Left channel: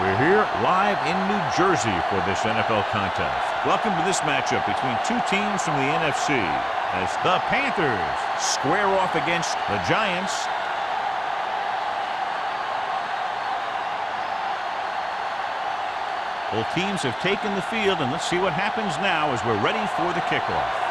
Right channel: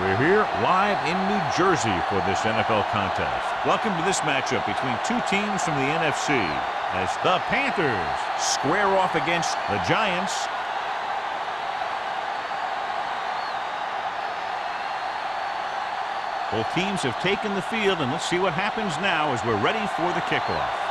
We're here live in New Jersey for this NFL contest. Welcome to this matchup between two teams from the NFC as the Panthers square off against the Giants. Both teams have taken the field, and let's see what happens now as we're ready for the kickoff.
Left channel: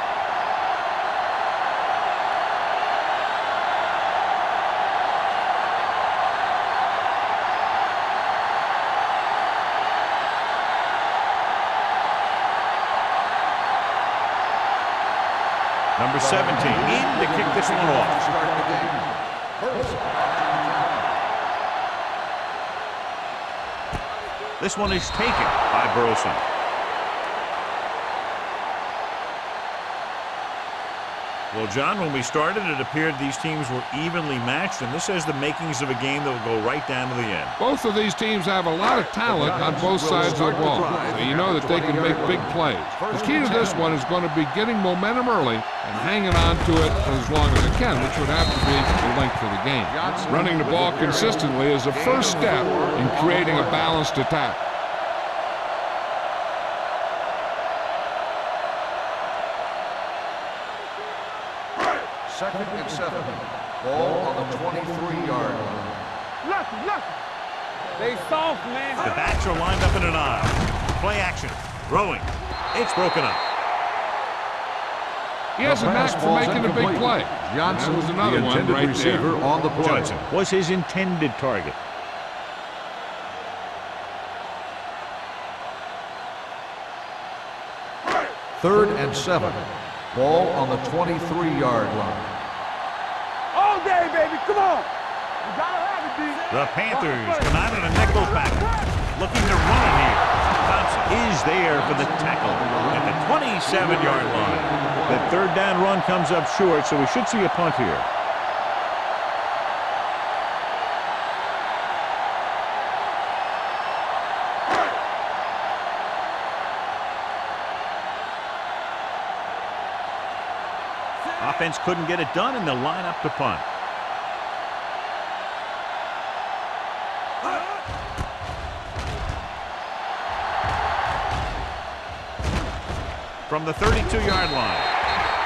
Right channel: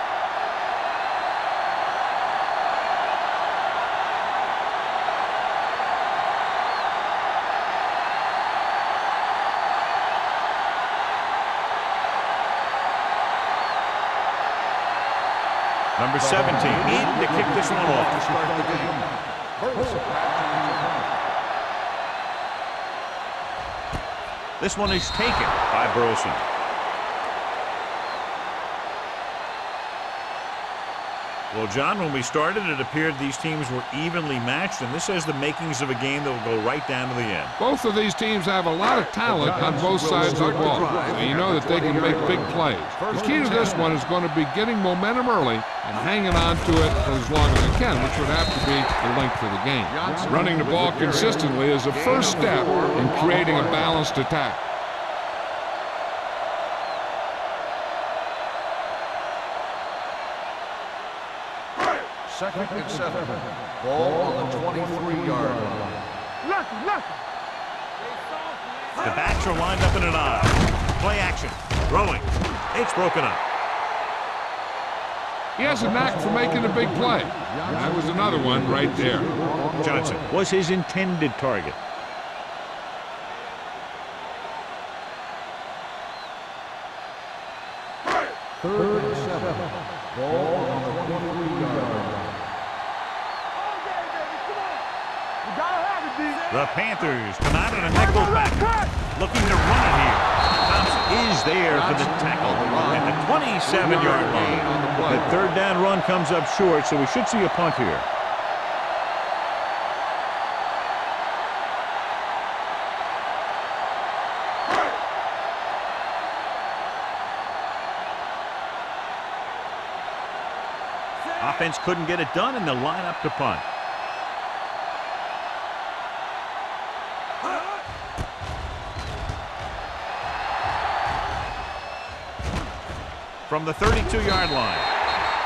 Number 17 in to kick this one off. To start the game. This one is taken by Burleson. Well, John, when we started, it appeared these teams were evenly matched, and this has the makings of a game that will go right down to the end. Both of these teams have a lot of talent on both sides of the ball, so you know that they can make big plays. The key to this one is going to be getting momentum early and hanging on to it for as long as it can, which would have to be the length of the game. Running the ball consistently is the first step in creating a balanced attack. Second and 7. Ball on the 23-yard line. Lucky. They soft, man. The backs are lined up in an I. Play action. Throwing. It's broken up. He has a knack for making a big play. That was another one right there. Johnson was his intended target. Third and 7. Ball on the 23-yard line. All day, baby. Come on. You gotta have it, D. The Panthers come out in a nickel pack, looking to run it here. Thompson is there for the tackle at the 27-yard line. The third down run comes up short, so we should see a punt here. Offense couldn't get it done, and they'll line up to punt. From the 32-yard line,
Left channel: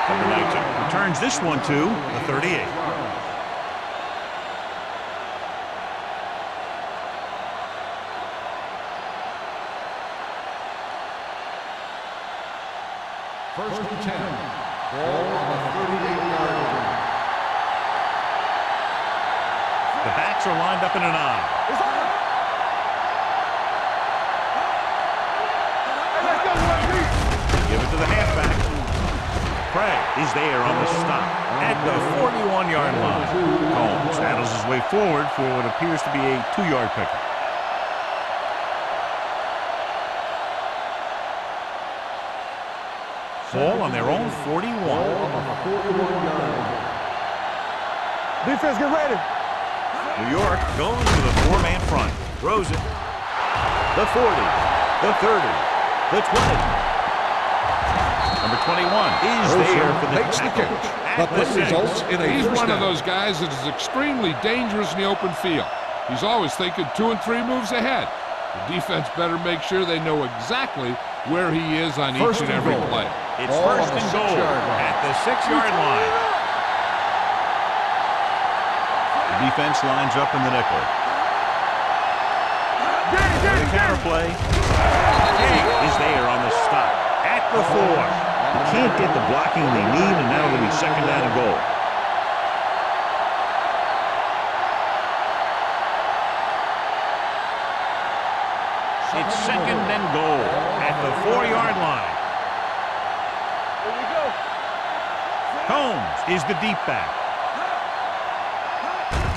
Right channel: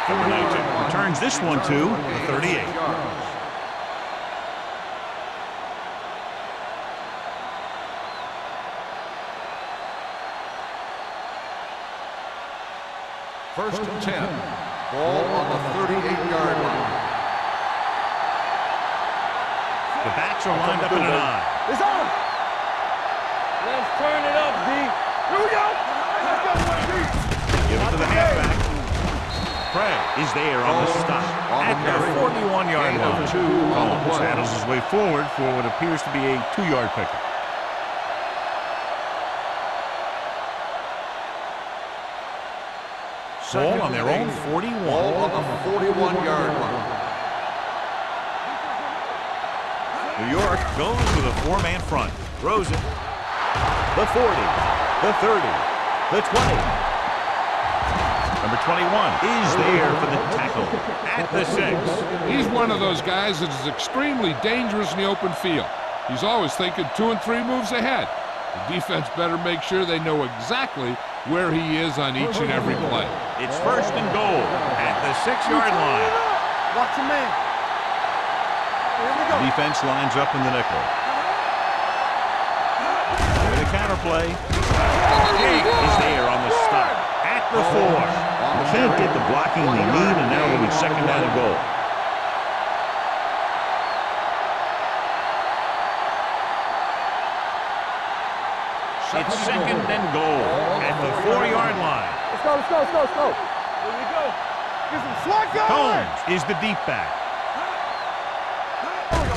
number 19 returns this one to the 38. First and 10. Ball on the 38-yard line. The backs are lined up in an I. It's on. Let's turn it up, D. Here we go. Hey, let's go, one, D. Give it to the halfback. Craig is there on the stop at the 41-yard line. Combs paddles his way forward for what appears to be a 2-yard pickup. Ball on their own 41. Ball on the 41-yard line. Defense, get ready. New York goes with a 4-man front. Throws it. The 40, the 30, the 20. Number 21 is there for the tackle at the 6. He's one of those guys that is extremely dangerous in the open field. He's always thinking 2 and 3 moves ahead. The defense better make sure they know exactly where he is on each and every play. It's first and goal at the 6-yard line. Watch the man. The defense lines up in the nickel. For the counter play. King is there on the stop at the 4. They can't get the blocking they need, and now it'll be second down and goal. It's second and goal at the 4-yard line. Let's go. Here we go. Get some slack on. Combs is the deep back.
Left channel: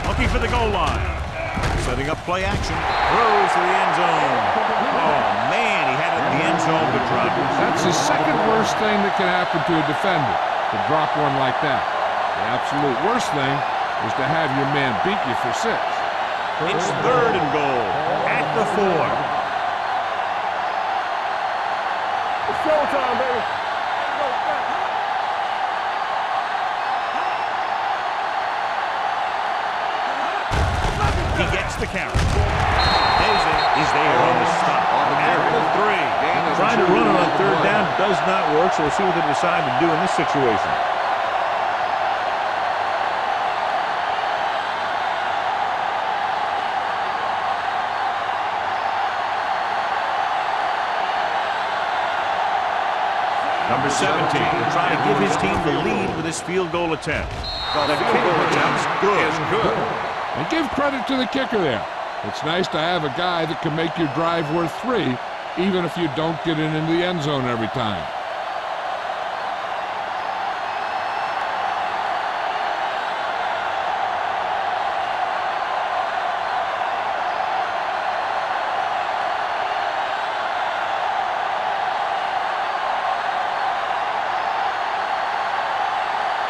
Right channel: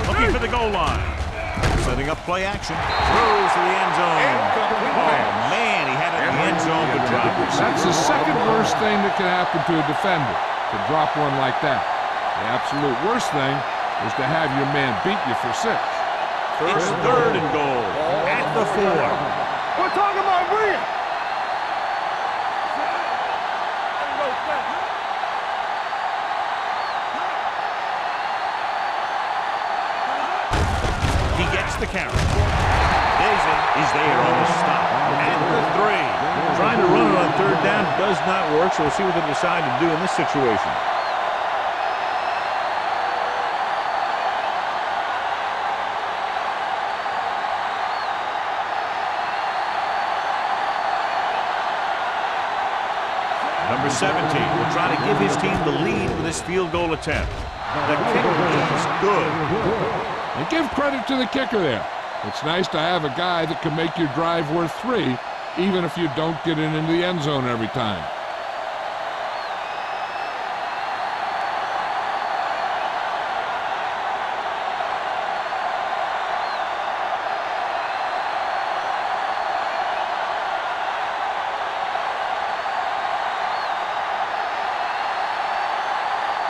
Looking for the goal line. Setting up play action. Throws to the end zone. Oh, man, he had it in the end zone but dropped it. That's the second worst thing that can happen to a defender, to drop one like that. The absolute worst thing is to have your man beat you for 6. It's third and goal at the 4. We're talking about Green. It's showtime, baby. Ain't no thing. He gets the carry. Daisy is there on the stop at the 3. Trying to run it on third down does not work, so we'll see what they decide to do in this situation. Number 17 will try to give his team the lead with his field goal attempt. The kick is good. And give credit to the kicker there. It's nice to have a guy that can make your drive worth 3, even if you don't get it into the end zone every time.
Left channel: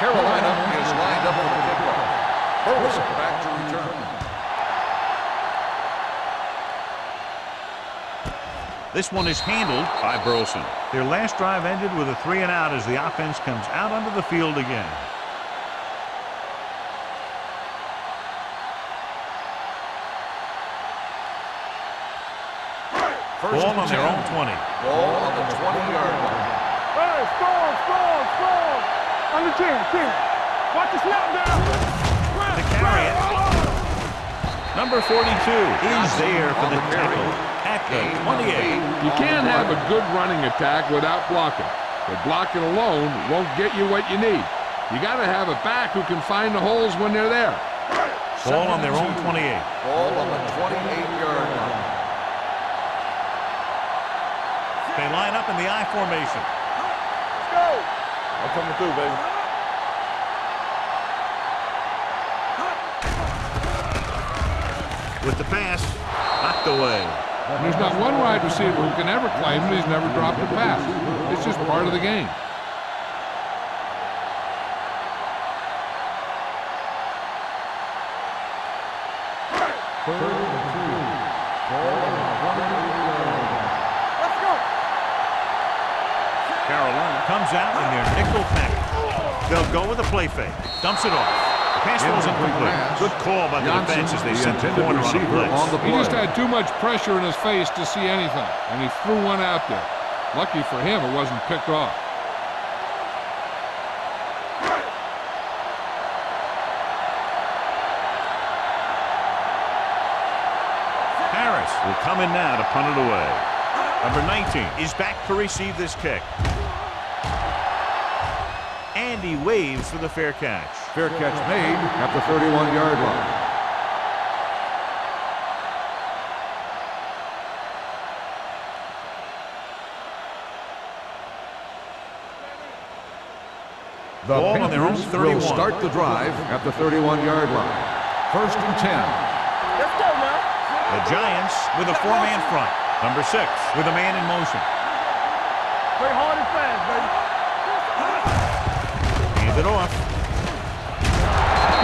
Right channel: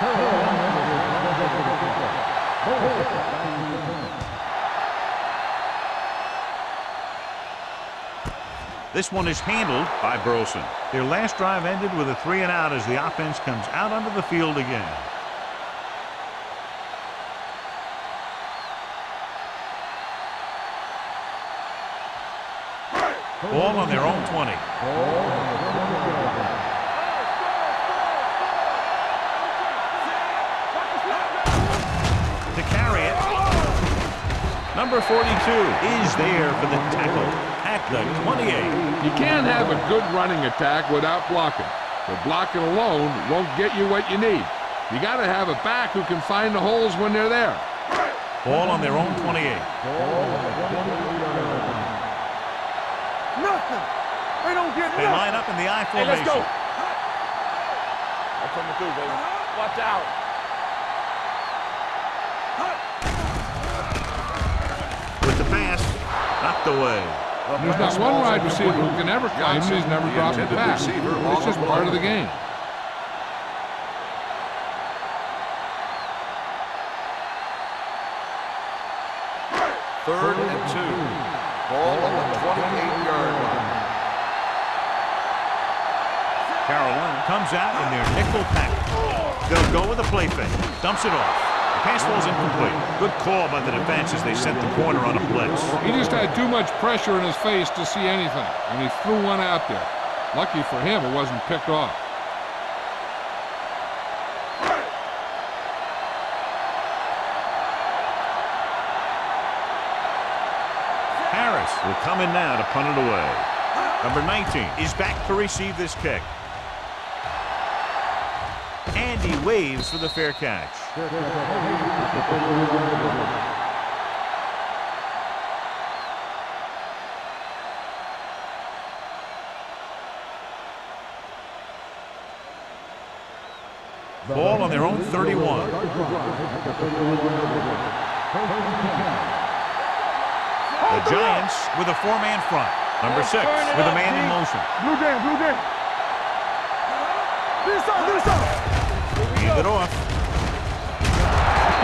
Carolina is lined up with the kickoff. Burleson back to return. This one is handled by Burleson. Their last drive ended with a 3-and-out as the offense comes out onto the field again. Ball on their own 20. Ball on the 20-yard line. Hey, score. On the 10. Watch the snap down. To carry it. Number 42 is there for the tackle at the 28. You can't have a good running attack without blocking. But blocking alone won't get you what you need. You got to have a back who can find the holes when they're there. Ball on their own 28. Ball on the 28-yard line. They line up in the I formation. I'm coming through, baby. With the pass, knocked away. And there's not one wide receiver who can ever claim that he's never dropped a pass. It's just part of the game. Third and 2. Ball on the 28-yard line. Carolina comes out in their nickel package. They'll go with a play fake. Dumps it off. The pass falls incomplete. Good call by the defense as they sent the corner on a blitz. He just had too much pressure in his face to see anything, and he threw one out there. Lucky for him, it wasn't picked off. Harris will come in now to punt it away. Number 19 is back to receive this kick. And he waves for the fair catch. Fair catch made at the 31-yard line. The Ball on their own Panthers 31. will start the drive at the 31-yard line. First and 10. The Giants with a 4-man front. Number 6 with a man in motion. Blue game. Play hard and fast, baby. Hand it off.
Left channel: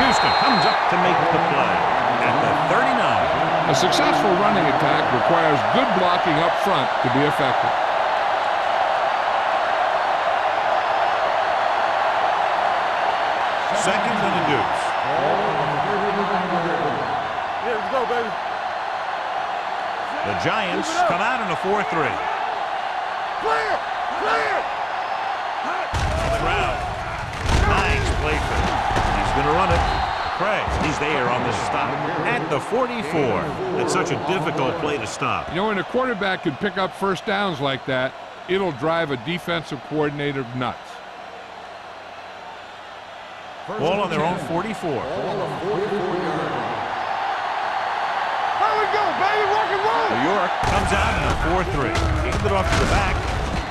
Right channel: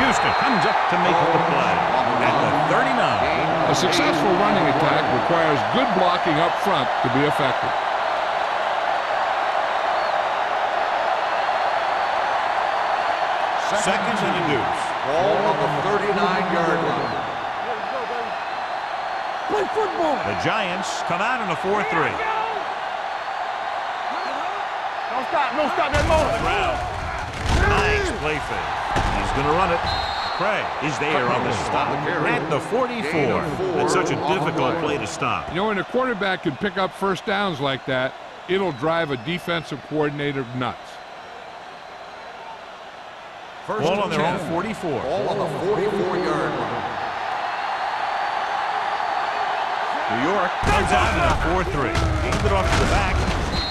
Houston comes up to make the play at the 39. A successful running attack requires good blocking up front to be effective. Second and a deuce. Ball on the 39-yard line. Yeah, let's go, baby. Play football. The Giants come out in a 4-3. Don't stop that ball. On the ground. Nice play fake. He's going to run it. Craig is there on the stop at the 44. That's such a difficult play to stop. You know, when a quarterback can pick up first downs like that, it'll drive a defensive coordinator nuts. Ball on their own 44. Ball on the 44-yard line. New York comes out in a 4-3. Hand it off to the back.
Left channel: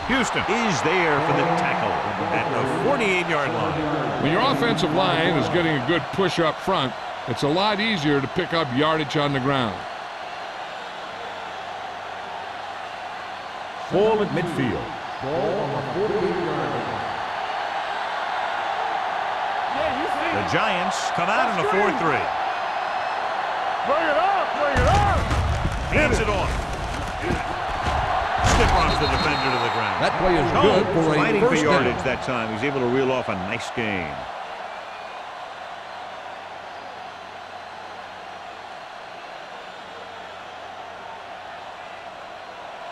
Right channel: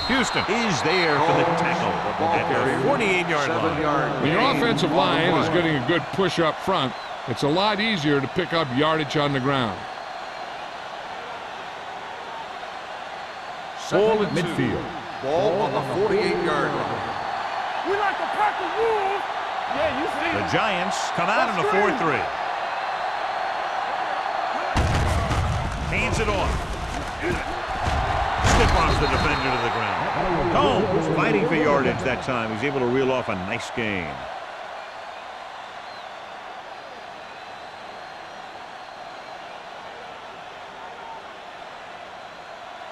Houston is there for the tackle at the 48-yard line. When your offensive line is getting a good push up front, it's a lot easier to pick up yardage on the ground. Ball at midfield. Ball on the 48-yard line. Yeah, you see. The Giants come out in a 4-3. Hands it off. Stiff arms the defender to the ground. That play is Combs good for a fighting for first yardage down. that time. He's able to reel off a nice gain.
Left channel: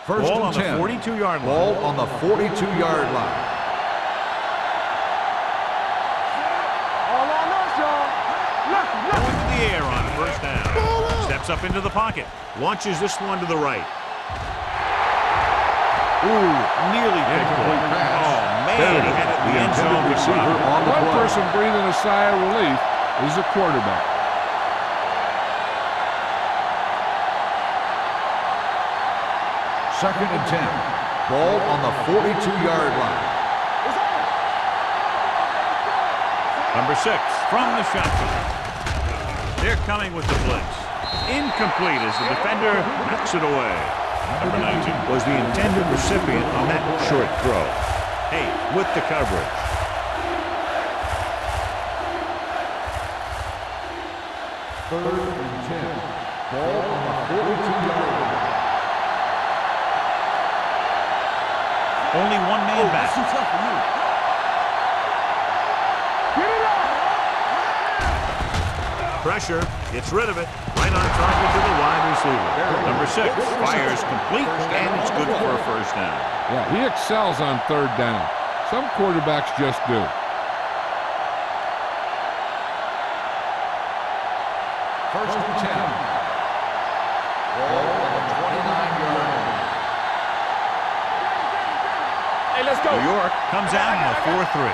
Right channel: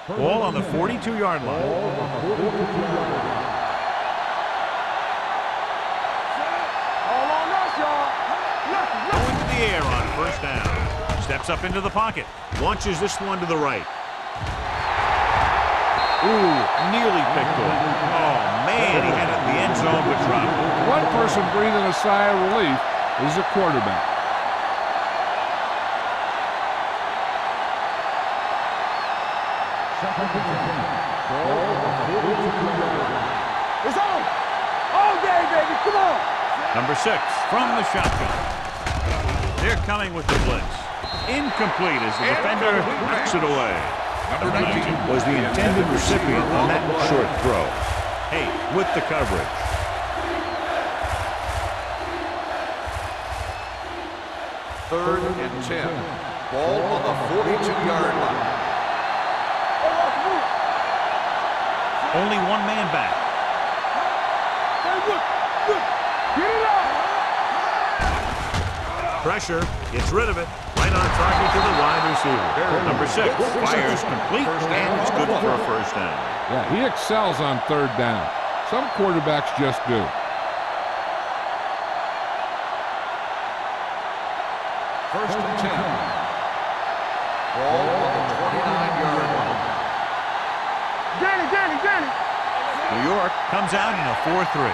First Ball and on the 10. 42-yard line. Ball on the 42-yard line. All on us, y'all. Going to the air on first down. Steps up into the pocket. Launches this one to the right. Ooh, nearly picked off. Oh, man, he had it in the end zone but dropped it. One person breathing a sigh of relief is the quarterback. Second and 10. Ball on the 42-yard line. It's on. On game, baby. Come on. Number 6 from the shotgun. They're coming with the blitz. Incomplete as the defender knocks it away. Number 19 was the intended recipient on that short throw. Hey, with the coverage. Third and 10. Ball on the 42-yard line. Only one man back. Get it up. Pressure, gets rid of it. Right on target to the wide receiver. Number 6 fires complete, and it's good for a first down. Yeah, he excels on third down. Some quarterbacks just do. First and 10. Ball on the 29-yard line. Get it. Hey, let's go. New York comes out in a 4-3.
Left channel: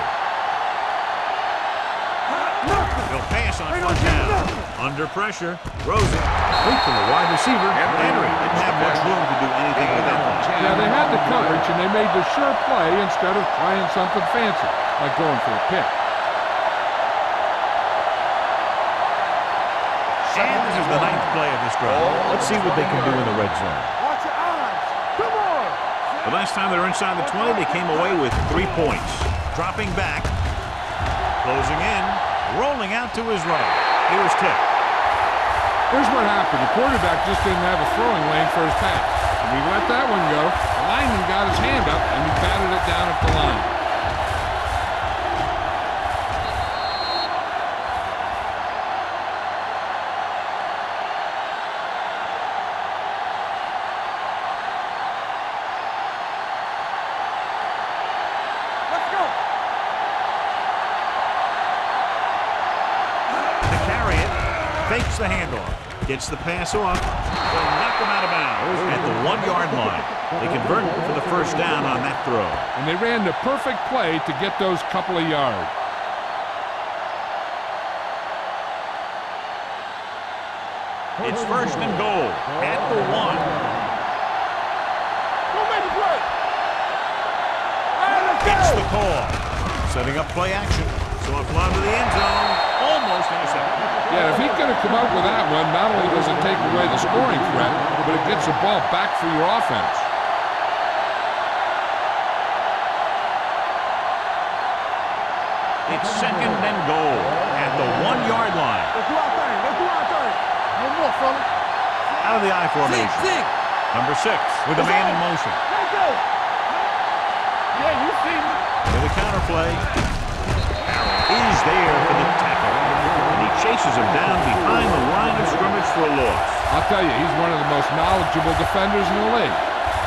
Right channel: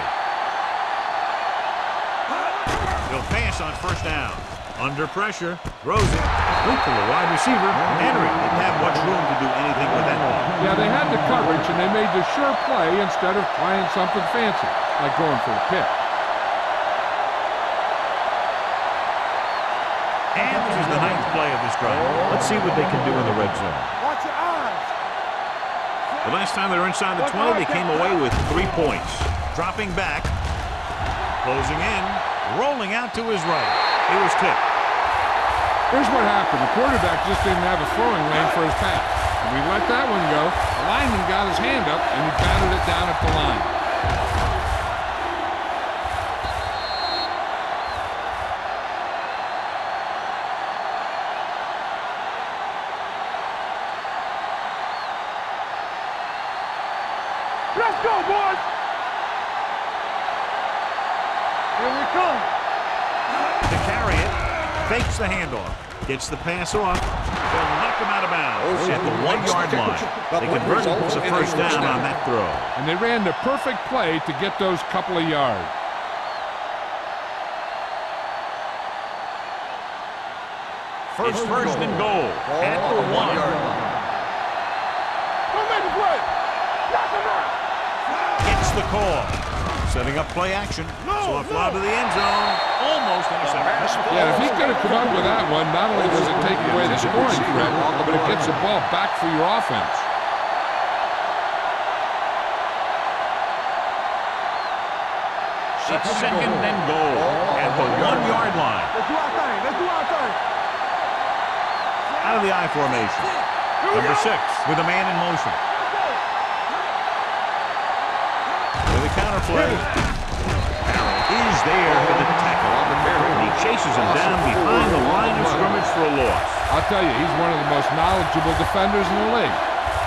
He'll pass on first down. Under pressure, throws it, complete to the wide receiver. Henry didn't have much room to do anything with that one. Yeah, they had the coverage, and they made the sure play instead of trying something fancy, like going for a pick. And this is the 9th play of this drive. Let's see what they can do in the red zone. Watch your eyes. Come on. The last time they were inside the 20, they came away with 3 points. Dropping back, closing in, rolling out to his right. He was tipped. Here's what happened. The quarterback just didn't have a throwing lane for his pass. And we let that one go. The lineman got his hand up, and he batted it down at the line. Let's go, boys. Let's go. Here we come. To carry it, fakes the handoff, gets the pass off. They'll knock him out of bounds at the 1-yard line. They convert for the first down on that throw. And they ran the perfect play to get those couple of yards. It's first and goal at the 1. Don't make the play. Knock him out. Gets the call. Setting up play action. So a fly to the end zone. Almost intercepted. Yeah, if he could have come up with that one, not only does it take away the scoring threat, but it gets the ball back for your offense. It's second and goal at the 1-yard line. Let's do our thing. Let's do our thing. Out of the I formation. Number 6 with a man in motion. Let's go. Yeah, you see me. With a counter play. Harrell is there for the tackle. And he chases him down behind the line of scrimmage for a loss. I'll tell you, he's one of the most knowledgeable defenders in the league.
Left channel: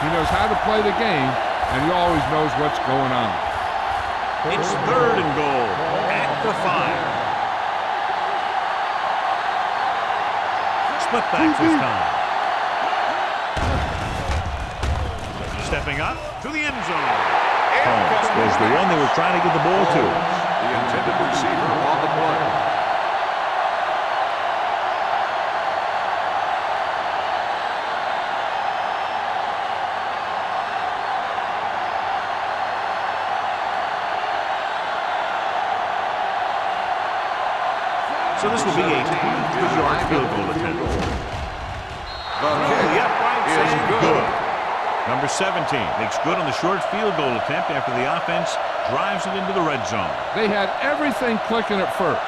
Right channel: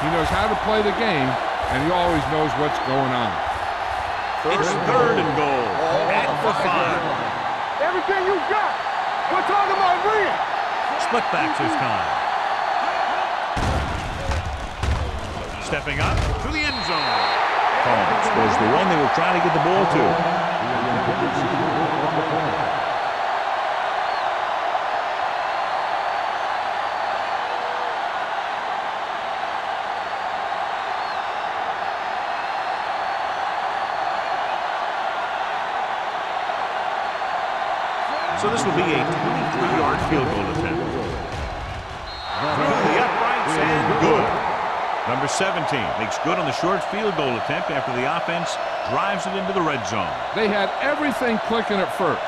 He knows how to play the game, and he always knows what's going on. It's third and goal at the 5. Everything you got. We're talking about real. Split backs this time. Stepping up to the end zone. Combs was the one they were trying to get the ball to. The intended receiver on the play. So this will be a 23-yard field goal attempt. Through the uprights and good. Number 17 makes good on the short field goal attempt after the offense drives it into the red zone. They had everything clicking at first,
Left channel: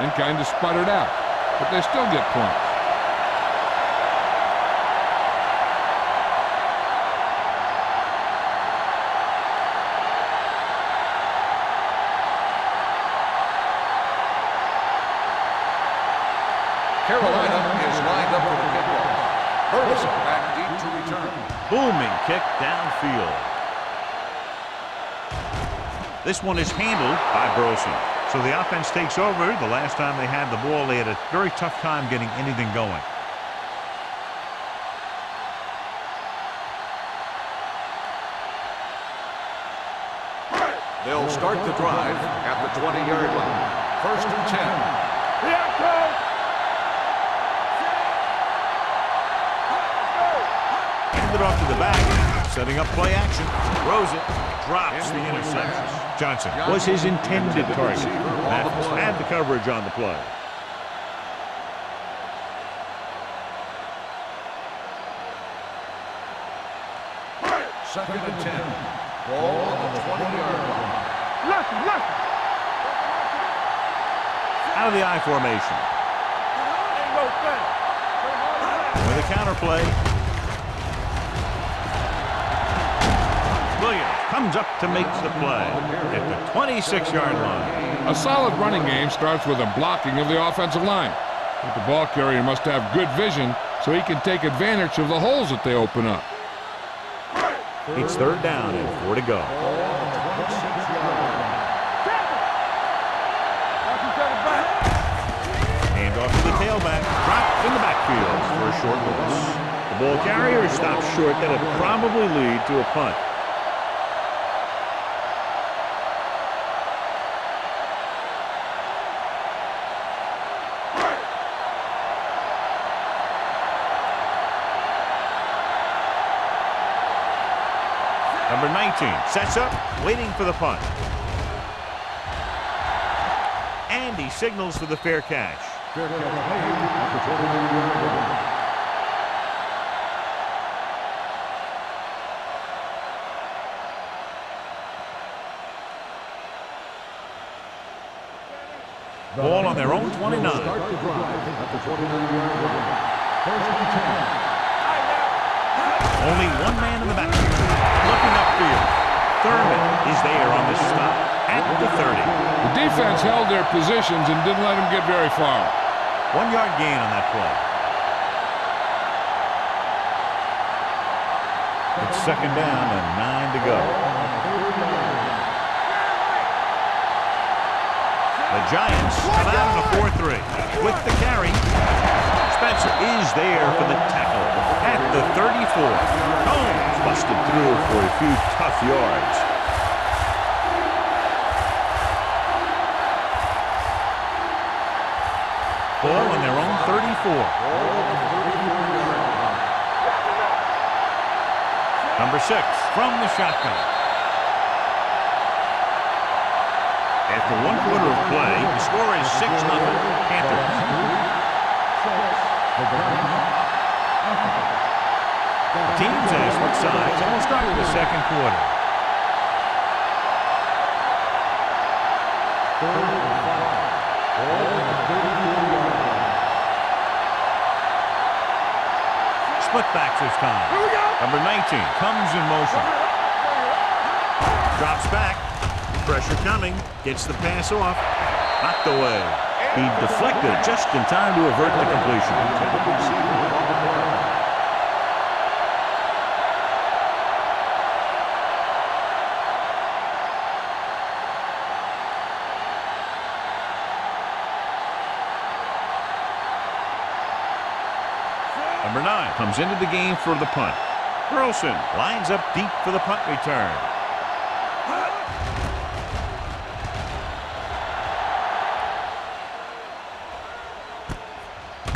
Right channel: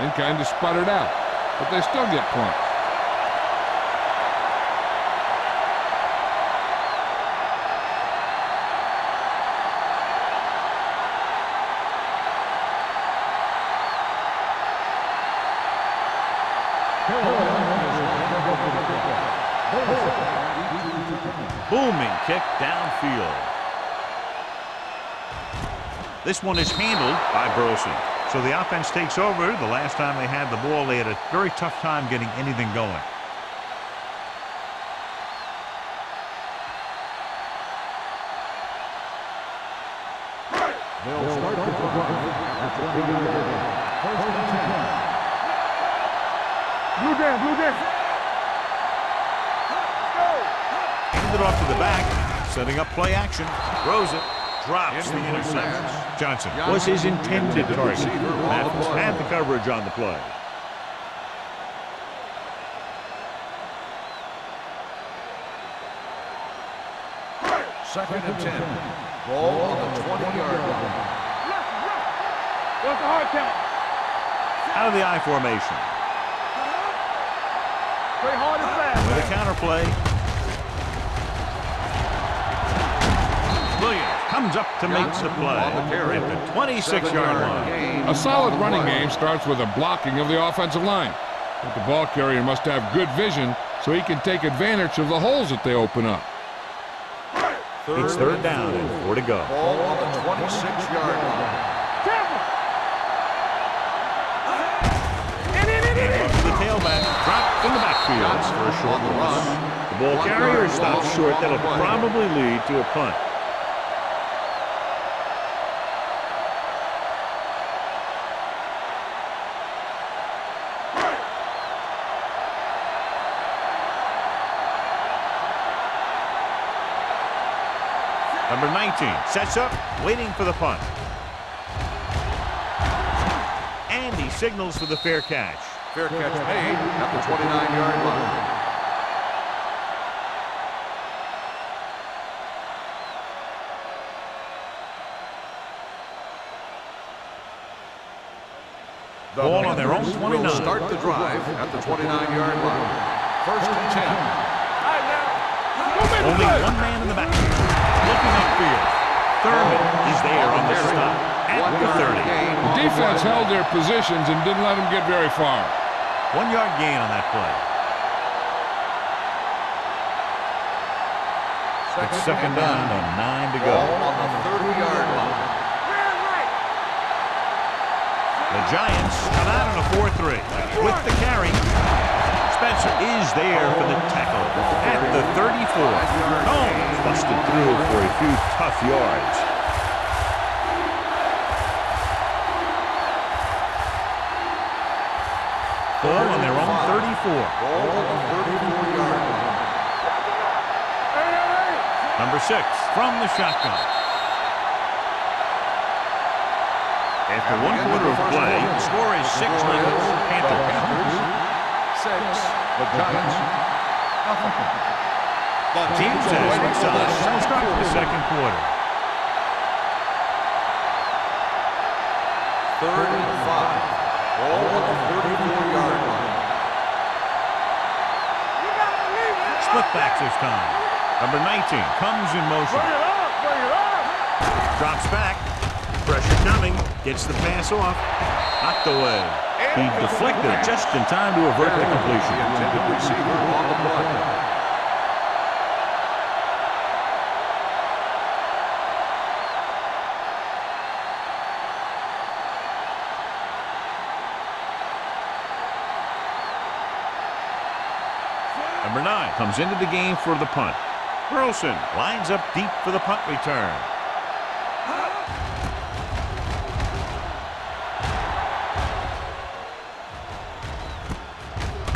then kind of sputtered out, but they still get points. Carolina is lined up for the kickoff. Burleson back deep to return. Booming kick downfield. This one is handled by Burleson. So the offense takes over. The last time they had the ball, they had a very tough time getting anything going. They'll start the drive at the 20-yard line. 1st and 10. Blue game, blue game. Let's go. Handed off to the back, setting up play action. Throws it, drops the interception. Johnson was his intended target. Mathis had the coverage on the play. Second and 10. Ball on the 20-yard line. Left. What's the hard count? Out of the I formation. Play hard and fast. With a counter play. Williams comes up to make the play at the 26-yard line. A solid running game starts with a blocking of the offensive line. But the ball carrier must have good vision so he can take advantage of the holes that they open up. It's 3rd down and 4 to go. Ball on the 26-yard line. Hand off to the tailback. Dropped in the backfield for a short loss. The ball carrier stops short. That'll probably lead to a punt. Number 19 sets up, waiting for the punt. And he signals for the fair catch. Fair catch made at the 29-yard line. Ball on their own 29. Start the drive at the 29-yard line. 1st and 10. Only one man in the backfield. Looking upfield. Thurman is there on the stop at the 30. The defense held their positions and didn't let them get very far. 1 yard gain on that play. It's 2nd down and 9 to go. On the 30-yard line. The Giants come out on a 4-3 with the carry. Spencer is there for the tackle at the 34. Combs busted through for a few tough yards. Ball on their own 34. Ball on the 34-yard line. Number 6 from the shotgun. After 1 quarter of play, the score is 6-0 Panthers. The Giants. Teams as switch sides, and we'll start the 2nd quarter. 3rd and 5. Ball on the 34-yard line. Split backs this time. Number 19 comes in motion. Drops back. Pressure coming. Gets the pass off. Knocked away. He deflected it just in time to avert the completion. The intended receiver on the play. Number 9 comes into the game for the punt. Burleson lines up deep for the punt return.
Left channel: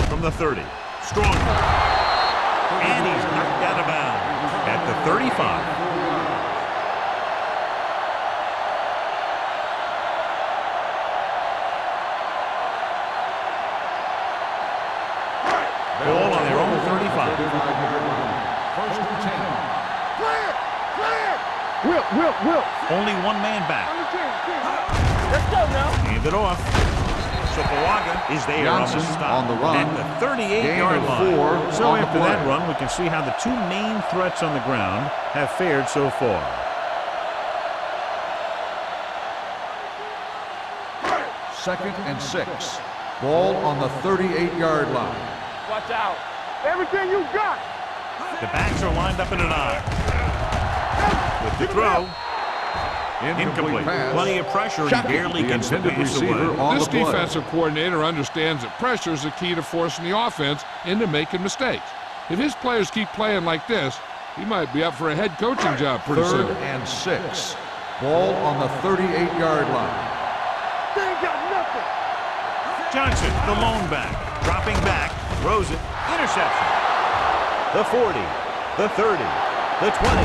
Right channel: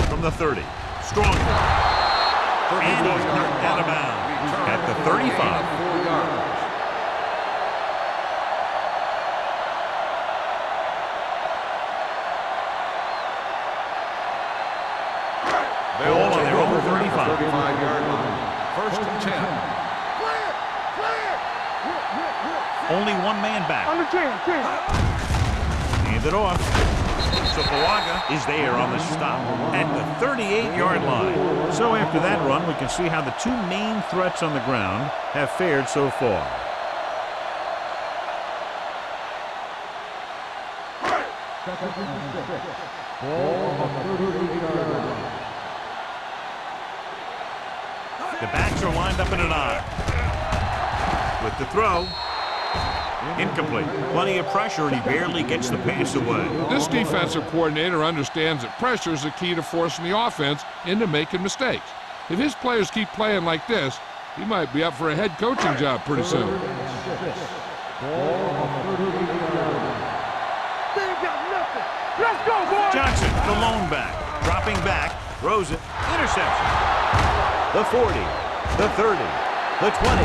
From the 30. Strong ball. And he's knocked out of bounds at the 35. 4 yards. Ball on their own 35. 35-yard line. 1st and 10. Clear! Whip. Only one man back. On the 10. Let's go now. Hand it off. Sopoaga is there on the stop on the run. at the 38-yard line. So after that run, we can see how the 2 main threats on the ground have fared so far. Second and 6. Ball on the 38-yard line. Watch out. Everything you got. The backs are lined up in an I. With the throw. Incomplete. Plenty of pressure, and he barely gets the pass away. This defensive coordinator understands that pressure is the key to forcing the offense into making mistakes. If his players keep playing like this, he might be up for a head coaching job pretty soon. 3rd and 6. Ball on the 38-yard line. They ain't got nothing. Let's go, boys. Johnson, the lone back. Dropping back. Throws it. Interception. The 40, the 30, the 20.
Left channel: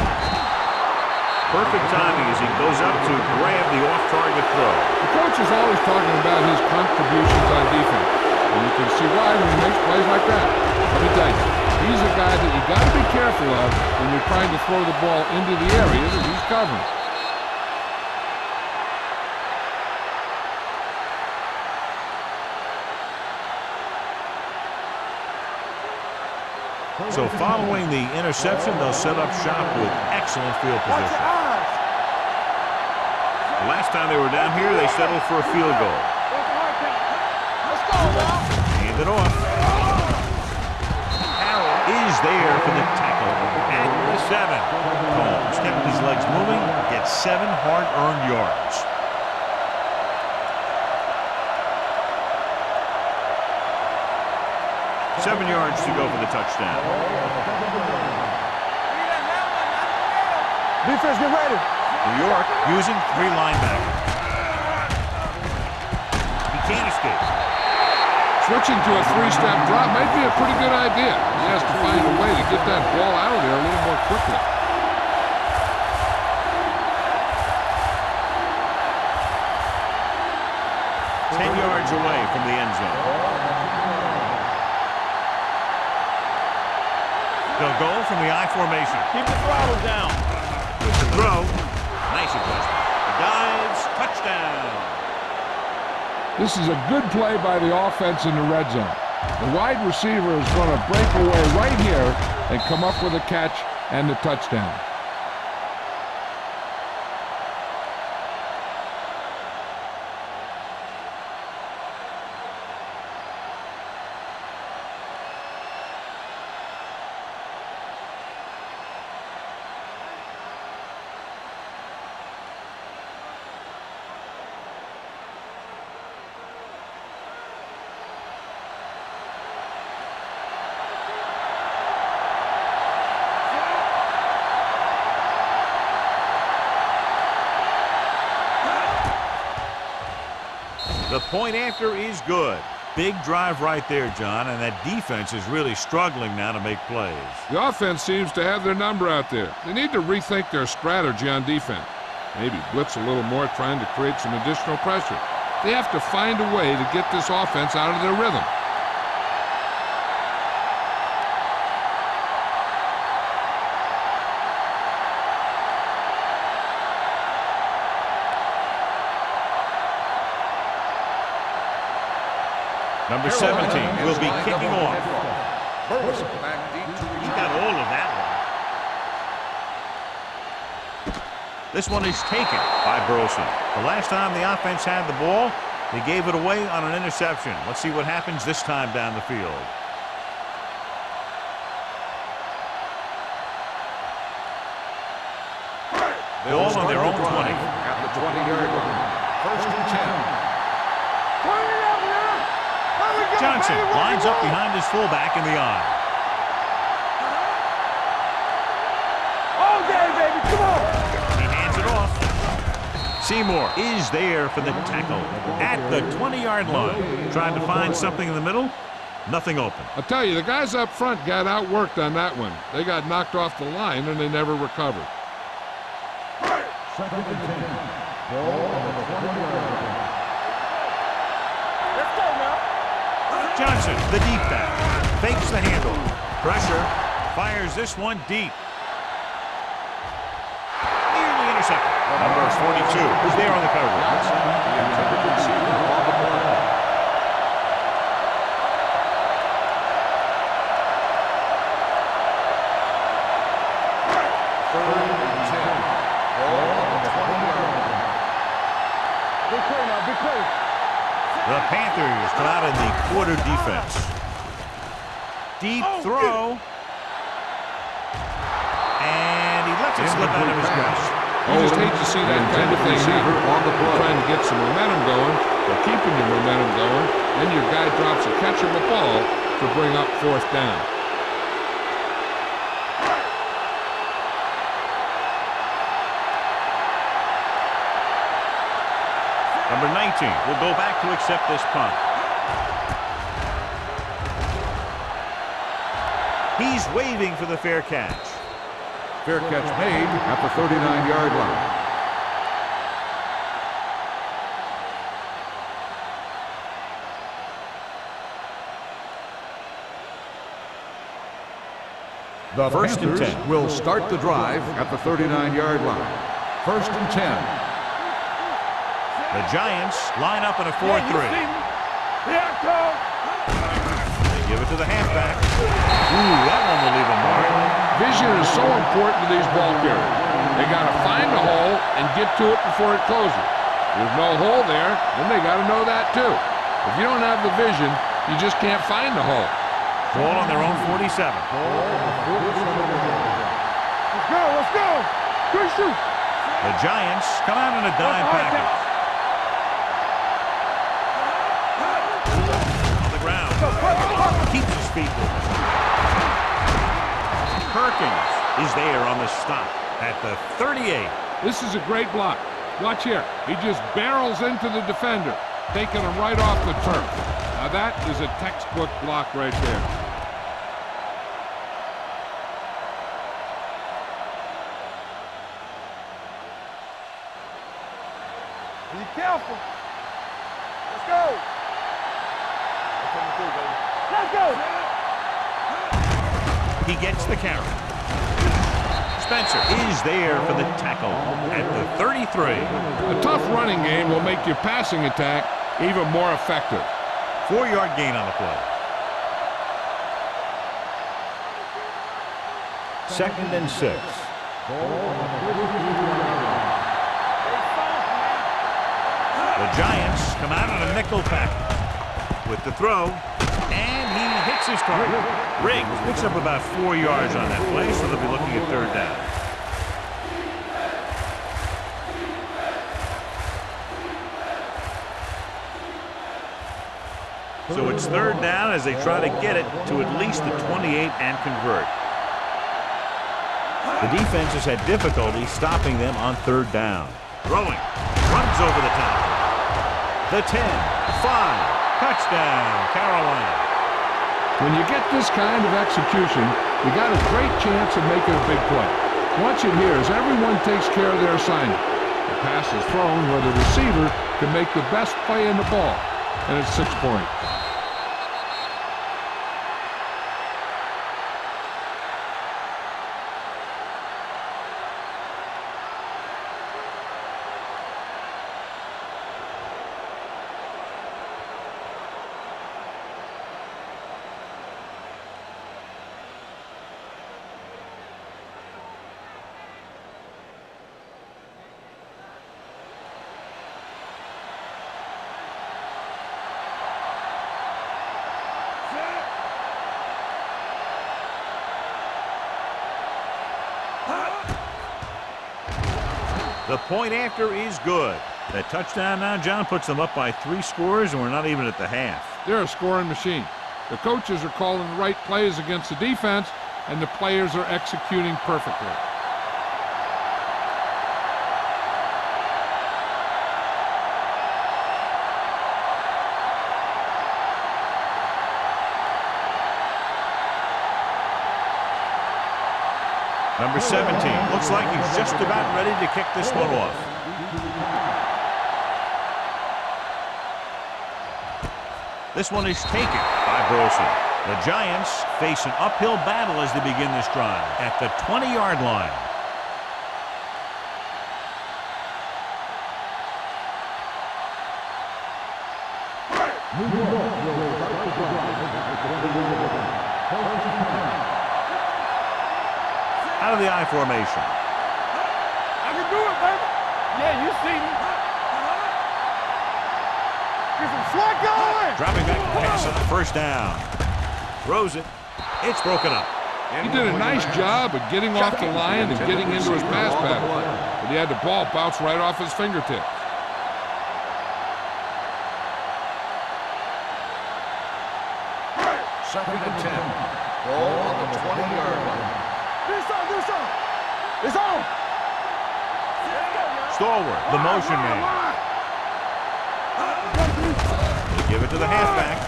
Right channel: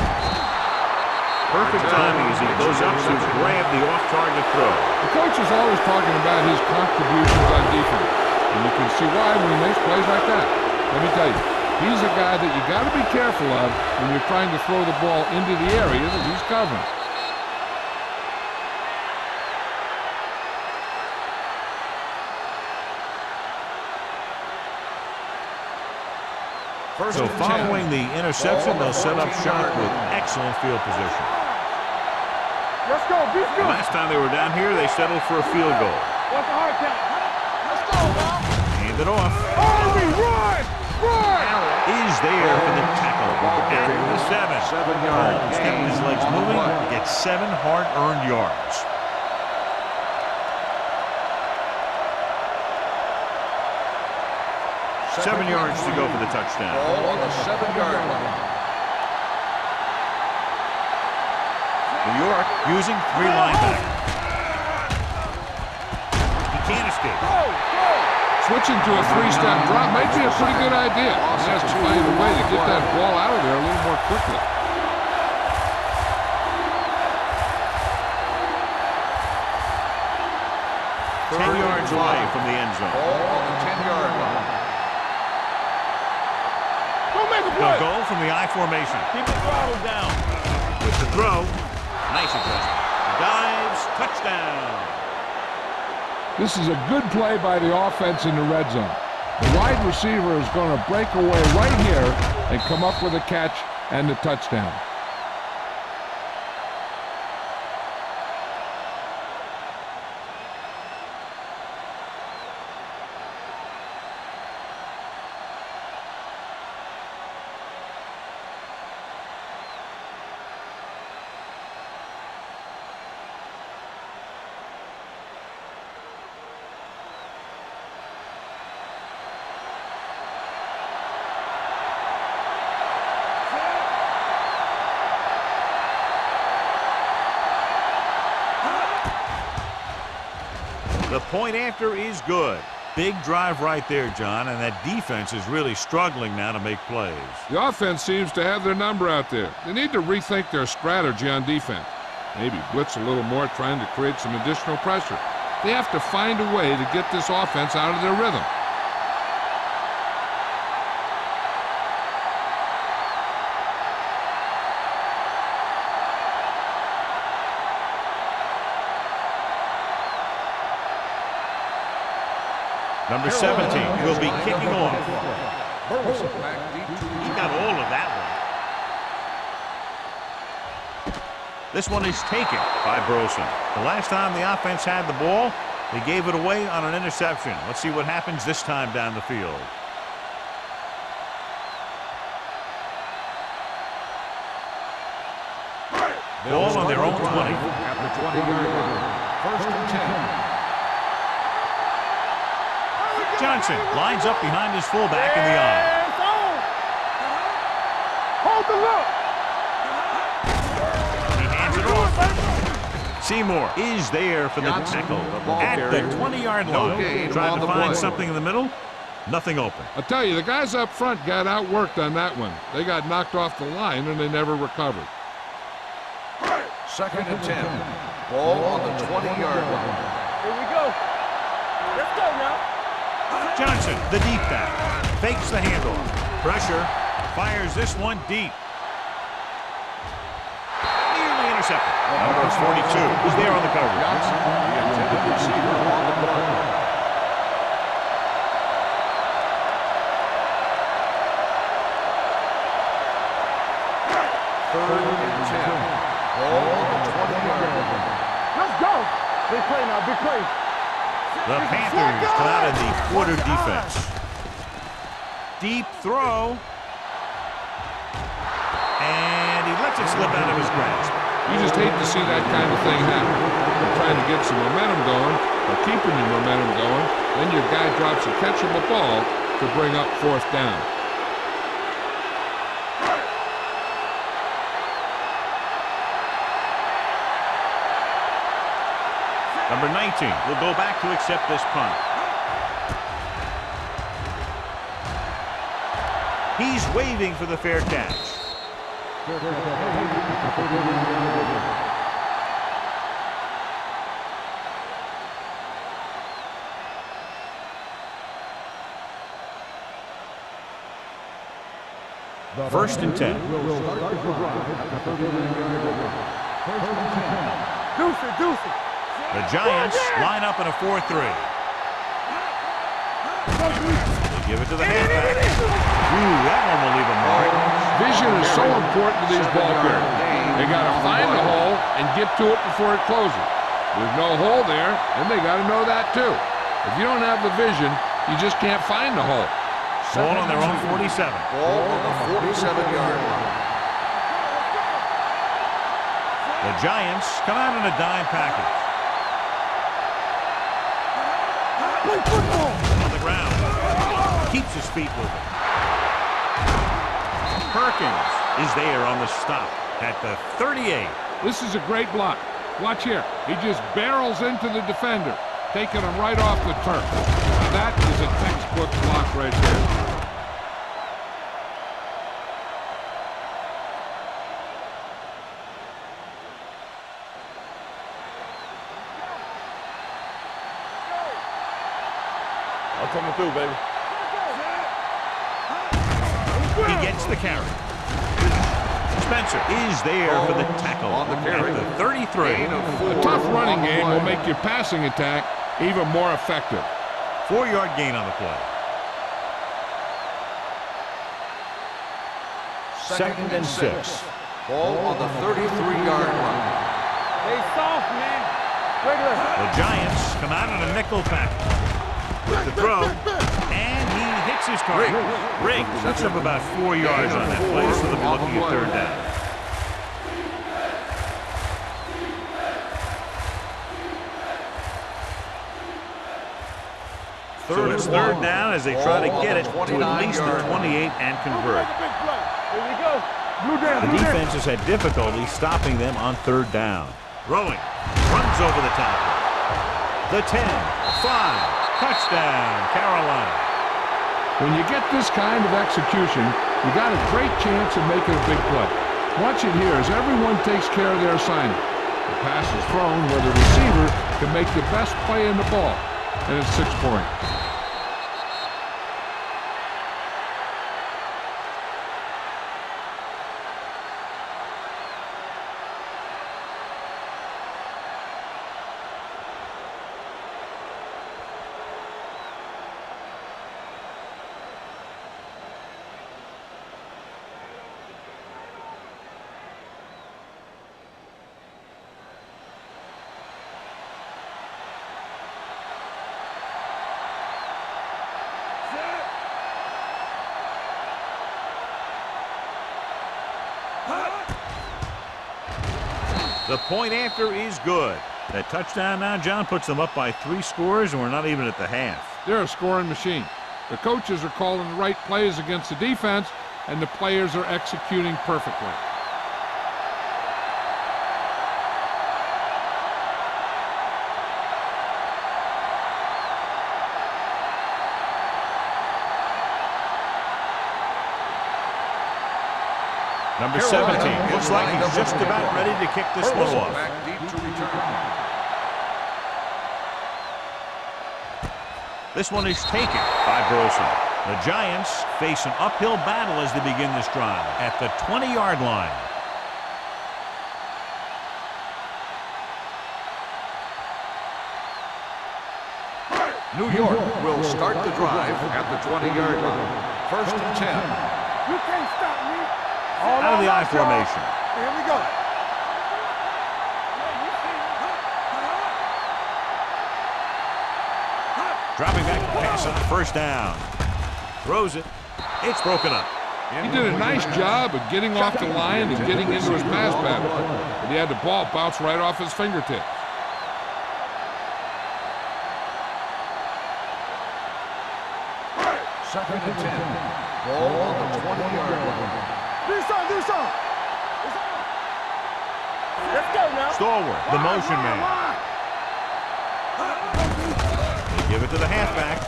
Perfect timing as he goes up to grab the off-target throw. The coach is always talking about his contributions on defense, and you can see why when he makes plays like that. Let me tell you, he's a guy that you got to be careful of when you're trying to throw the ball into the area that he's covering. So following the interception, they'll set up shop with excellent field Watch your position. eyes. Let's go. Be The still. last time they were down here, they settled for a field goal. What's the hard count? Let's go, now. Hand it off. Harrell is there for the tackle at the 7. Holmes kept his legs moving, gets 7 hard-earned yards. Seven yards to go for the touchdown. Ball on the 7-yard line. Defense, get ready. New York using 3 linebackers. He can't escape. Switching to a 3-step drop might be a pretty good idea. He has to find a way to get that ball out of there a little more quickly. Ball 10 yards away from the end zone. Ball on the 10-yard line. They'll go from the I formation. Keep the throttle down. With the throw. Nice adjustment. He dives. Touchdown. This is a good play by the offense in the red zone. The wide receiver is going to break away right here and come up with a catch and the touchdown. The point after is good. Big drive right there, John, and that defense is really struggling now to make plays. The offense seems to have their number out there. They need to rethink their strategy on defense. Maybe blitz a little more, trying to create some additional pressure. They have to find a way to get this offense out of their rhythm. Number 17 will be kicking off. Burleson back deep to He return. got all of that one. This one is taken by Burleson. The last time the offense had the ball, they gave it away on an interception. Let's see what happens this time down the field. Ball on their own 20. At the 20-yard line. 1st and 10. Johnson lines up behind his fullback in the I. Hold the look. Hold that, baby. Come on. He hands it off. Seymour is there for the tackle at the 20-yard line. Trying to find something in the middle. Nothing open. I'll tell you, the guys up front got outworked on that one. They got knocked off the line and they never recovered. 2nd and 10. Ball on the 20-yard line. Let's go now. Johnson, the deep back, fakes the handoff. Pressure, fires this one deep. Nearly intercepted. Number 42 is there on the coverage. Johnson, the intended receiver, on the play. Third and 10. Ball on the 20-yard line. Let's go. Big play now. Big play. The Panthers come out in the quarter defense. Deep throw. And he lets it slip out of his grasp. You just hate to see that kind of thing happen. You're trying to get some momentum going, or keeping your momentum going, then your guy drops a catchable ball to bring up 4th down. Number 19 will go back to accept this punt. He's waving for the fair catch. Fair catch made at the 39-yard line. The 1st and 10. Will start the drive at the 39-yard line. 1st and 10. The Giants line up in a 4-3. They give it to the halfback. Ooh, that one will leave a mark. Vision is so important to these ball carriers. They got to find the hole and get to it before it closes. There's no hole there, and they got to know that too. If you don't have the vision, you just can't find the hole. Ball on their own 47. Ball on the 47-yard line. The Giants come out in a dime package. On the ground. Keeps his feet moving. Perkins is there on the stop at the 38. This is a great block. Watch here. He just barrels into the defender, taking him right off the turf. Now that is a textbook block right there. Be careful. Let's go. I'm coming through, baby. Let's go. He gets the carry. Spencer is there for the tackle at the 33. A tough running game will make your passing attack even more effective. 4-yard gain on the play. 2nd and 6. Ball on the 33-yard line. Stay soft, man. The Giants come out on a nickel package with the throw, and he hits his target. Riggs picks up about 4 yards on that play, so they'll be looking at 3rd down. So it's 3rd down as they try to get it to at least the 28 and convert. The defense has had difficulty stopping them on 3rd down. Throwing, runs over the tackle. The 10, 5, touchdown, Carolina. When you get this kind of execution, you got a great chance of making a big play. Watch it here as everyone takes care of their assignment. The pass is thrown where the receiver can make the best play in the ball, and it's 6 points. The point after is good. That touchdown now, John, puts them up by 3 scores, and we're not even at the half. They're a scoring machine. The coaches are calling the right plays against the defense, and the players are executing perfectly. Number 17. Looks like he's just about ready to kick this one off. This one is taken by Burleson. The Giants face an uphill battle as they begin this drive at the 20-yard line. New York will start the drive at the 20-yard line. 1st and 10. Out of the I formation. Here we go. I can do it, baby. Yeah, you see me. Get some slack going. Dropping back to pass on 1st down. Throws it. It's broken up. He did a nice job of getting off the line and getting into his pass pattern, but he had the ball bounce right off his fingertips. Second and 10. Ball on the 20-yard line. Do something. It's on. Let's go now. Stalwart, the motion man. They give it to the halfback.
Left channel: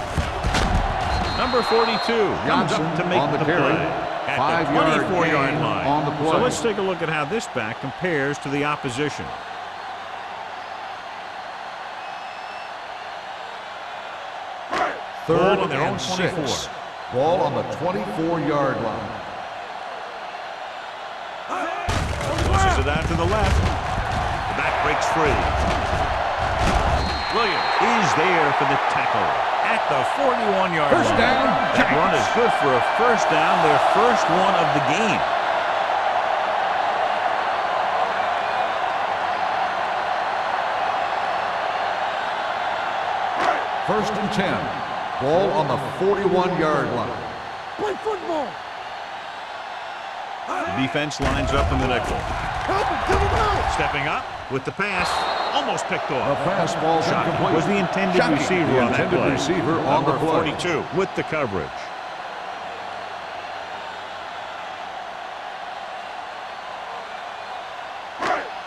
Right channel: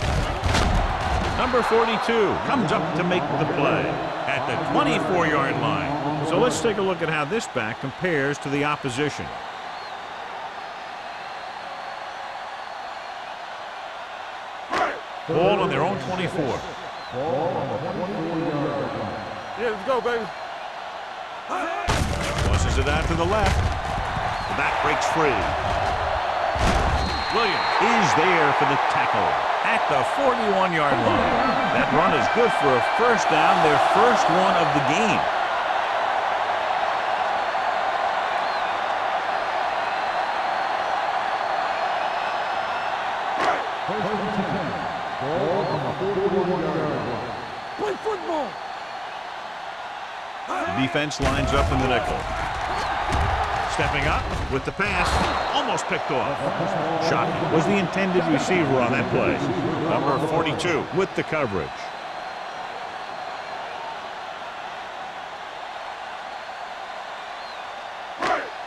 Number 42 comes up to make the play at the 24-yard line. So let's take a look at how this back compares to the opposition. Ball on their own 24. Ball on the 24-yard line. Yeah, let's go, baby. Tosses it out to the left. The back breaks free. Williams is there for the tackle at the 41-yard line. That run is good for a first down, their first one of the game. First and 10. Ball on the 41-yard line. Play football. The defense lines up in the nickel. Stepping up with the pass, almost picked off. Shockey was the intended receiver on that play. Number 42 with the coverage.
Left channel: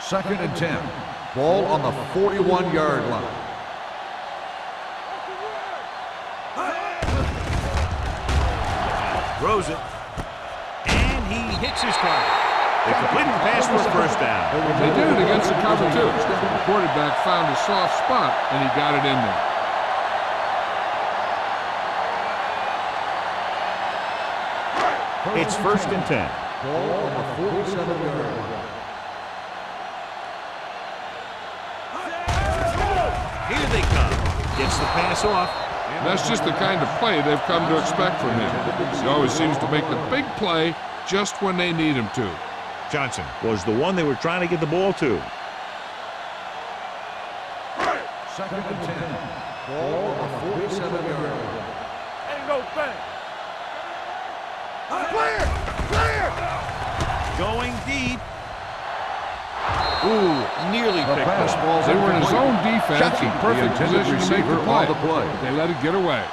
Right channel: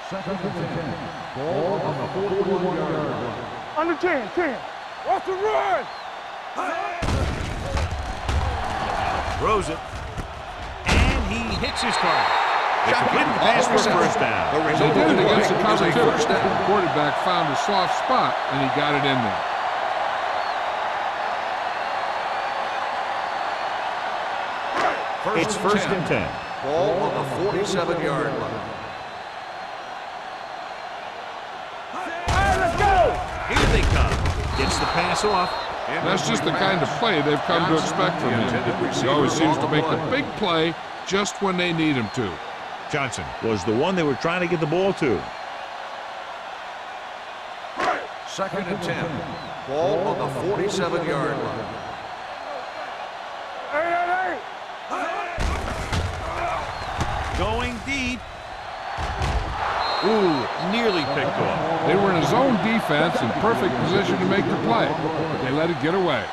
Second and 10. Ball on the 41-yard line. Under 10. Off the run. Throws it, and he hits his target. They completed the pass for a first down. They did it against the cover, too. The quarterback found a soft spot, and he got it in there. It's first and 10. Ball on the 47-yard line. Let's go. Here they come. Gets the pass off. And that's just the kind of play they've come to expect from him. He always seems to make the big play just when they need him to. Johnson was the one they were trying to get the ball to. Second and 10. Ball on the 47-yard line. Ain't no thing. Hey. Going deep. Ooh, nearly picked off. They were in a zone defense in perfect position to make the play, but they let it get away.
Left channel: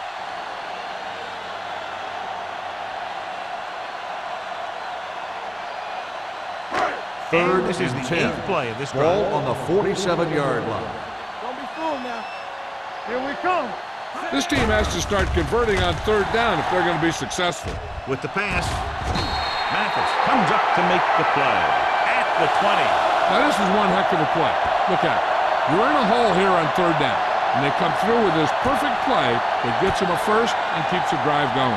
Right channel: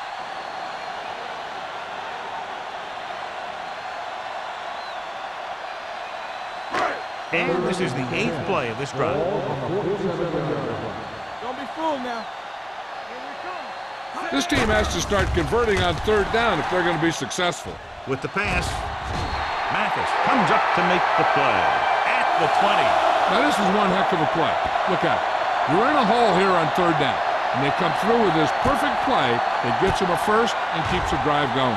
And this is the 8th play of this drive. Ball on the 47-yard line. Don't be fooled now. Here we come. This team has to start converting on third down if they're going to be successful. With the pass, Mathis comes up to make the play at the 20. Now this is one heck of a play. Look at it. You're in a hole here on third down, and they come through with this perfect play that gets them a first and keeps the drive going.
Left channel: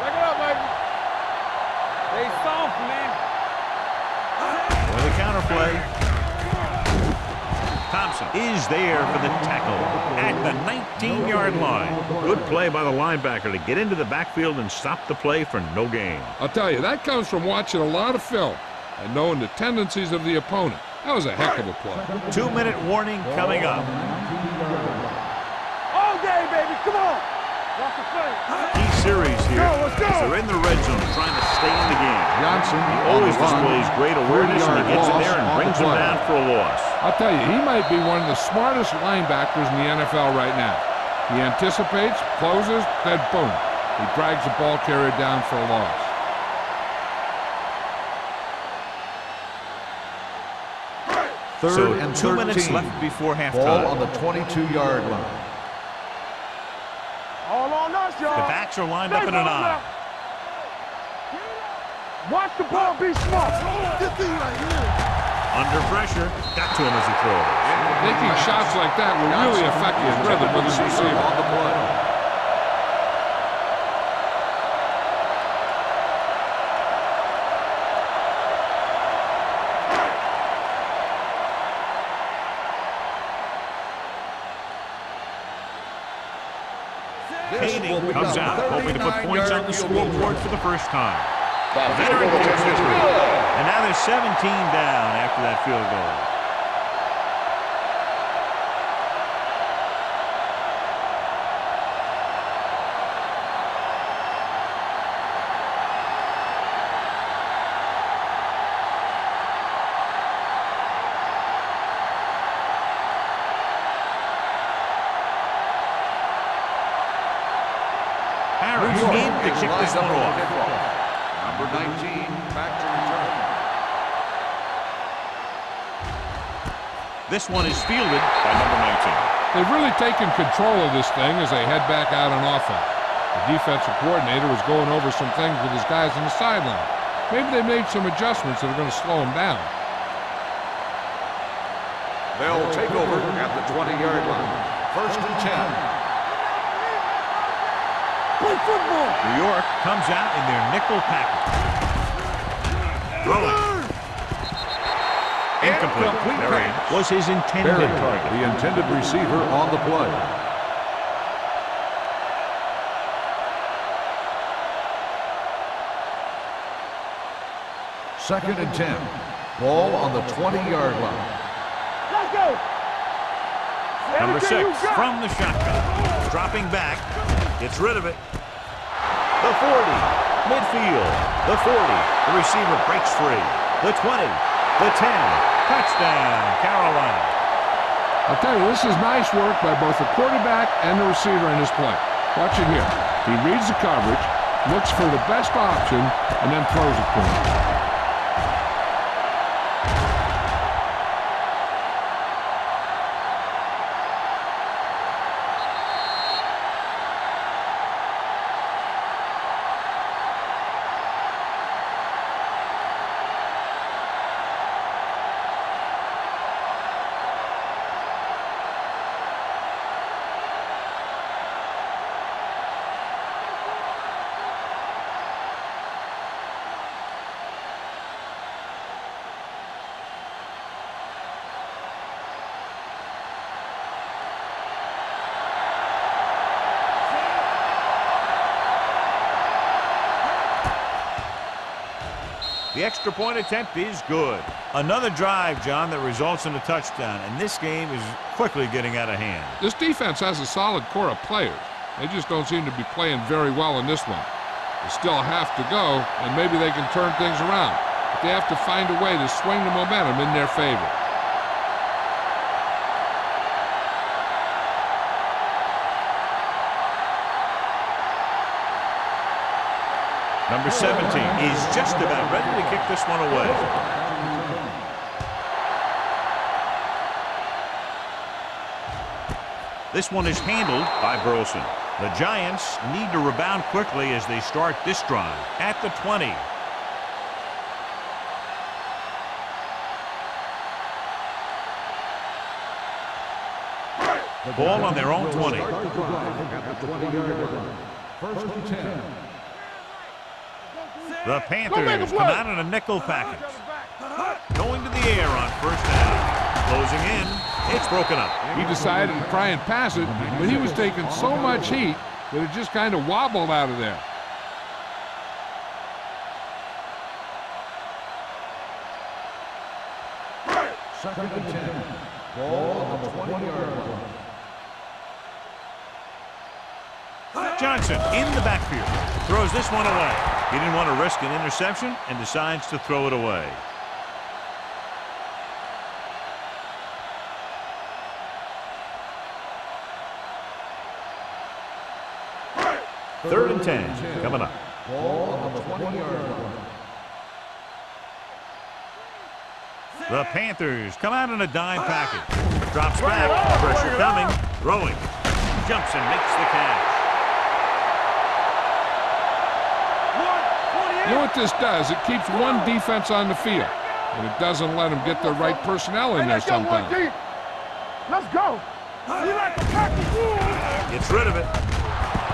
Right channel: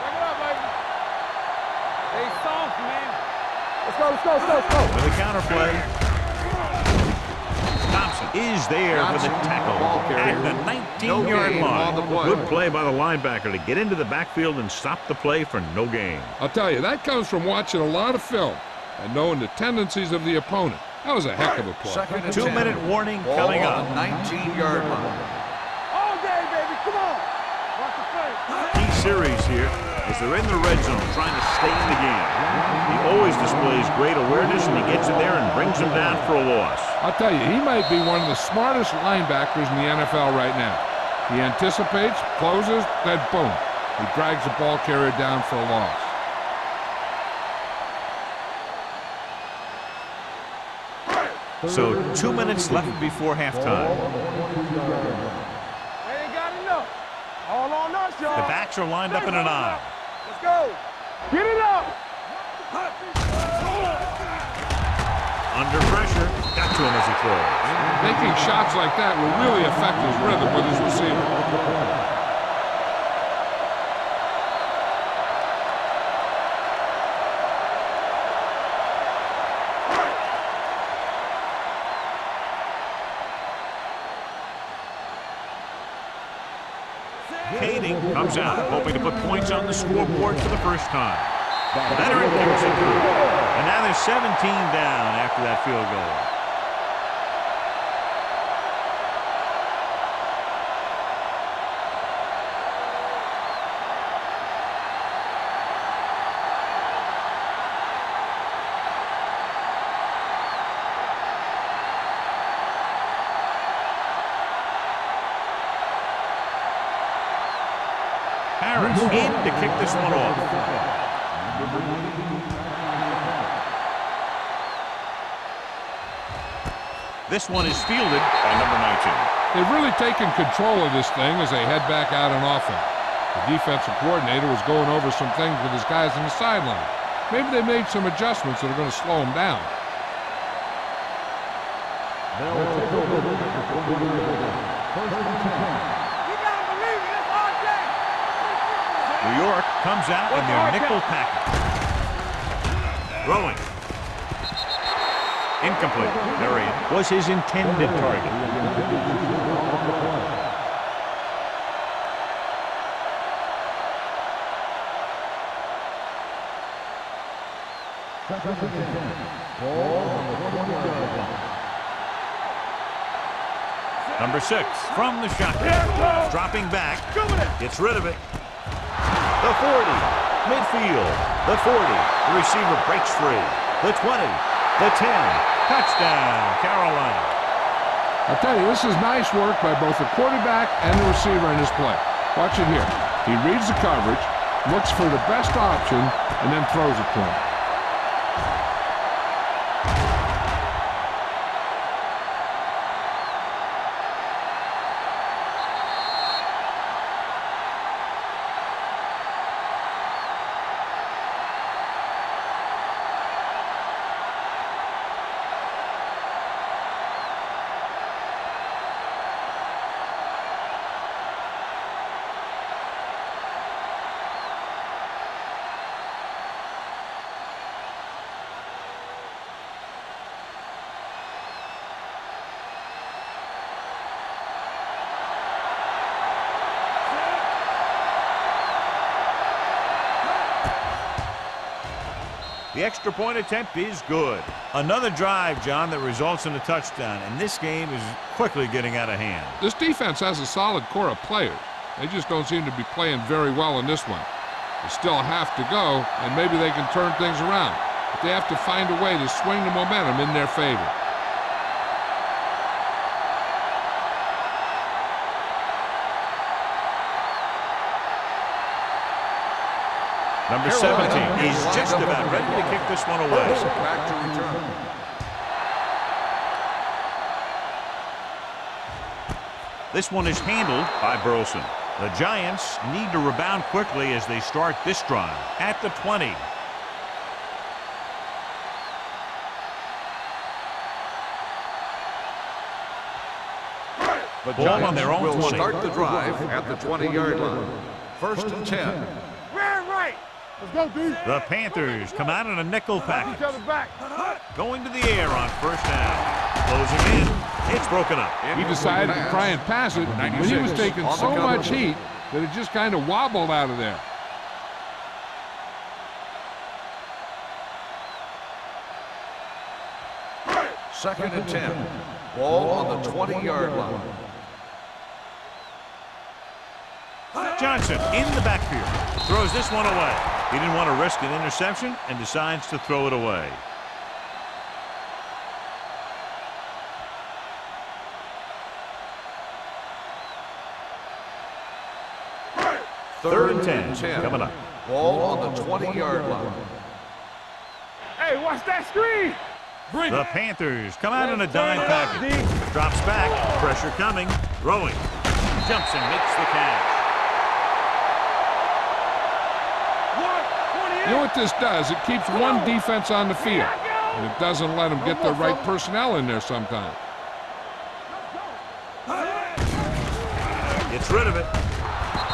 Break it up, baby. Stay soft, man. Let's go. With a counter play. Thompson is there for the tackle at the 19-yard line. Good play by the linebacker to get into the backfield and stop the play for no gain. I'll tell you, that comes from watching a lot of film and knowing the tendencies of the opponent. That was a heck of a play. 2-minute warning coming up. 19-yard line. All day, baby. Come on. Watch the play. Key series here as they're in the red zone trying to stay in the game. He always displays great awareness, and he gets in there and brings them down for a loss. I'll tell you, he might be one of the smartest linebackers in the NFL right now. He anticipates, closes, then boom. He drags the ball carrier down for a loss. So 2 minutes left before Ball halftime. on the 22-yard line. Ain't got enough. All on us, y'all. The backs are lined up in an I. Let's go. Get it up. Watch the ball be smart. Under pressure, got to him as he throws. Taking shots like that will really affect his rhythm with his receiver. Kading comes out, hoping to put points on the scoreboard for the first time. Veteran kicks it through. And now there's 17 down after that field goal. Harris in to kick this one off. Number 19, back to return. This one is fielded by number 19. They've really taken control of this thing as they head back out on offense. The defensive coordinator was going over some things with his guys on the sideline. Maybe they made some adjustments that are going to slow them down. They'll take over at the 20-yard line. First and 10. New York comes out in their nickel package. Throwing. Incomplete. Marion was his intended target. The intended receiver on the play. Second and 10. Ball on the 20-yard line. Number 6 from the shotgun. Dropping back. Gets rid of it. The 40. Midfield. The 40. The receiver breaks free. The 20. The 10. Touchdown, Carolina. I'll tell you, this is nice work by both the quarterback and the receiver in this play. Watch it here. He reads the coverage, looks for the best option, and then throws it to him. The extra point attempt is good. Another drive, John, that results in a touchdown, and this game is quickly getting out of hand. This defense has a solid core of players. They just don't seem to be playing very well in this one. They still have to go, and maybe they can turn things around. But they have to find a way to swing the momentum in their favor. Number 17 is just about ready to kick this one away. Back to return. This one is handled by Burleson. The Giants need to rebound quickly as they start this drive at the 20. The Ball on their own will 20. Start the drive at the 20-yard line. First and 10. The Panthers come out in a nickel package. Going to the air on first down. Closing in. It's broken up. He decided to try and pass it, but he was taking so much heat that it just kind of wobbled out of there. Second and 10. Ball on the 20-yard line. Johnson in the backfield. Throws this one away. He didn't want to risk an interception and decides to throw it away. Third and 10 coming up. Ball on the 20-yard line. Hey, watch that screen. The Panthers come out in a dime package. Drops back. Pressure coming. Throwing. Jumps and makes the catch. You know what this does? It keeps one defense on the field, and it doesn't let them get the right personnel in there sometimes. Let's go. Gets rid of it.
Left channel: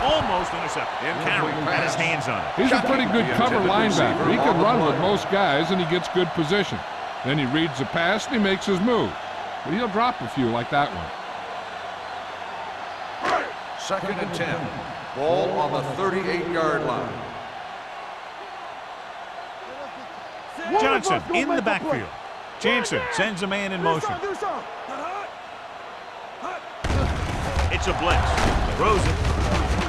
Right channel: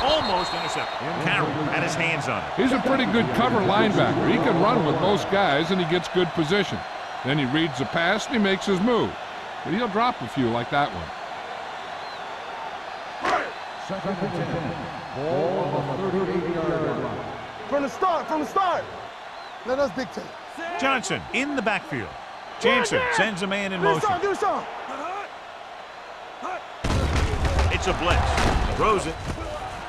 Almost intercepted. Carroll had his hands on it. He's a pretty good cover linebacker. He can run with most guys, and he gets good position. Then he reads the pass, and he makes his move. But he'll drop a few like that one. Second and 10. Ball on the 38-yard line. From the start, from the start. Let us dictate. Johnson in the backfield. Jansen sends a man in motion. Do something. It's a blitz. Throws it.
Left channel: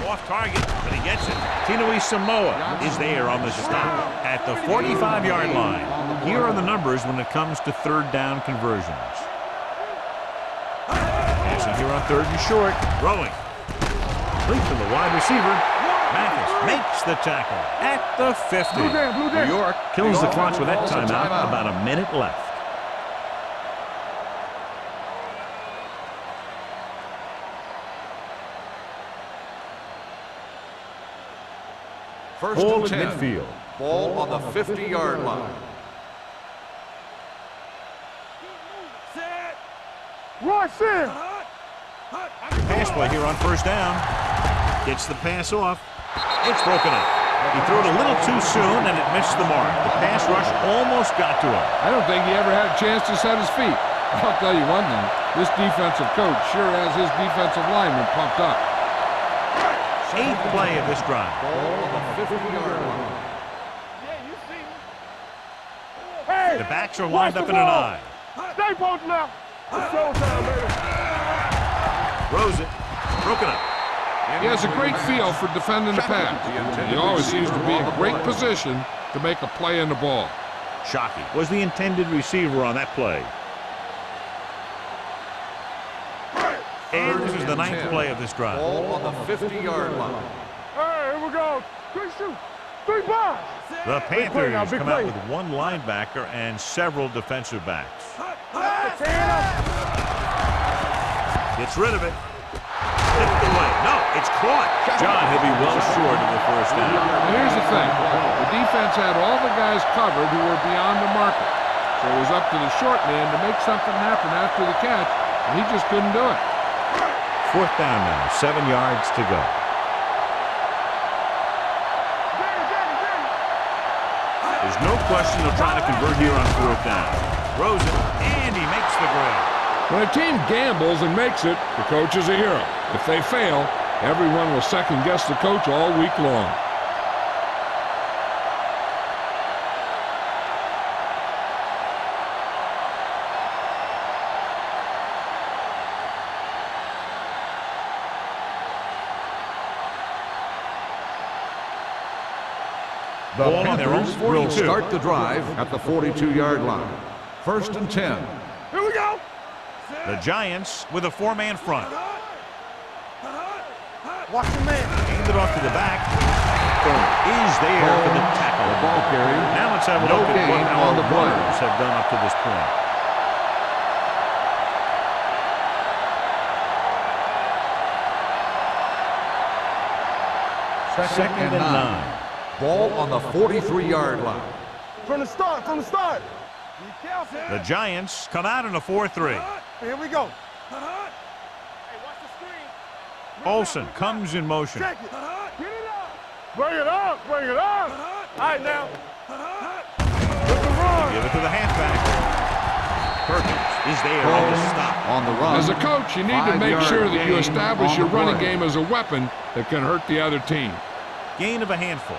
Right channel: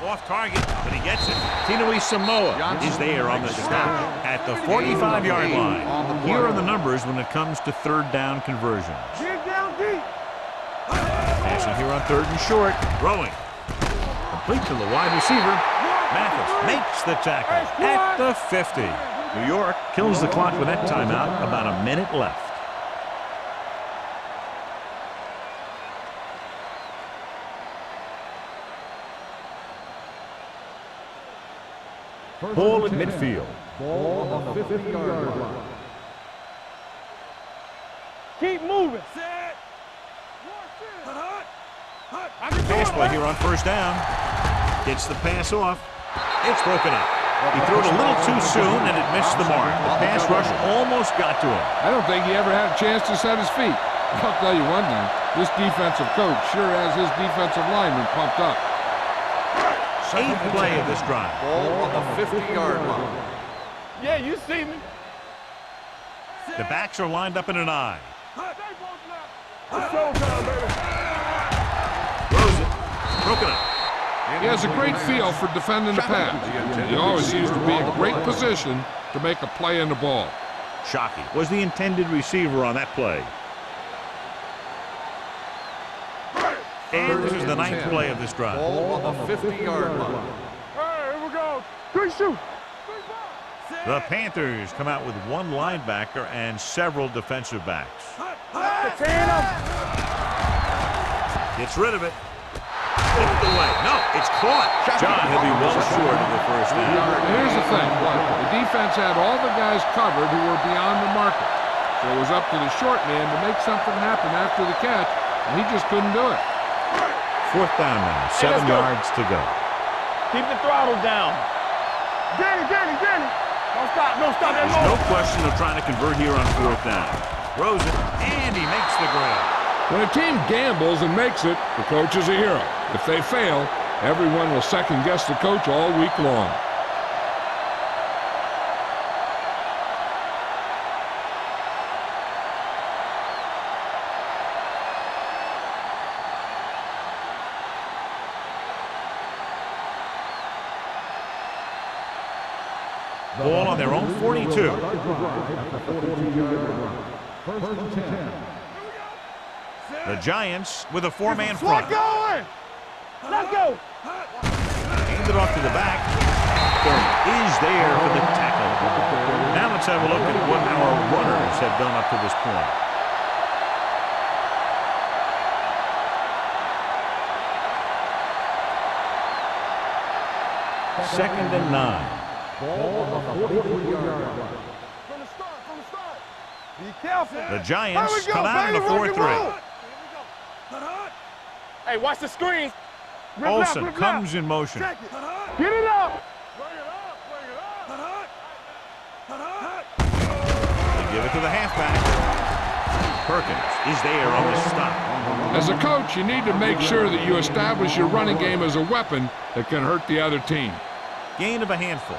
Off target, but he gets it. Tinui Samoa is there on the stop at the 45-yard line. Here are the numbers when it comes to third down conversions. Passing here on third and short. Throwing. Complete to the wide receiver. Mathis makes the tackle at the 50. New York kills the clock with that timeout. About a minute left. Ball at midfield. Ball on the 50-yard line. Keep moving. Set. Rush in. Pass play here on first down. Gets the pass off. It's broken up. He threw it a little too soon, and it missed the mark. The pass rush almost got to him. I don't think he ever had a chance to set his feet. I'll tell you one thing. This defensive coach sure has his defensive lineman pumped up. Eighth play of this drive. Ball on the 50-yard line. Yeah, you see me. Hey, The backs are lined up in an eye. stay posted up. It's showtime, baby. Throws it. Broken up. He has a great feel for defending the pass. And he always seems to be in great position to make a play in the ball. Shockey was the intended receiver on that play. And this is the ninth play of this drive. Ball on the 50-yard line. Hey, here we go. 3 shoot. 3 balls. The Panthers come out with one linebacker and several defensive backs. Gets rid of it. Tipped away. No, it's caught. John, he'll be well short of the first down. Now here's the thing. The defense had all the guys covered who were beyond the marker. So it was up to the short man to make something happen after the catch, and he just couldn't do it. Fourth down now. 7 yards to go. Keep the throttle down. Danny. Don't stop. There's no question of trying to convert here on fourth down. Throws it, and he makes the grab. When a team gambles and makes it, the coach is a hero. If they fail, everyone will second-guess the coach all week long. Ball on their own 42. Start the drive at the 42-yard line. First and 10. Here we go. The Giants with a four-man front. Let's go. Watch the man. Hand it off to the back. Thurman is there for the tackle. Now let's have a look at what our runners have done up to this point. Second and 9. Ball on the 43-yard line. From the start. Be careful. The Giants come out in a 4-3. Here we go. Hey, watch the screen. Olsen comes in motion. Check it. Get it up. Bring it up. All right, now. They give it to the halfback. Perkins is there on the stop. On the run. As a coach, you need to make sure that you establish your running game as a weapon that can hurt the other team. Gain of a handful.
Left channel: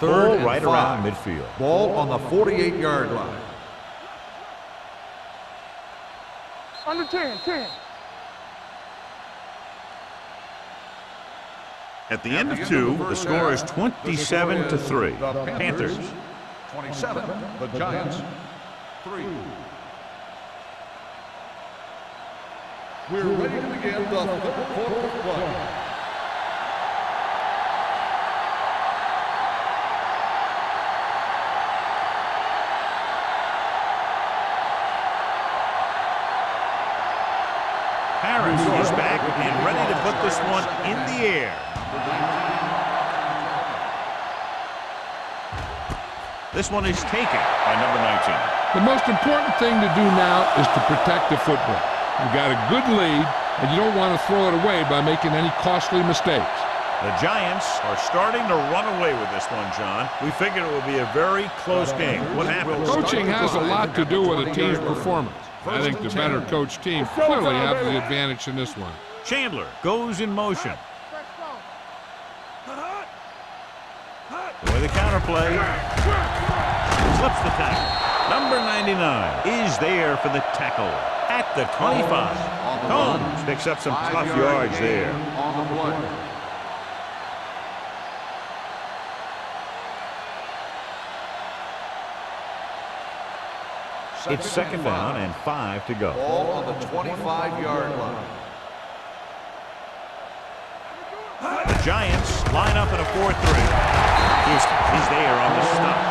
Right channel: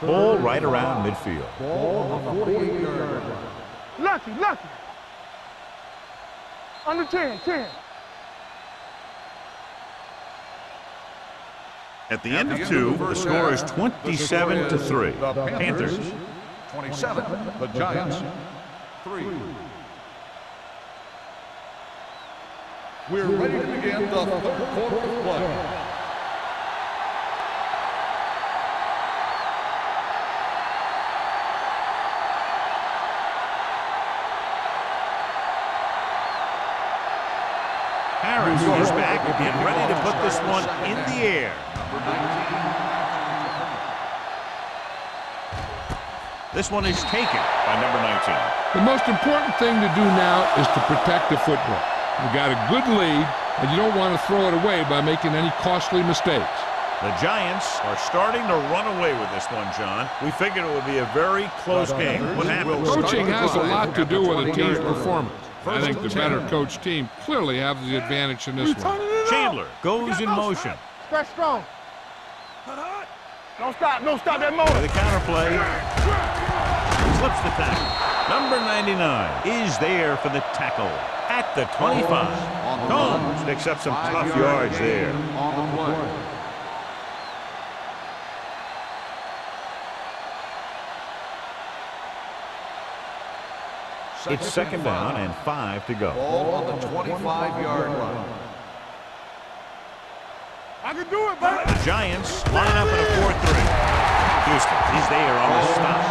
Ball right around midfield. Ball on the 48-yard line. Lucky. Under 10. At the end of 2, the score is 27-3. The Panthers. 27. The Giants 3. We're ready to begin the third quarter of play. Harris is back and ready to put this one in the air. Number 19. This one is taken by number 19. The most important thing to do now is to protect the football. You've got a good lead, and you don't want to throw it away by making any costly mistakes. The Giants are starting to run away with this one, John. We figured it would be a very close game. What happened? Coaching has a lot to do with a team's performance. I think the better coached team clearly have the advantage in this one. Chandler goes in motion. Stretch strong. Don't stop that moment. With a counterplay. Slips the tackle. Number 99 is there for the tackle at the 25. Combs picks up some tough yards there. On the play. It's second down and 5 to go. Ball on the 25-yard line. I can do it, man. The Giants line up in a 4-3. Houston is there on the stop.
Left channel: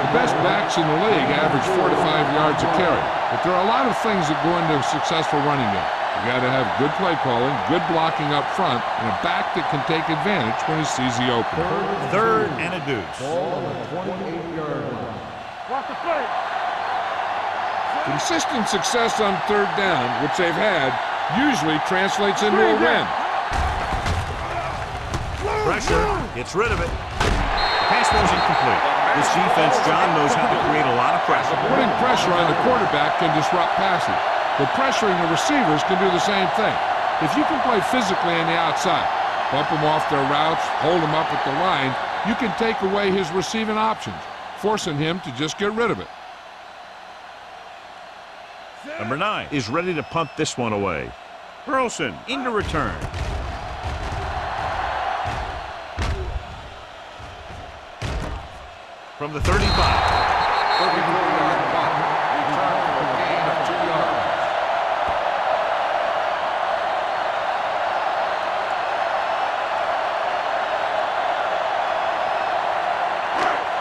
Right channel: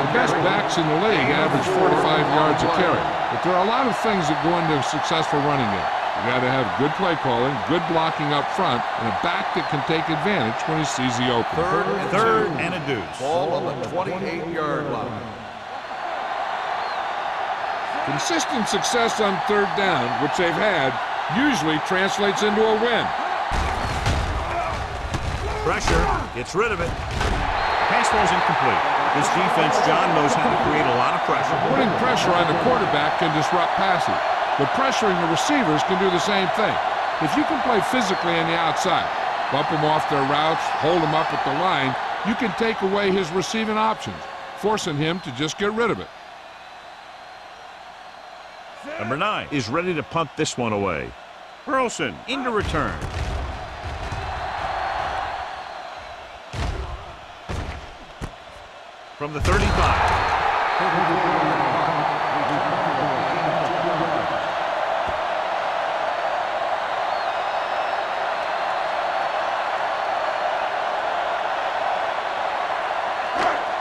The best backs in the league average 4 to 5 yards a carry. But there are a lot of things that go into a successful running game. You got to have good play calling, good blocking up front, and a back that can take advantage when he sees the opening. Third and a deuce. Ball on the 28-yard line. Consistent success on third down, which they've had, usually translates into a win. Pressure, gets rid of it. Pass ball's incomplete. This defense, John, knows how to create a lot of pressure. Putting pressure on the quarterback can disrupt passing, but pressuring the receivers can do the same thing. If you can play physically on the outside, bump them off their routes, hold them up at the line, you can take away his receiving options, forcing him to just get rid of it. Number 9 is ready to punt this one away. Burleson into return. From the 35. 34-yard punt. Return for a gain of 2 yards.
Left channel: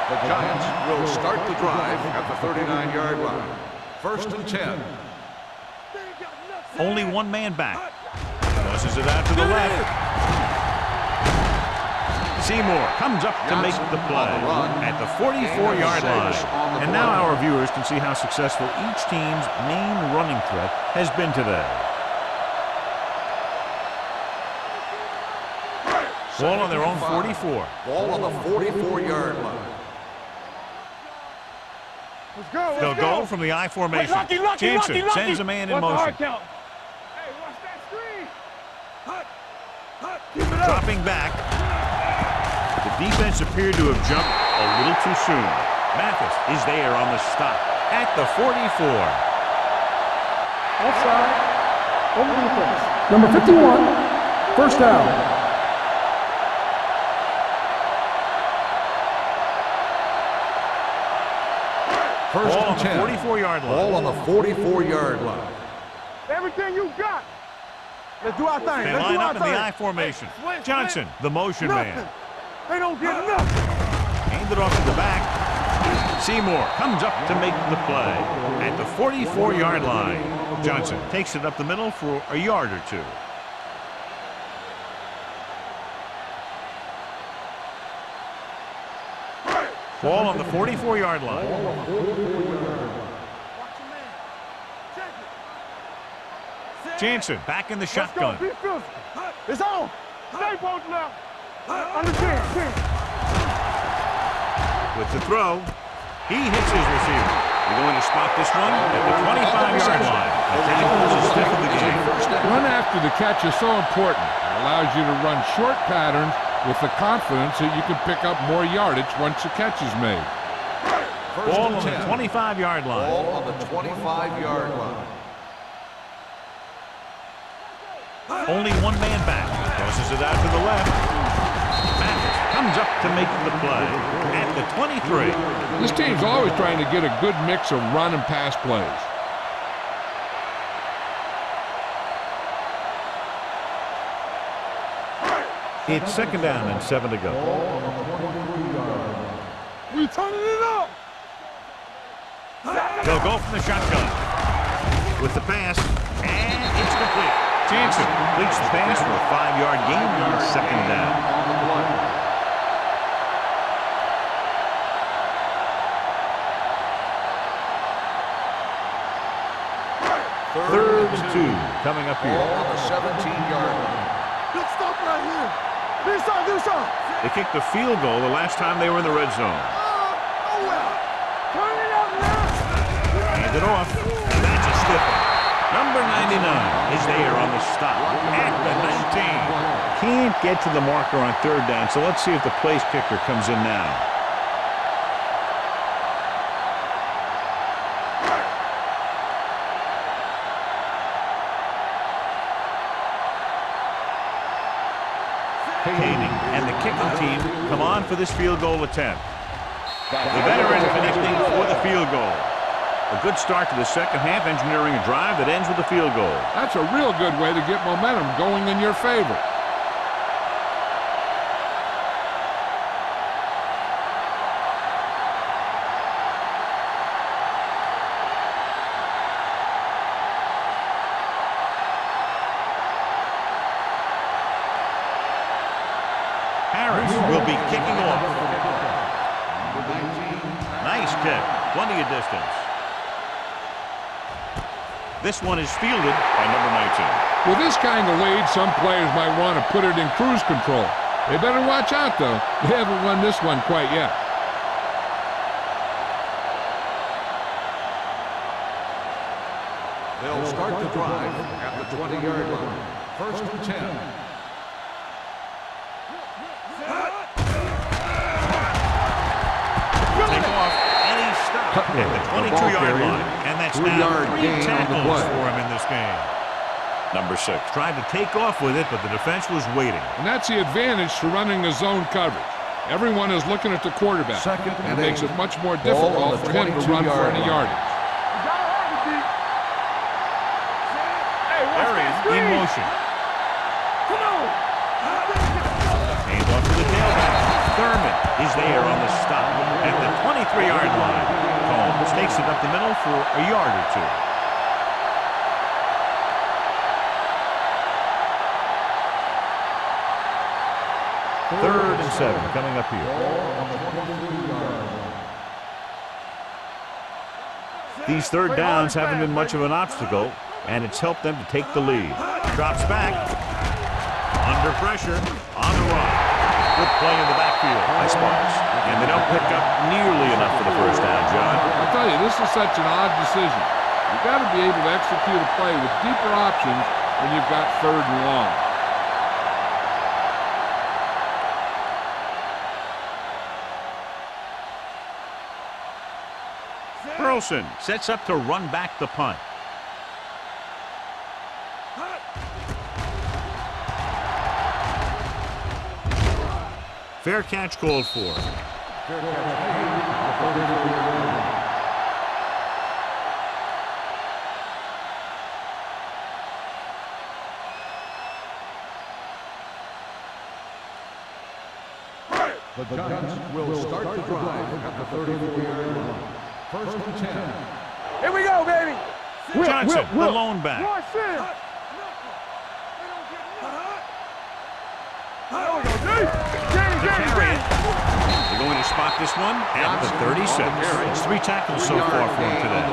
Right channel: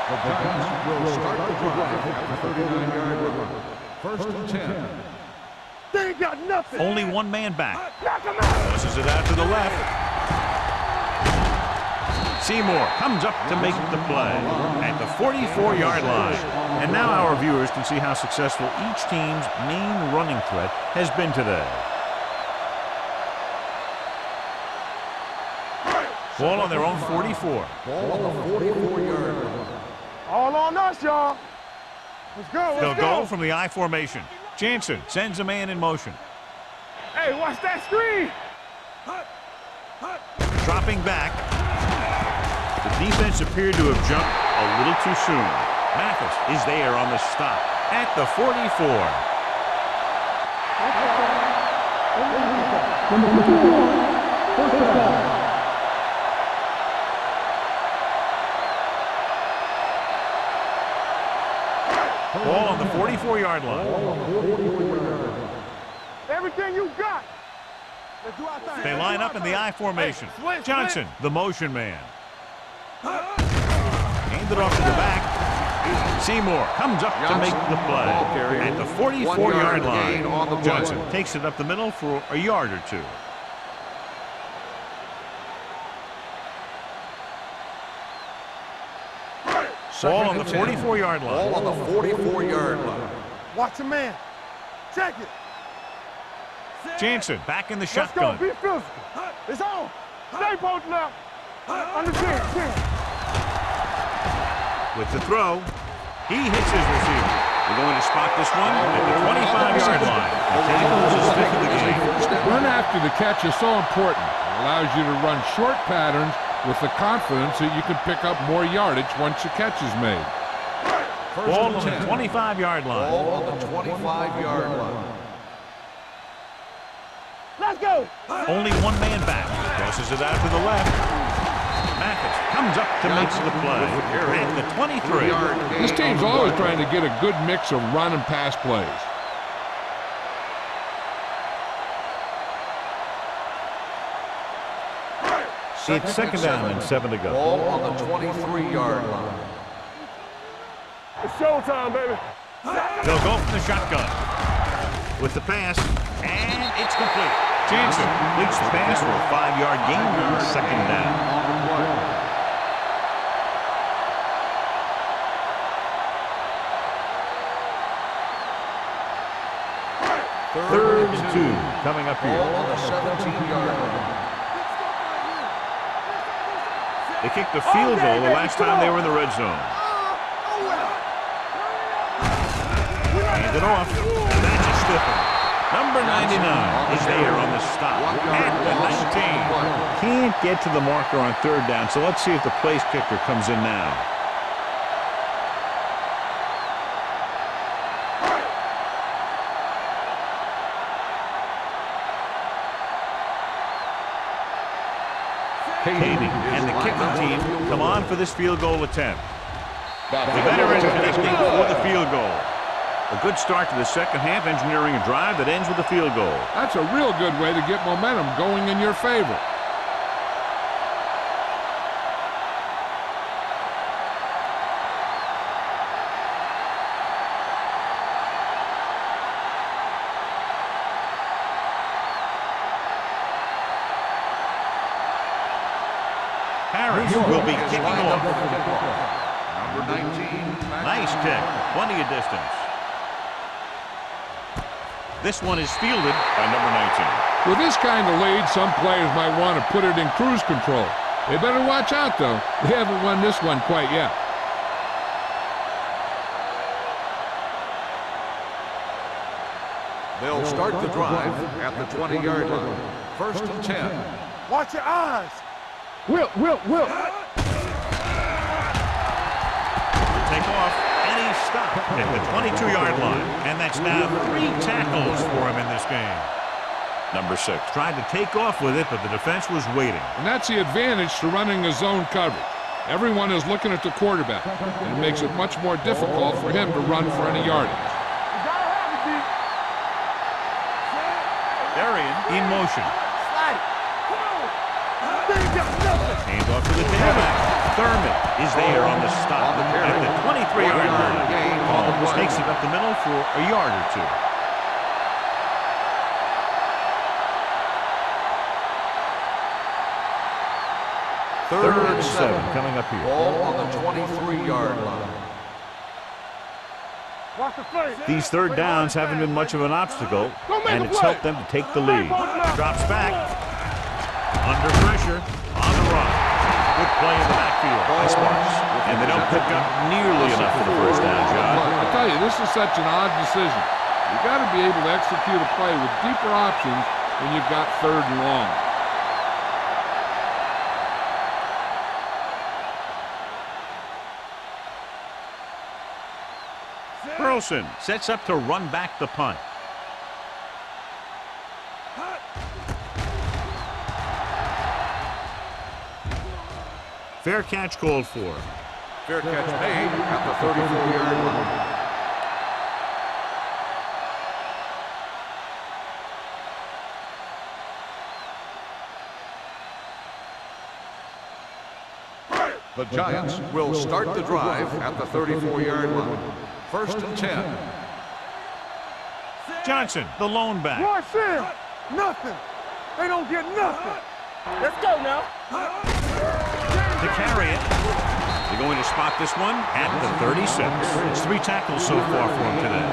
The Giants will start the drive at the 39-yard line. First and 10. They ain't got nothing. Only one man back. Tosses it out to the left. Seymour comes up to make the play at the 44-yard line. And now our viewers can see how successful each team's main running threat has been today. Ball on their own 44. Ball on the 44-yard line. All on us, y'all. Let's go. They'll Let's go from the I formation. Jansen sends a man in motion. Hey, watch that screen. Dropping back. The defense appeared to have jumped a little too soon. Mathis is there on the stop at the 44. Offside. Over defense. Number 51. First down. Ball on the 44-yard line. Ball on the 44-yard line. Everything you got. Let's do our thing. They line up in the I formation. Johnson, the motion man. They don't get enough. Hand it off to the back. Seymour comes up to make the play at the 44-yard line. Johnson takes it up the middle for a yard or two. Ball on the 44-yard line. Ball on the 44-yard line. Watch your man. Check it. Jansen back in the Let's go. shotgun. Be physical. It's on. Stay posted up. Understand. With the throw, he hits his receiver. They're going to spot this one at the 25-yard line. The tackle is a stick of the game. Run after the catch is so important. It allows you to run short patterns with the confidence that you can pick up more yardage once the catch is made. Ball on the 25-yard line. Ball on the 25-yard line. Let's go. Only one man back. Tosses it out to the left. Mathis comes up to make the play at the 23. This team's always trying to get a good mix of run and pass plays. It's second down and 7 to go. Ball on the 23-yard line. We turning it up. It's showtime, baby. They'll go from the shotgun with the pass, and it's complete. Jansen completes the pass for a 5-yard gain on second down. On the play. Third and 2 coming up Ball here. on the 17-yard line. Big stop right here. Do something. They kicked a field goal the last time they were in the red zone. Nowhere. Turn it out now. Hand it off, and that's a stiff one. Number 99 is there on the stop at the 19. can't get to the marker on third down, so let's see if the place kicker comes in now. Kading and the kicking team come on for this field goal attempt. The veteran connecting for the field goal. A good start to the second half, engineering a drive that ends with a field goal. That's a real good way to get momentum going in your favor. Harris will be kicking off. Number 19. Nice kick. Plenty of distance. This one is fielded by number 19. With this kind of lead, some players might want to put it in cruise control. They better watch out, though. They haven't won this one quite yet. They'll start the drive at the 20-yard line. First and 10. Watch your eyes. Will. Take off, and he stopped at the 22-yard line. And that's now 3 tackles for him in this game. Number 6 tried to take off with it, but the defense was waiting. And that's the advantage to running a zone coverage. Everyone is looking at the quarterback, and it makes it much more difficult for him to run for any yardage. You gotta have it, D. Arian in motion. Come on. Hand off to the tailback. Thurman is there on the stop at the 23-yard line. Combs takes it up the middle for a yard or two. Third and 7 coming up here. Ball on the 23-yard line. These third downs haven't been much of an obstacle, and it's helped them to take the lead. Drops back. Under pressure. On the run. Good play in the backfield by Sparks. And they don't pick up nearly enough for the first down, John. I'll tell you, this is such an odd decision. You've got to be able to execute a play with deeper options when you've got third and long. Burleson sets up to run back the punt. Fair catch called for. Fair catch made at the 34-yard line. The Giants will start the drive at the 34-yard line. First and 10. Here we go, baby. Johnson, the lone back. Watch in. Nothing. They don't get nothing. Let's go now. To carry it. They're going to spot this one at the 36. It's 3 tackles so far for him today.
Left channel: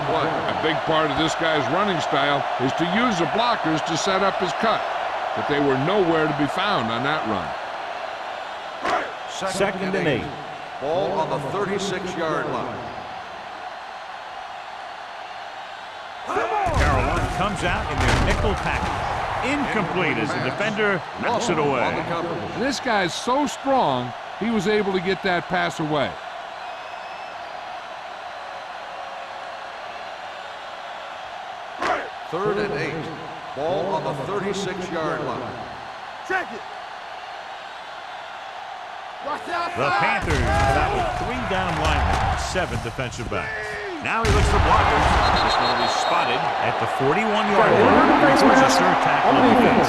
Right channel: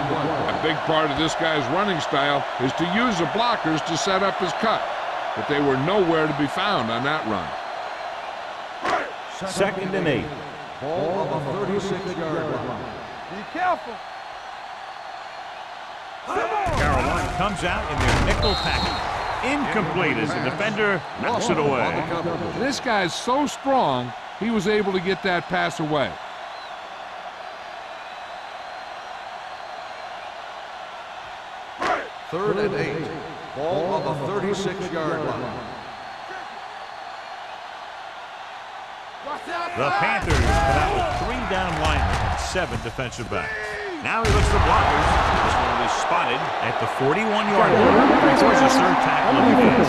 A big part of this guy's running style is to use the blockers to set up his cut. But they were nowhere to be found on that run. Second and 8. Ball on the 36-yard line. Be careful. Carolina comes out in their nickel package. Incomplete as the defender knocks it away. And this guy's so strong, he was able to get that pass away. Third and 8. Ball on the 36-yard line. Check it. The Panthers come out with 3 down linemen and 7 defensive backs. Now he looks for blockers. This one will be spotted at the 41-yard line. Records his 3rd tackle of the game.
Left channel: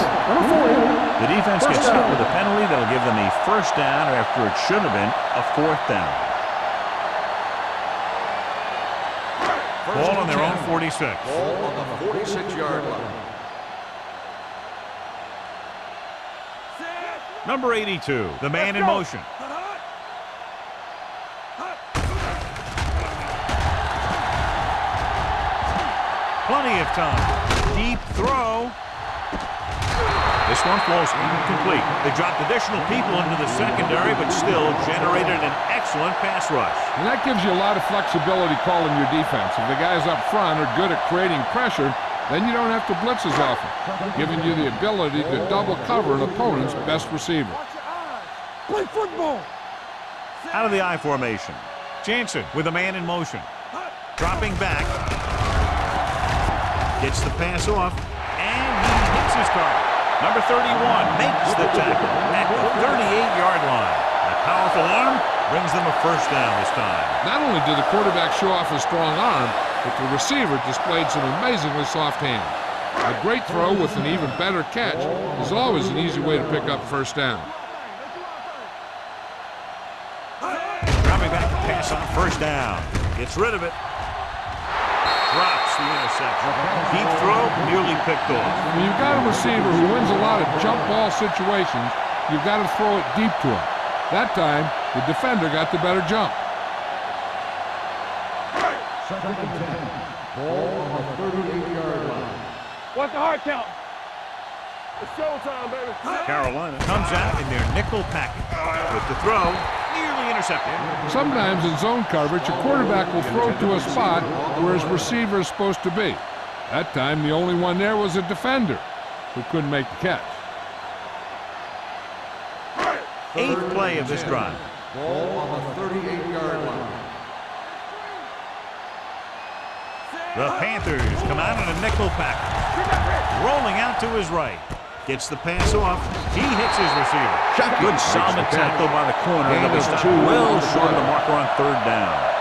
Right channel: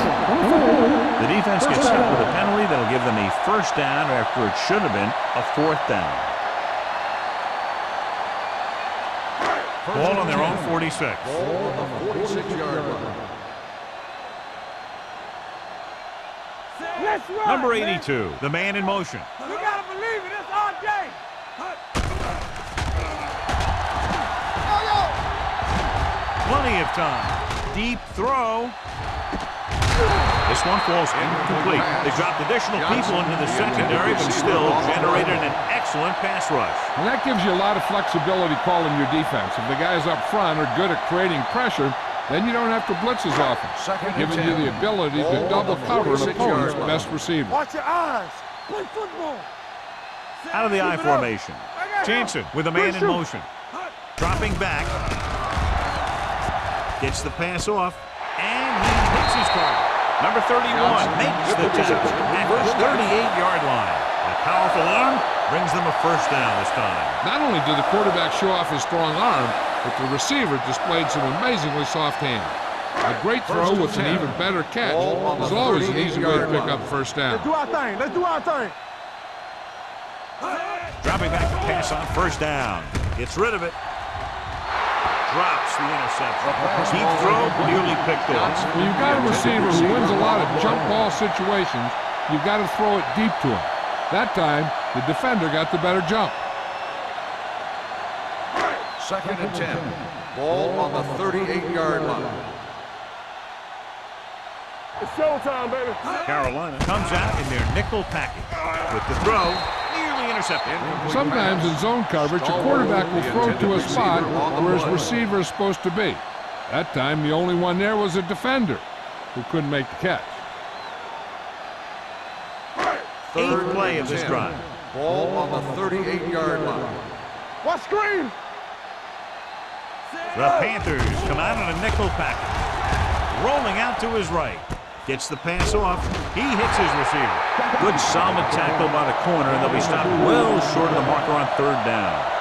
The defense gets hit with a penalty that'll give them a first down after it should have been a 4th down. Ball on their own 46. Ball on the 46-yard line. Number 82, the man in motion. You gotta believe it. It's our game. Plenty of time. Deep throw. This one falls incomplete. They dropped additional people into the secondary, but still generated an excellent pass rush. And that gives you a lot of flexibility calling your defense. If the guys up front are good at creating pressure, Then you don't have to blitz as often, giving you the ability to double cover an opponent's best receiver. Watch your eyes. Play football. Out of the I formation. Jansen with a man in motion. Dropping back. Gets the pass off. And he hits his target. Number 31 makes the tackle at the 38-yard line. A powerful arm brings them a first down this time. Not only did the quarterback show off his strong arm, but the receiver displayed some amazingly soft hands. A great throw with an even better catch is always an easy way to pick up first down. Do our thing. Let's do our thing. Dropping back to pass on first down. Gets rid of it. Drops the interception. Deep throw, nearly picked off. When you've got a receiver who wins a lot of jump ball situations, you've got to throw it deep to him. That time, the defender got the better jump. 2nd and 10. Ball on the 38-yard line. What's the hard count? It's showtime, baby. Carolina comes out in their nickel package. With the throw, nearly intercepted. Sometimes in zone coverage, a quarterback will throw to a spot where his receiver is supposed to be. That time, the only one there was a defender who couldn't make the catch. 8th play of this drive. Ball on the 38-yard line. What screen? The Panthers come out in a nickel package. Rolling out to his right. Gets the pass off. He hits his receiver. Good solid tackle by the corner, and they'll be stopped well short of the marker on 3rd down.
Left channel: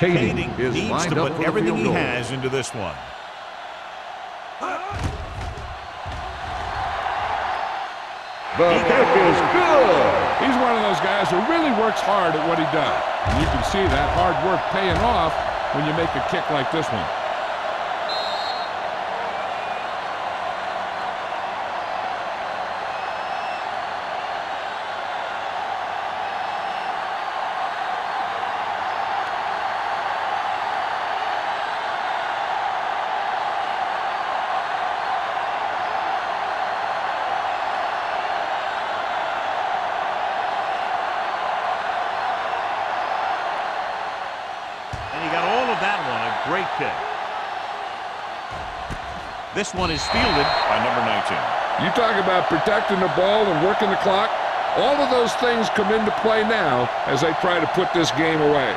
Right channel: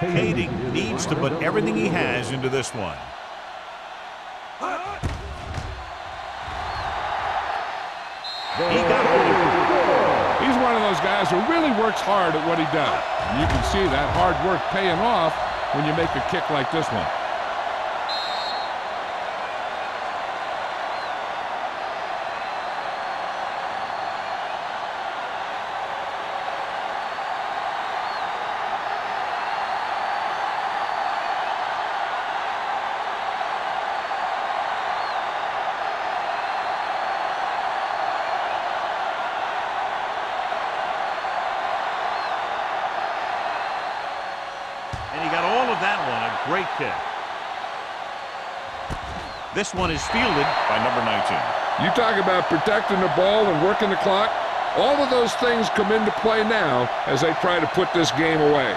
Kading needs to put everything he has into this one. He got it. He's one of those guys who really works hard at what he does. And you can see that hard work paying off when you make a kick like this one. And he got all of that one. A great kick. This one is fielded by number 19. You talk about protecting the ball and working the clock. All of those things come into play now as they try to put this game away.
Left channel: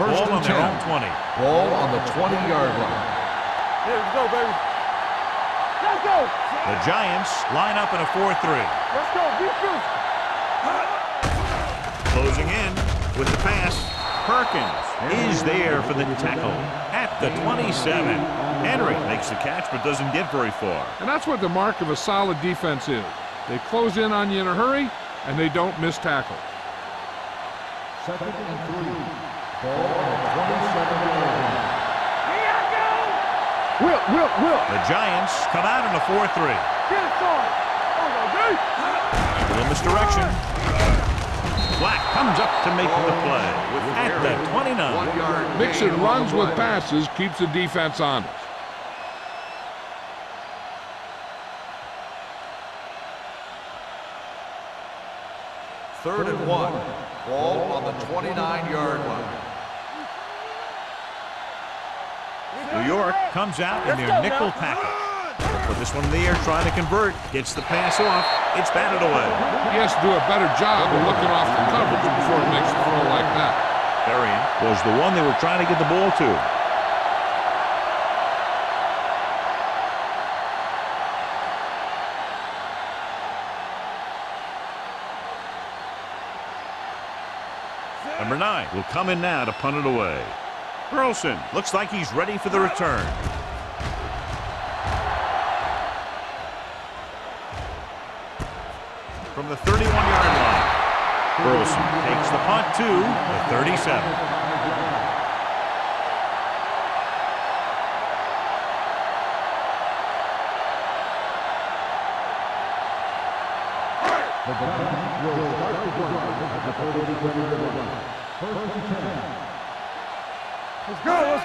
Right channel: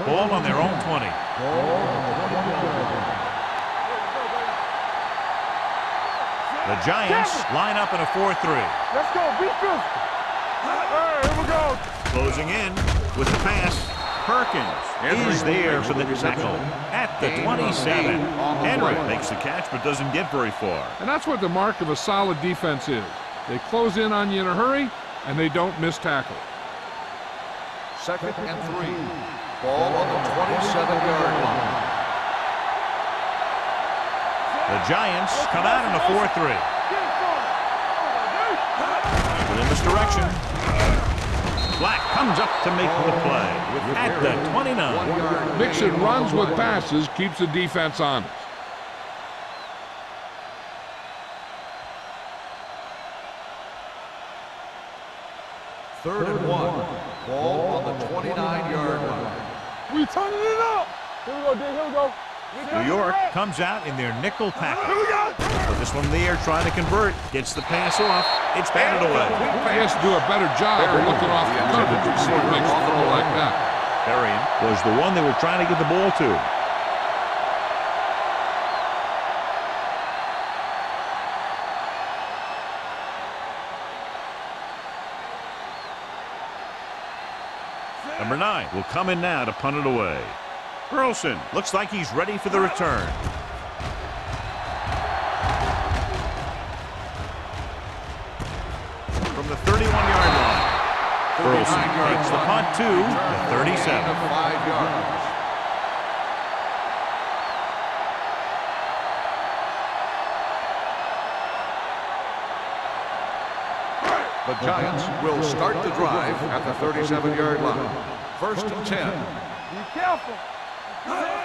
Ball on their own 20. Ball on the 20-yard line. Yeah, let's go, baby. Let's go. The Giants line up in a 4-3. Let's go. Be physical. Closing in with the pass. Perkins is there for the tackle at the 27. Henry makes the catch but doesn't get very far. And that's what the mark of a solid defense is. They close in on you in a hurry, and they don't miss tackle. 2nd and 3. Ball on the 27-yard line. Whip. The Giants come out in a 4-3. Get it, son. Oh, A little misdirection. Black comes up to make the play at the 29. Mixing runs with passes keeps the defense honest. Third and 1. Ball on the 29-yard line. we turning it up. Here we go, dude. Here we go. New York comes out in their nickel package. Put this one in the air, trying to convert. Gets the pass off. It's batted away. He has to do a better job of looking off the coverage before he makes the throw like that. Berrien was the one they were trying to get the ball to. Number 9 will come in now to punt it away. Burleson looks like he's ready for the return. From the 31-yard line, Burleson takes the punt to the 37. 5 yards. The Giants will start the drive at the 37-yard line. 1st and 10.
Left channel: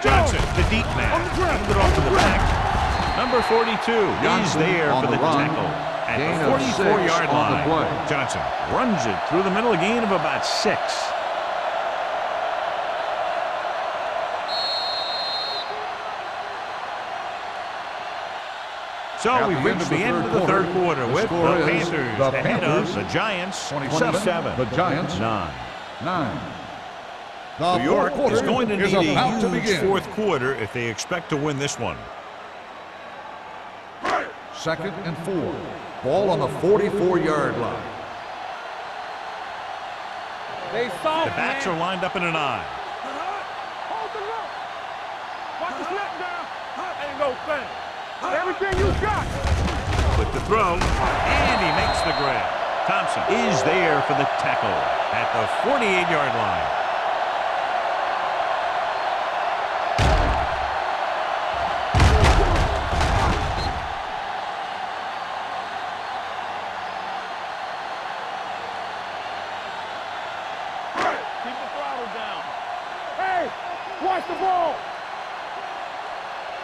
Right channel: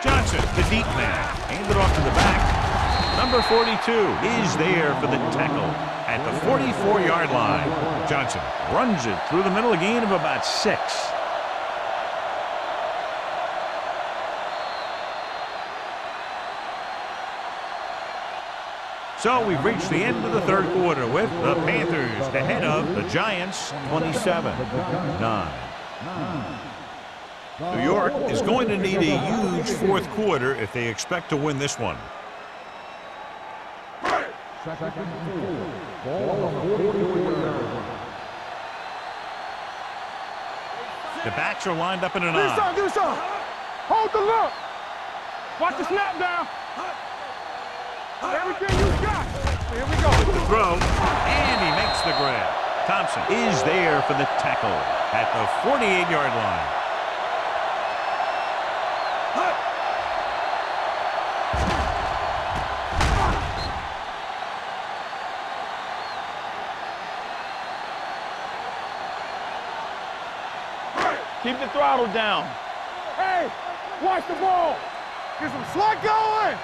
Johnson, the deep man, aimed it off to the back. Number 42 is there for the tackle at the 44-yard line. Johnson runs it through the middle, a gain of about 6. So we've reached the end of the third quarter with the Panthers ahead of the Giants 27-9. New York is going to need a huge fourth quarter if they expect to win this one. 2nd and 4. Ball on the 44-yard line. The backs are lined up in an eye. Hold the look. Watch the snap down. Everything you got. Here we go. With the throw, and he makes the grab. Thompson is there for the tackle at the 48-yard line. Keep the throttle down. Hey, watch the ball. Get some slack going.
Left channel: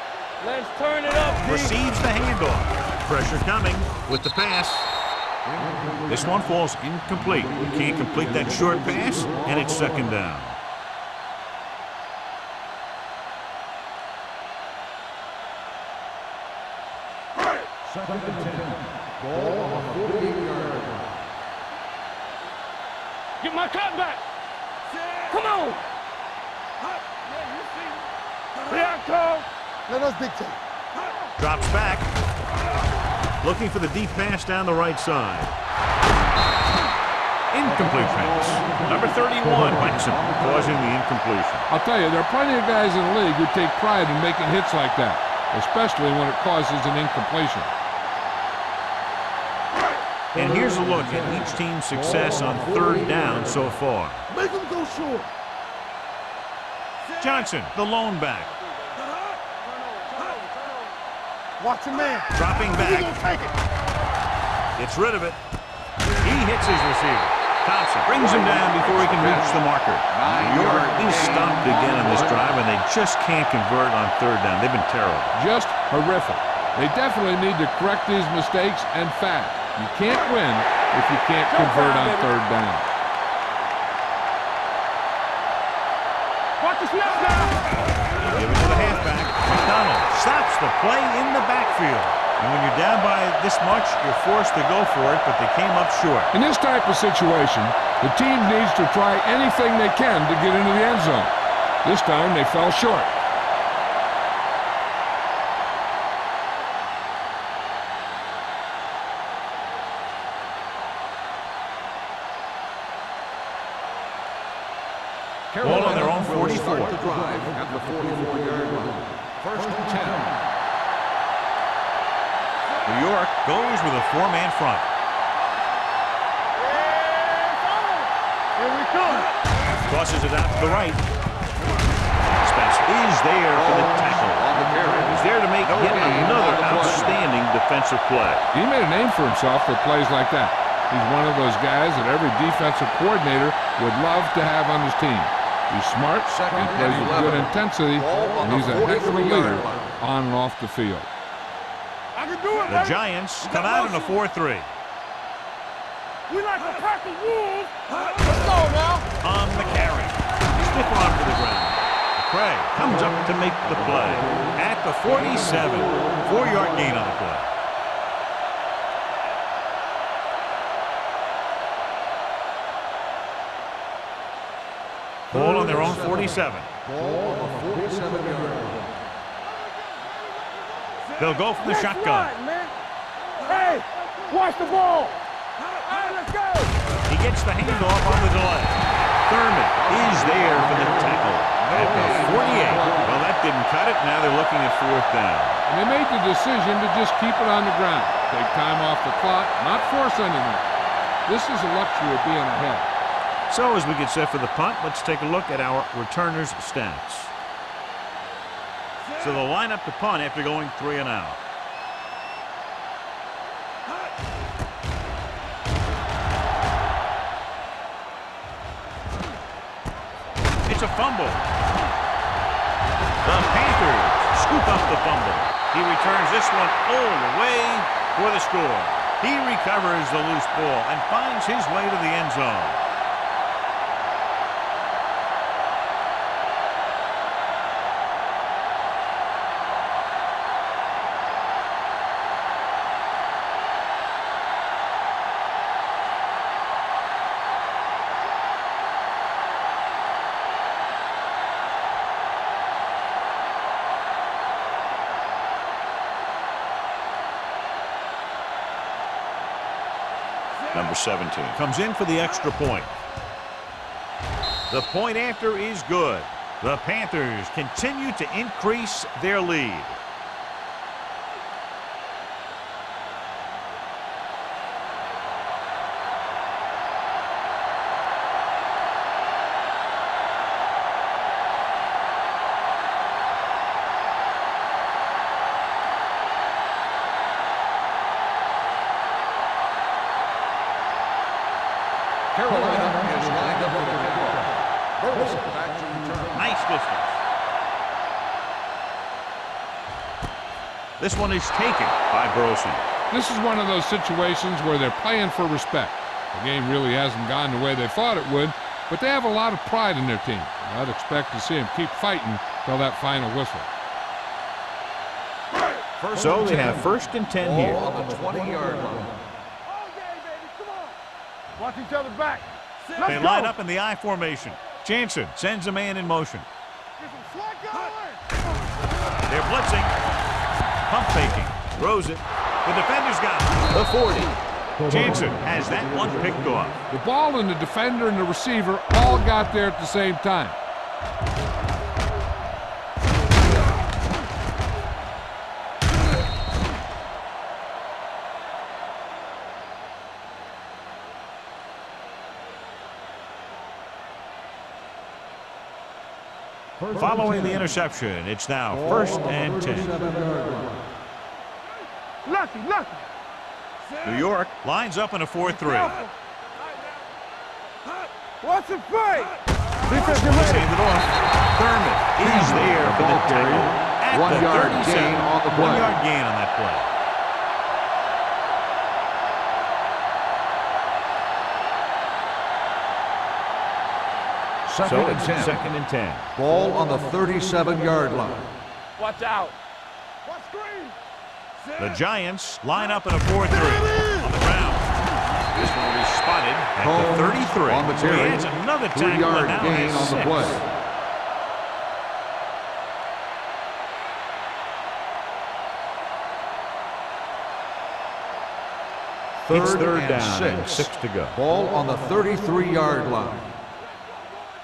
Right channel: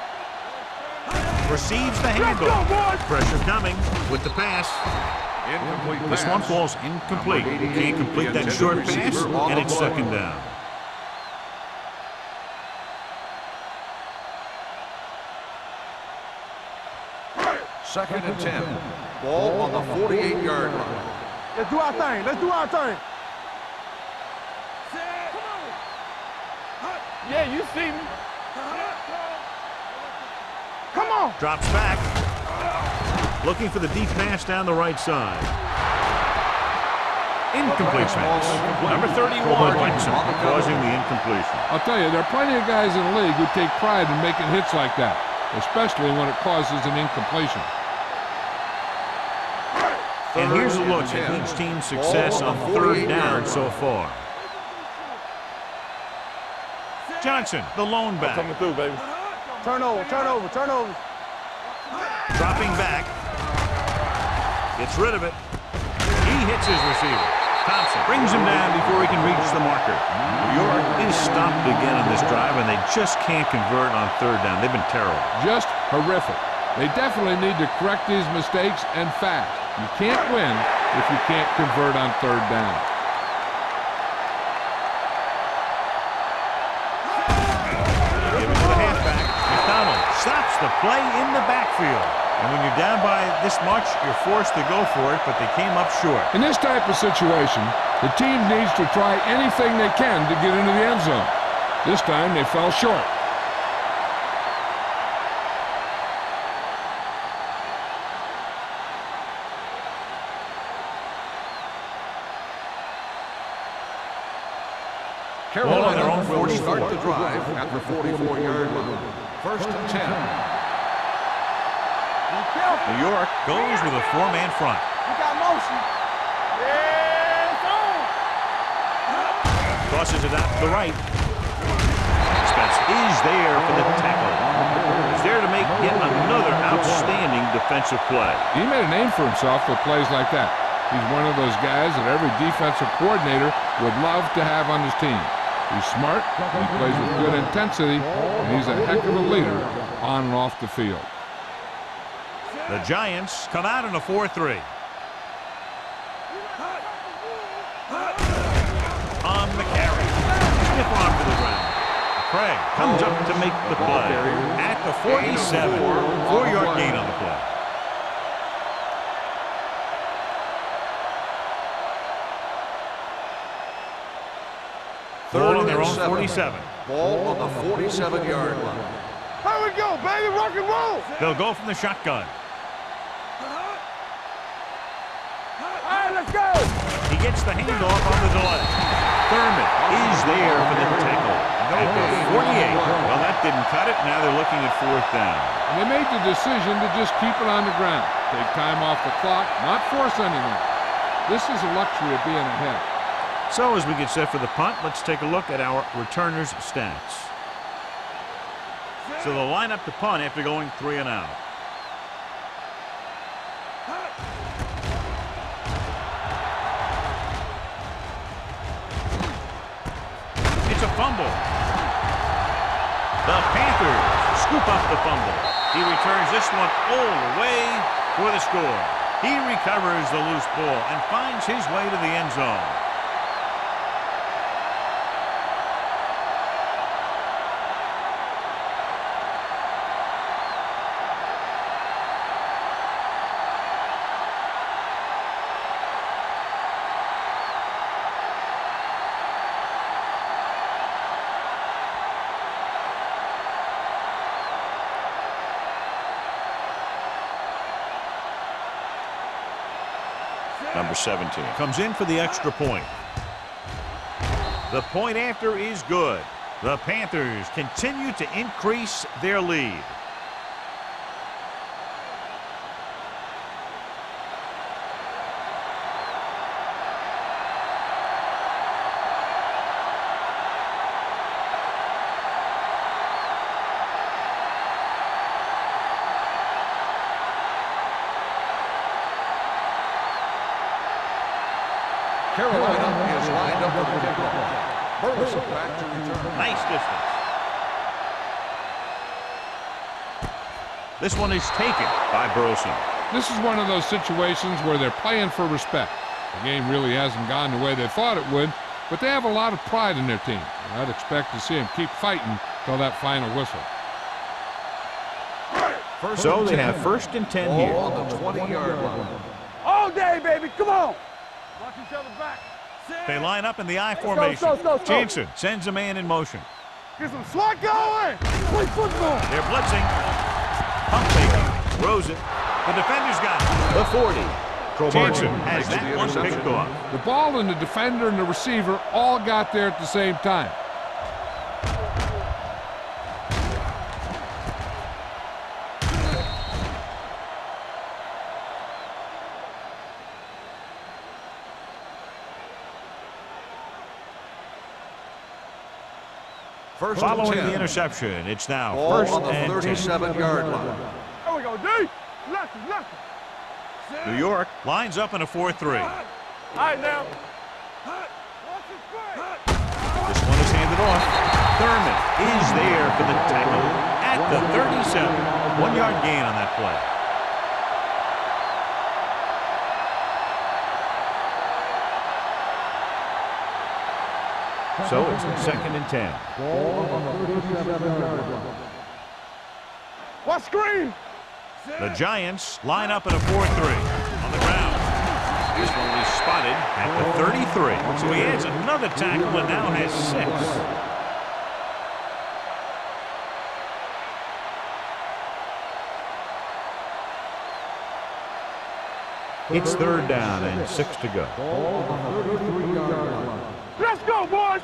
Let's turn it up. Receives the handoff. Pressure coming with the pass. Incomplete This pass. one falls incomplete. Can't complete that short pass, and it's 2nd down. Second and 10. Ball on the 48-yard line. Let's do our thing. Let's do our thing. Get my cut back. Come on. Yeah, you see me. Let us dictate. Come on. Drops back. Looking for the deep pass down the right side. Incomplete pass. Number 31, Wexham, causing the incompletion. I'll tell you, there are plenty of guys in the league who take pride in making hits like that, especially when it causes an incompletion. And here's a look at each team's success on 3rd down so far. Make them go short. Johnson, the lone back. Coming through, baby. Turn over, turn over, turn over. Watch him man. Dropping back. Gets rid of it. He hits his receiver. Thompson brings him down before he can reach the marker. New York is stopped again on this drive, and they just can't convert on 3rd down. They've been terrible. Just horrific. They definitely need to correct these mistakes, and fast. You can't win if you can't convert on 3rd down. They give it to the halfback. McDonald stops the play in the backfield. And when you're down by this much, you're forced to go for it, but they came up short. In this type of situation, the team needs to try anything they can to get into the end zone. This time they fell short. Ball on their own will 44. start the drive at the 44-yard line. 1st and 10. New York goes with a 4-man front. Yeah, it's on. Here we come. Tosses it out to the right. Spencer is there for the tackle. He's there to make yet another outstanding defensive play. He made a name for himself with plays like that. He's one of those guys that every defensive coordinator would love to have on his team. He's smart, he plays with good intensity, and he's a heck of a leader on and off the field. The Giants come out in a 4-3. On the carry. Stiff arm to the ground. Craig comes up to make the play at the 47. 4-yard gain on the play. Ball on their own 47. Ball on the 47-yard line. Here we go, baby. Rock and roll. They'll go from the shotgun. Hey, watch the ball. All right, let's go. He gets the handoff on the delay. Thurman is there for the tackle at the 48. Well, that didn't cut it. Now they're looking at 4th down. And they made the decision to just keep it on the ground. Take time off the clock, not force anything. This is a luxury of being ahead. So as we get set for the punt, let's take a look at our returners' stats. So they'll line up to punt after going 3 and out. It's a fumble. The Panthers scoop up the fumble. He returns this one all the way for the score. He recovers the loose ball and finds his way to the end zone. Number 17 comes in for the extra point. The point after is good. The Panthers continue to increase their lead. Carolina is lined up for the kickoff. Burleson back to return. Nice distance. This one is taken by Burleson. This is one of those situations where they're playing for respect. The game really hasn't gone the way they thought it would, but they have a lot of pride in their team. And I'd expect to see them keep fighting till that final whistle. So they have 1st and 10 here. Ball on the 20-yard line. All day, baby. Come on. Watch each other back. They line up in the I formation. Jansen sends a man in motion. Get some swat going. They're blitzing. Pump faking. Throws it. The defender's got it. The 40. Jansen has that one picked off. The ball and the defender and the receiver all got there at the same time. Following the interception, it's now 1st and 10. 37-yard line. There we go, D. Lucky. New York lines up in a 4-3. All right, now. What's the play? This one is handed off. Thurman is there for the tackle at the 37. 1-yard gain on that play. So it's 2nd and 10. Ball on the 37-yard line. Watch out. What screen? The Giants line up in a 4-3 on the ground. This one will be spotted at the 33. So he adds another tackle and now has 6. It's 3rd down and 6 to go. Ball on the 33-yard line. Let's go, boys.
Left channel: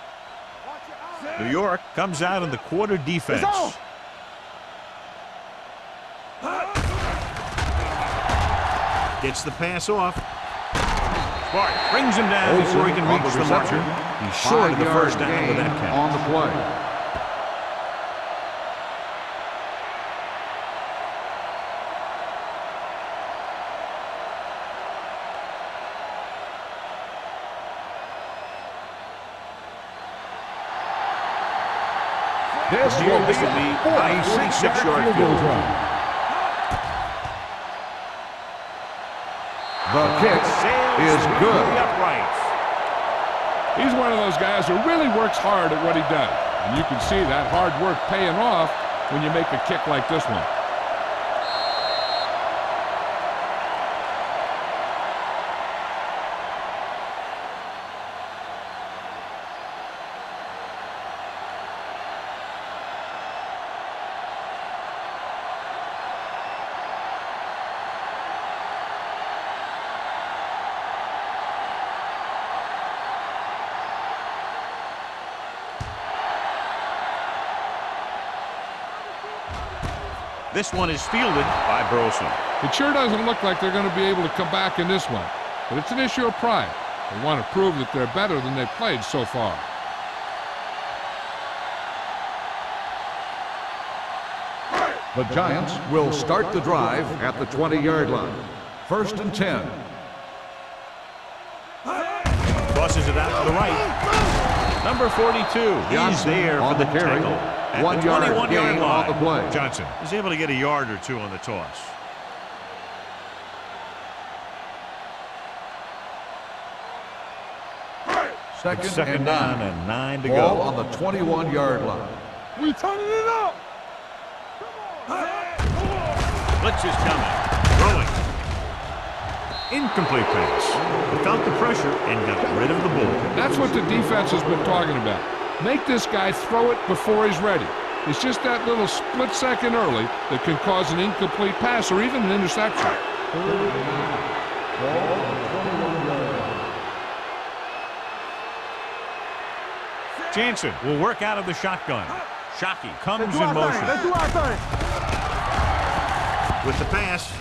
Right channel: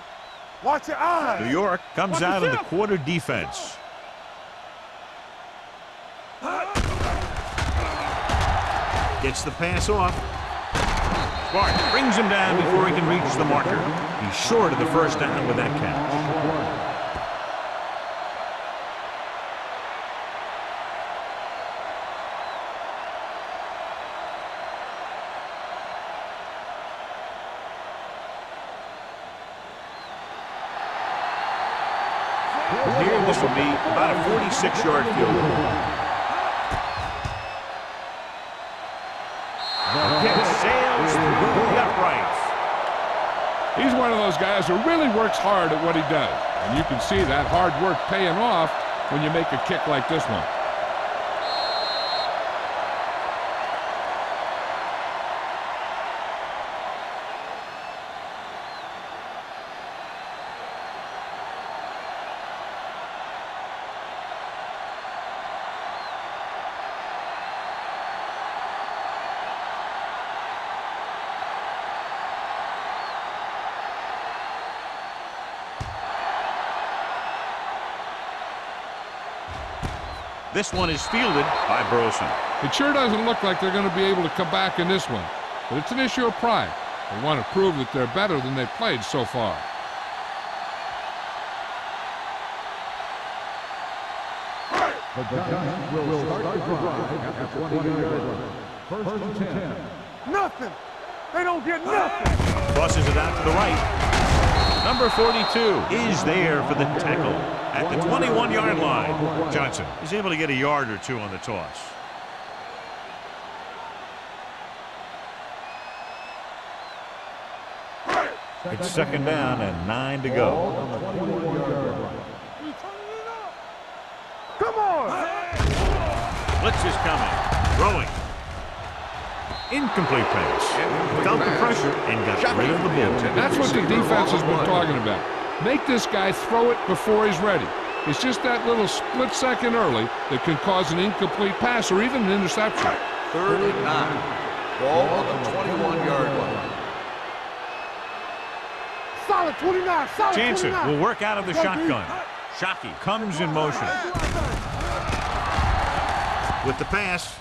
Watch your eyes. New York comes out in the quarter defense. Gets the pass off. Smart brings him down before he can reach the marker. He's short of the 1st down with that catch. On the play. Here, this will be about a 46-yard field goal. The kick Sails through the uprights. He's one of those guys who really works hard at what he does. And you can see that hard work paying off when you make a kick like this one. This one is fielded by Burleson. It sure doesn't look like they're going to be able to come back in this one, but it's an issue of pride. They want to prove that they're better than they've played so far. The Giants will start the drive at the 20-yard line. 1st and 10. Nothing. They don't get nothing. Crosses it out to the right. Number 42 is there for the tackle at the 21-yard line. Johnson is able to get a yard or two on the toss. It's second down and 9 to go. On the 21-yard line. We turning it up. Come on. Blitz is coming. Throwing. Incomplete pass. He felt the pressure and got rid of the ball. That's what the defense has been talking about. Make this guy throw it before he's ready. It's just that little split second early that can cause an incomplete pass or even an interception. 3rd and 9. Ball on the 21-yard line. Solid 29. Solid Jansen 29. will work out of the shotgun. Shockey comes in motion. Let's do our thing. With the pass,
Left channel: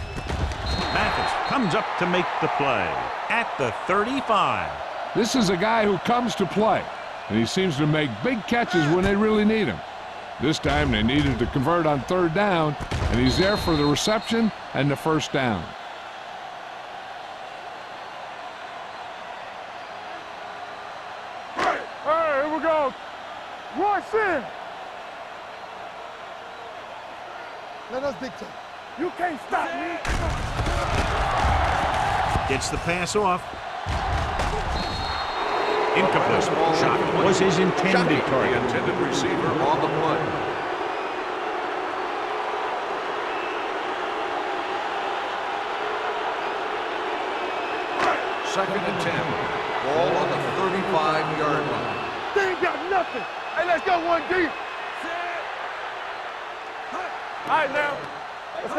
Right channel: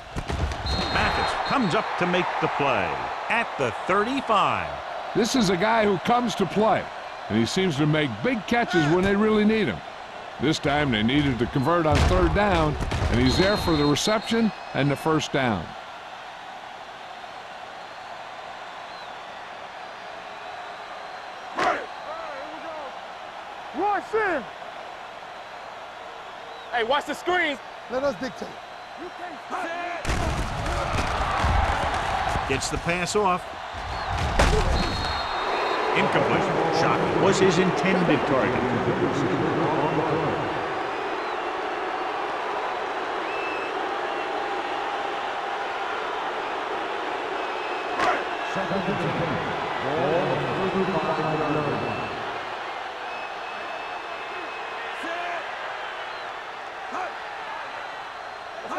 Mathis comes up to make the play at the 35. This is a guy who comes to play, and he seems to make big catches when they really need him. This time they needed to convert on 3rd down, and he's there for the reception and the 1st down. Hey, here we go. Royce in. Hey, watch the screen. Let us dictate. You can't stop me. Gets the pass off. Incomplete. Shockey was his intended target. Intended receiver on the play. Second and 10. Ball on the 35-yard line. They ain't got nothing. Hey, let's go 1D. Set. Hut. All right, now. Let's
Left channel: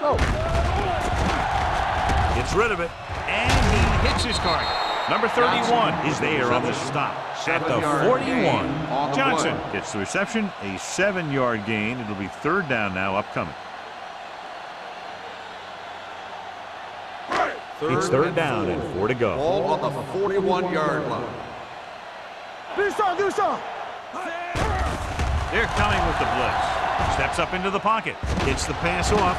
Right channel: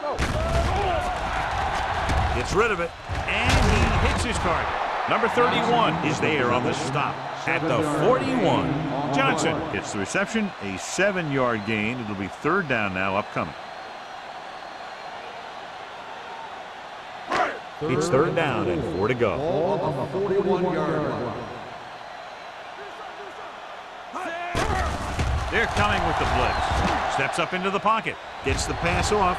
go. Gets rid of it, and he hits his target. Number 31 is there on the stop at the 41. Johnson gets the reception, a 7-yard gain. It'll be 3rd down now upcoming. It's 3rd down and 4 to go. Ball on the 41-yard line. Do some. They're coming with the blitz. Steps up into the pocket. Gets the pass off.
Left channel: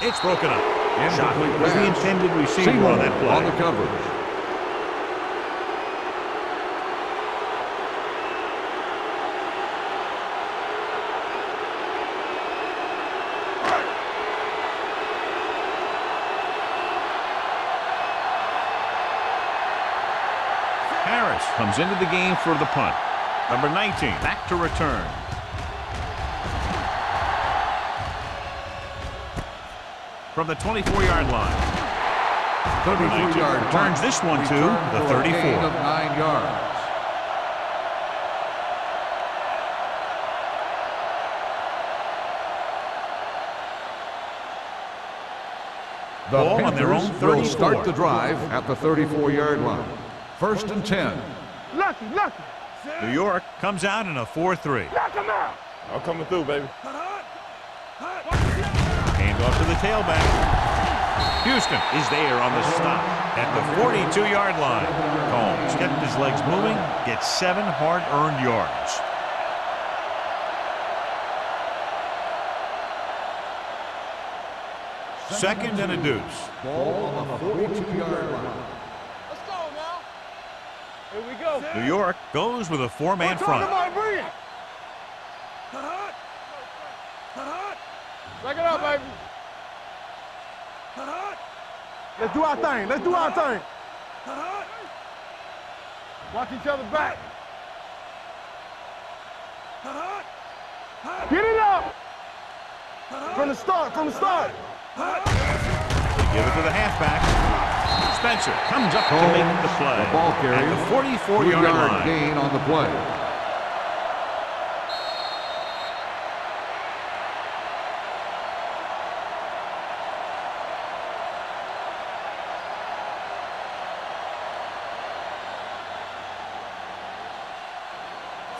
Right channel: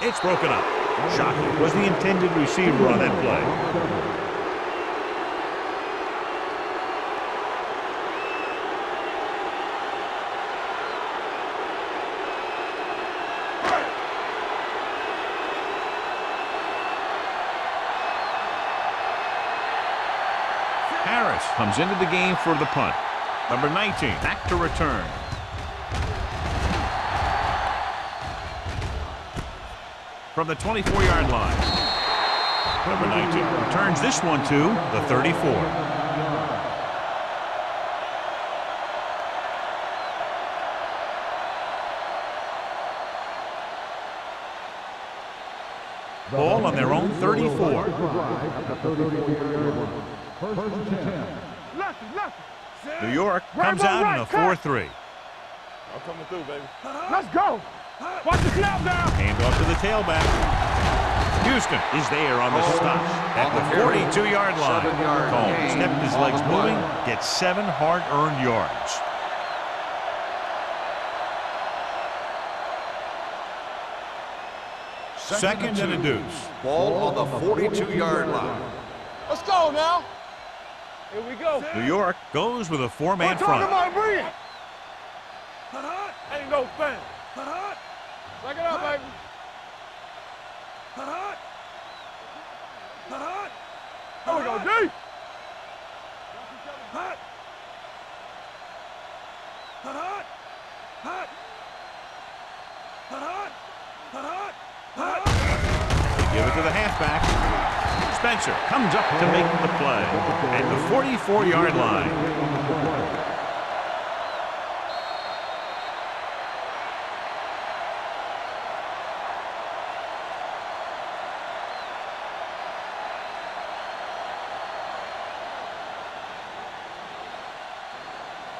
It's broken up. Shockey was the intended receiver on that play. On the coverage. Harris comes into the game for the punt. Number 19 back to return. From the 24-yard line. Number 19 returns this one to the 34. 9 yards. Ball on their own Panthers will 34. Start the drive at the 34-yard line. 1st and 10. Lucky. New York comes out in a 4-3. Knock him out. I'm coming through, baby. Let's go. Watch the snap now. Hand off to the tailback. Houston is there on the stop at the 42-yard line. Combs kept his legs moving, gets 7 hard-earned yards. Second and a deuce. Ball on the 42-yard line. Let's go now. Here we go. New York goes with a 4-man Talking front. about bring it. Ain't no fan. Back it up, baby. Let's do our thing. Here we go, D. Watch each other back. Get it up. From the start. They give it to the halfback. Spencer comes up to make the play at the 44-yard line. Gain on the play.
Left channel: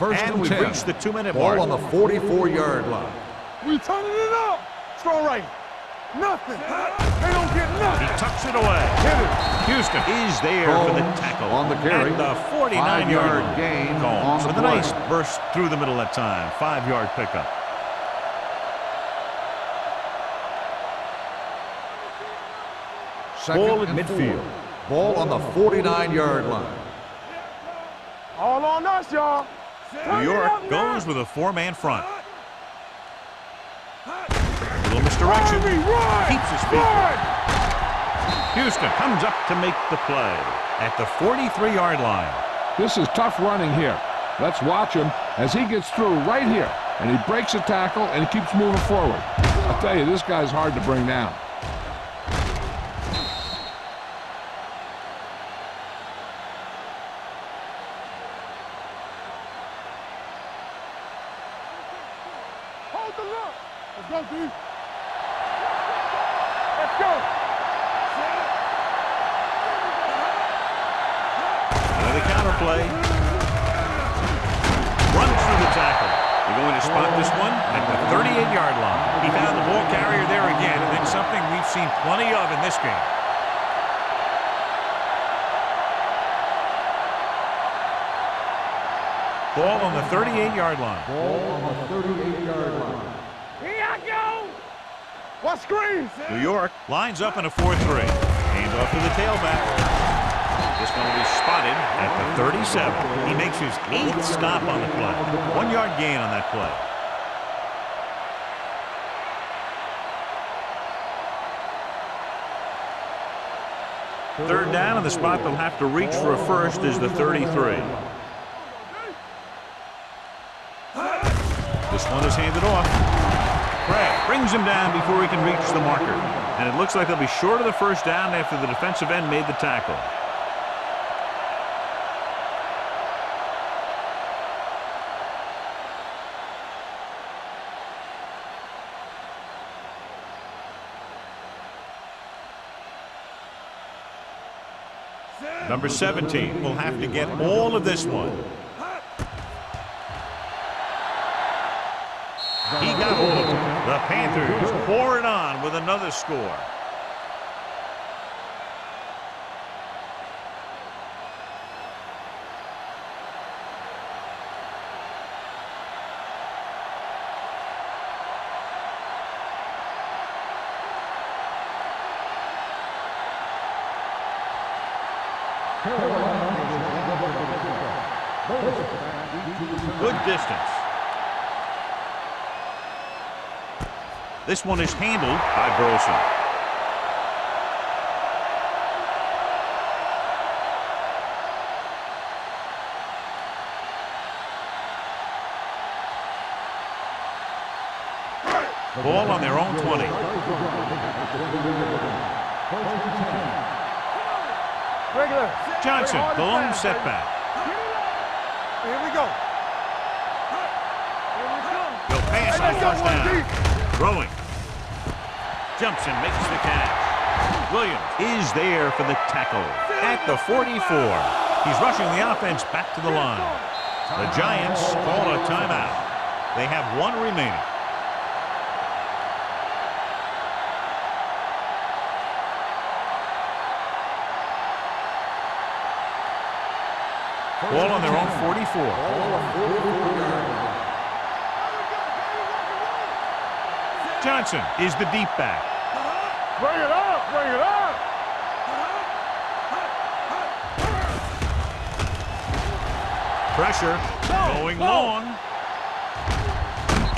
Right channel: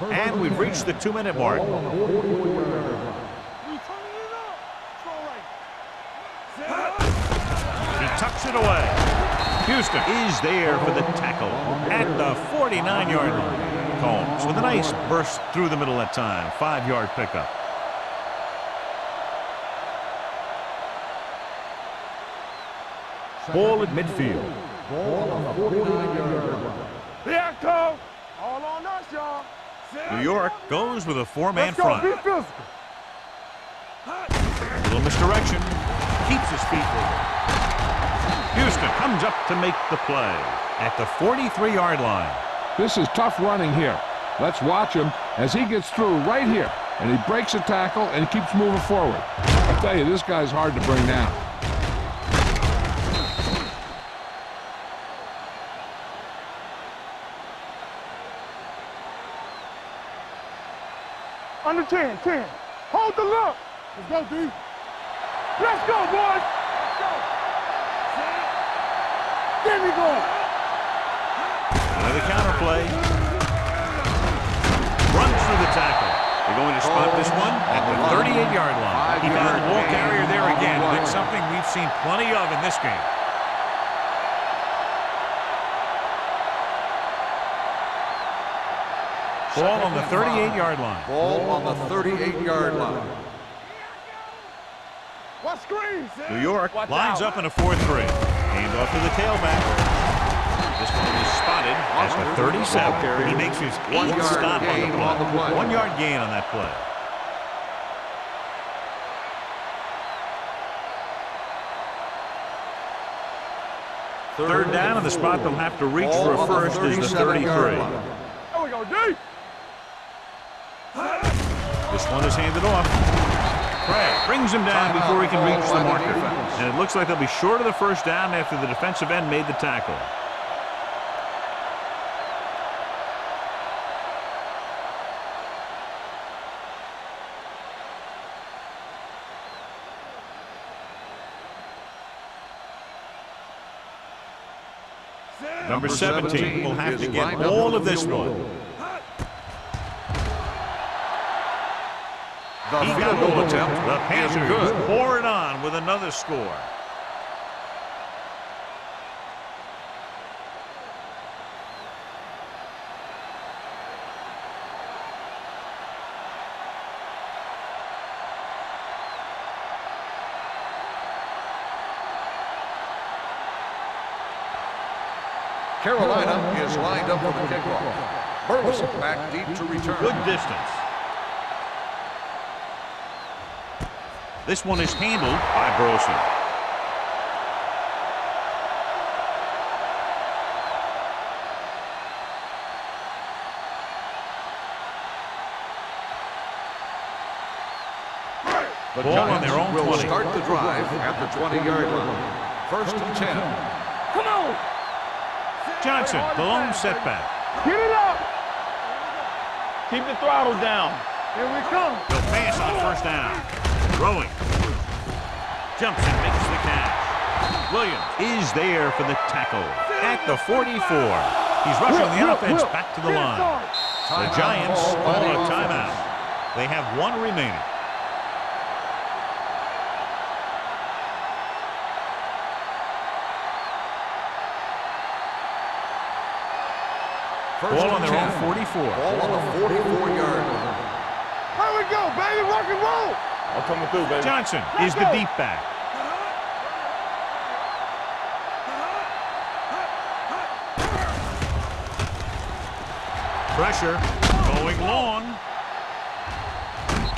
And we've reached the 2-minute Ball mark. on the 44-yard line. We turning it up. Strong right. Nothing. They don't get nothing. He tucks it away. Houston is there for the tackle at the 49-yard line. Combs with a nice burst through the middle that time. 5-yard pickup. Ball at midfield. Ball on the 49-yard line. Here I come. All on us, y'all. New York goes with a four-man Let's go. front. Be physical. A little misdirection. Keeps his feet. Houston comes up to make the play at the 43-yard line. This is tough running here. Let's watch him as he gets through right here. And he breaks a tackle and he keeps moving forward. I tell you, this guy's hard to bring down. Under 10. Hold the look. Let's go, D. Let's go, boys. Let's go. Set. There we go. Another counter play. Runs through the tackle. They're going to spot this one at the 38-yard line. He found the ball carrier there again, and that's something we've seen plenty of in this game. Ball on the 38-yard line. Ball on the 38-yard line. Here I go. What screen? New York lines up in a 4-3. Hands off to the tailback. This one will be spotted at the 37. He makes his 8th stop on the play. 1-yard gain on that play. Third down, and the spot they'll have to reach for a first is the 33. There we go, D. This one is handed off. Craig brings him down before he can reach the marker. And it looks like they'll be short of the first down after the defensive end made the tackle. Number 17 will have to get all of this one. He got all of them. The Panthers pour it on with another score. Carolina is lined up for the kickoff. Burleson back deep to return. Good distance. This one is handled by Burleson. Ball on their own 20. Start the drive at the 20-yard line. 1st and 10. Come on. Regular. Johnson, Hard the and lone fast, setback. baby. Get it up. Here we go. Keep the throttle down. Here we come. He'll pass on first down. Throwing. Jumps and makes the catch. Williams is there for the tackle at the 44. He's rushing the offense back to the line. The Giants call a timeout. They have one remaining. Ball on their own 44. Ball on the 44-yard line. Here we go, baby. Rock and roll. I'm coming through, baby. Johnson is the deep back. Bring it up. Bring it up. Pressure going long.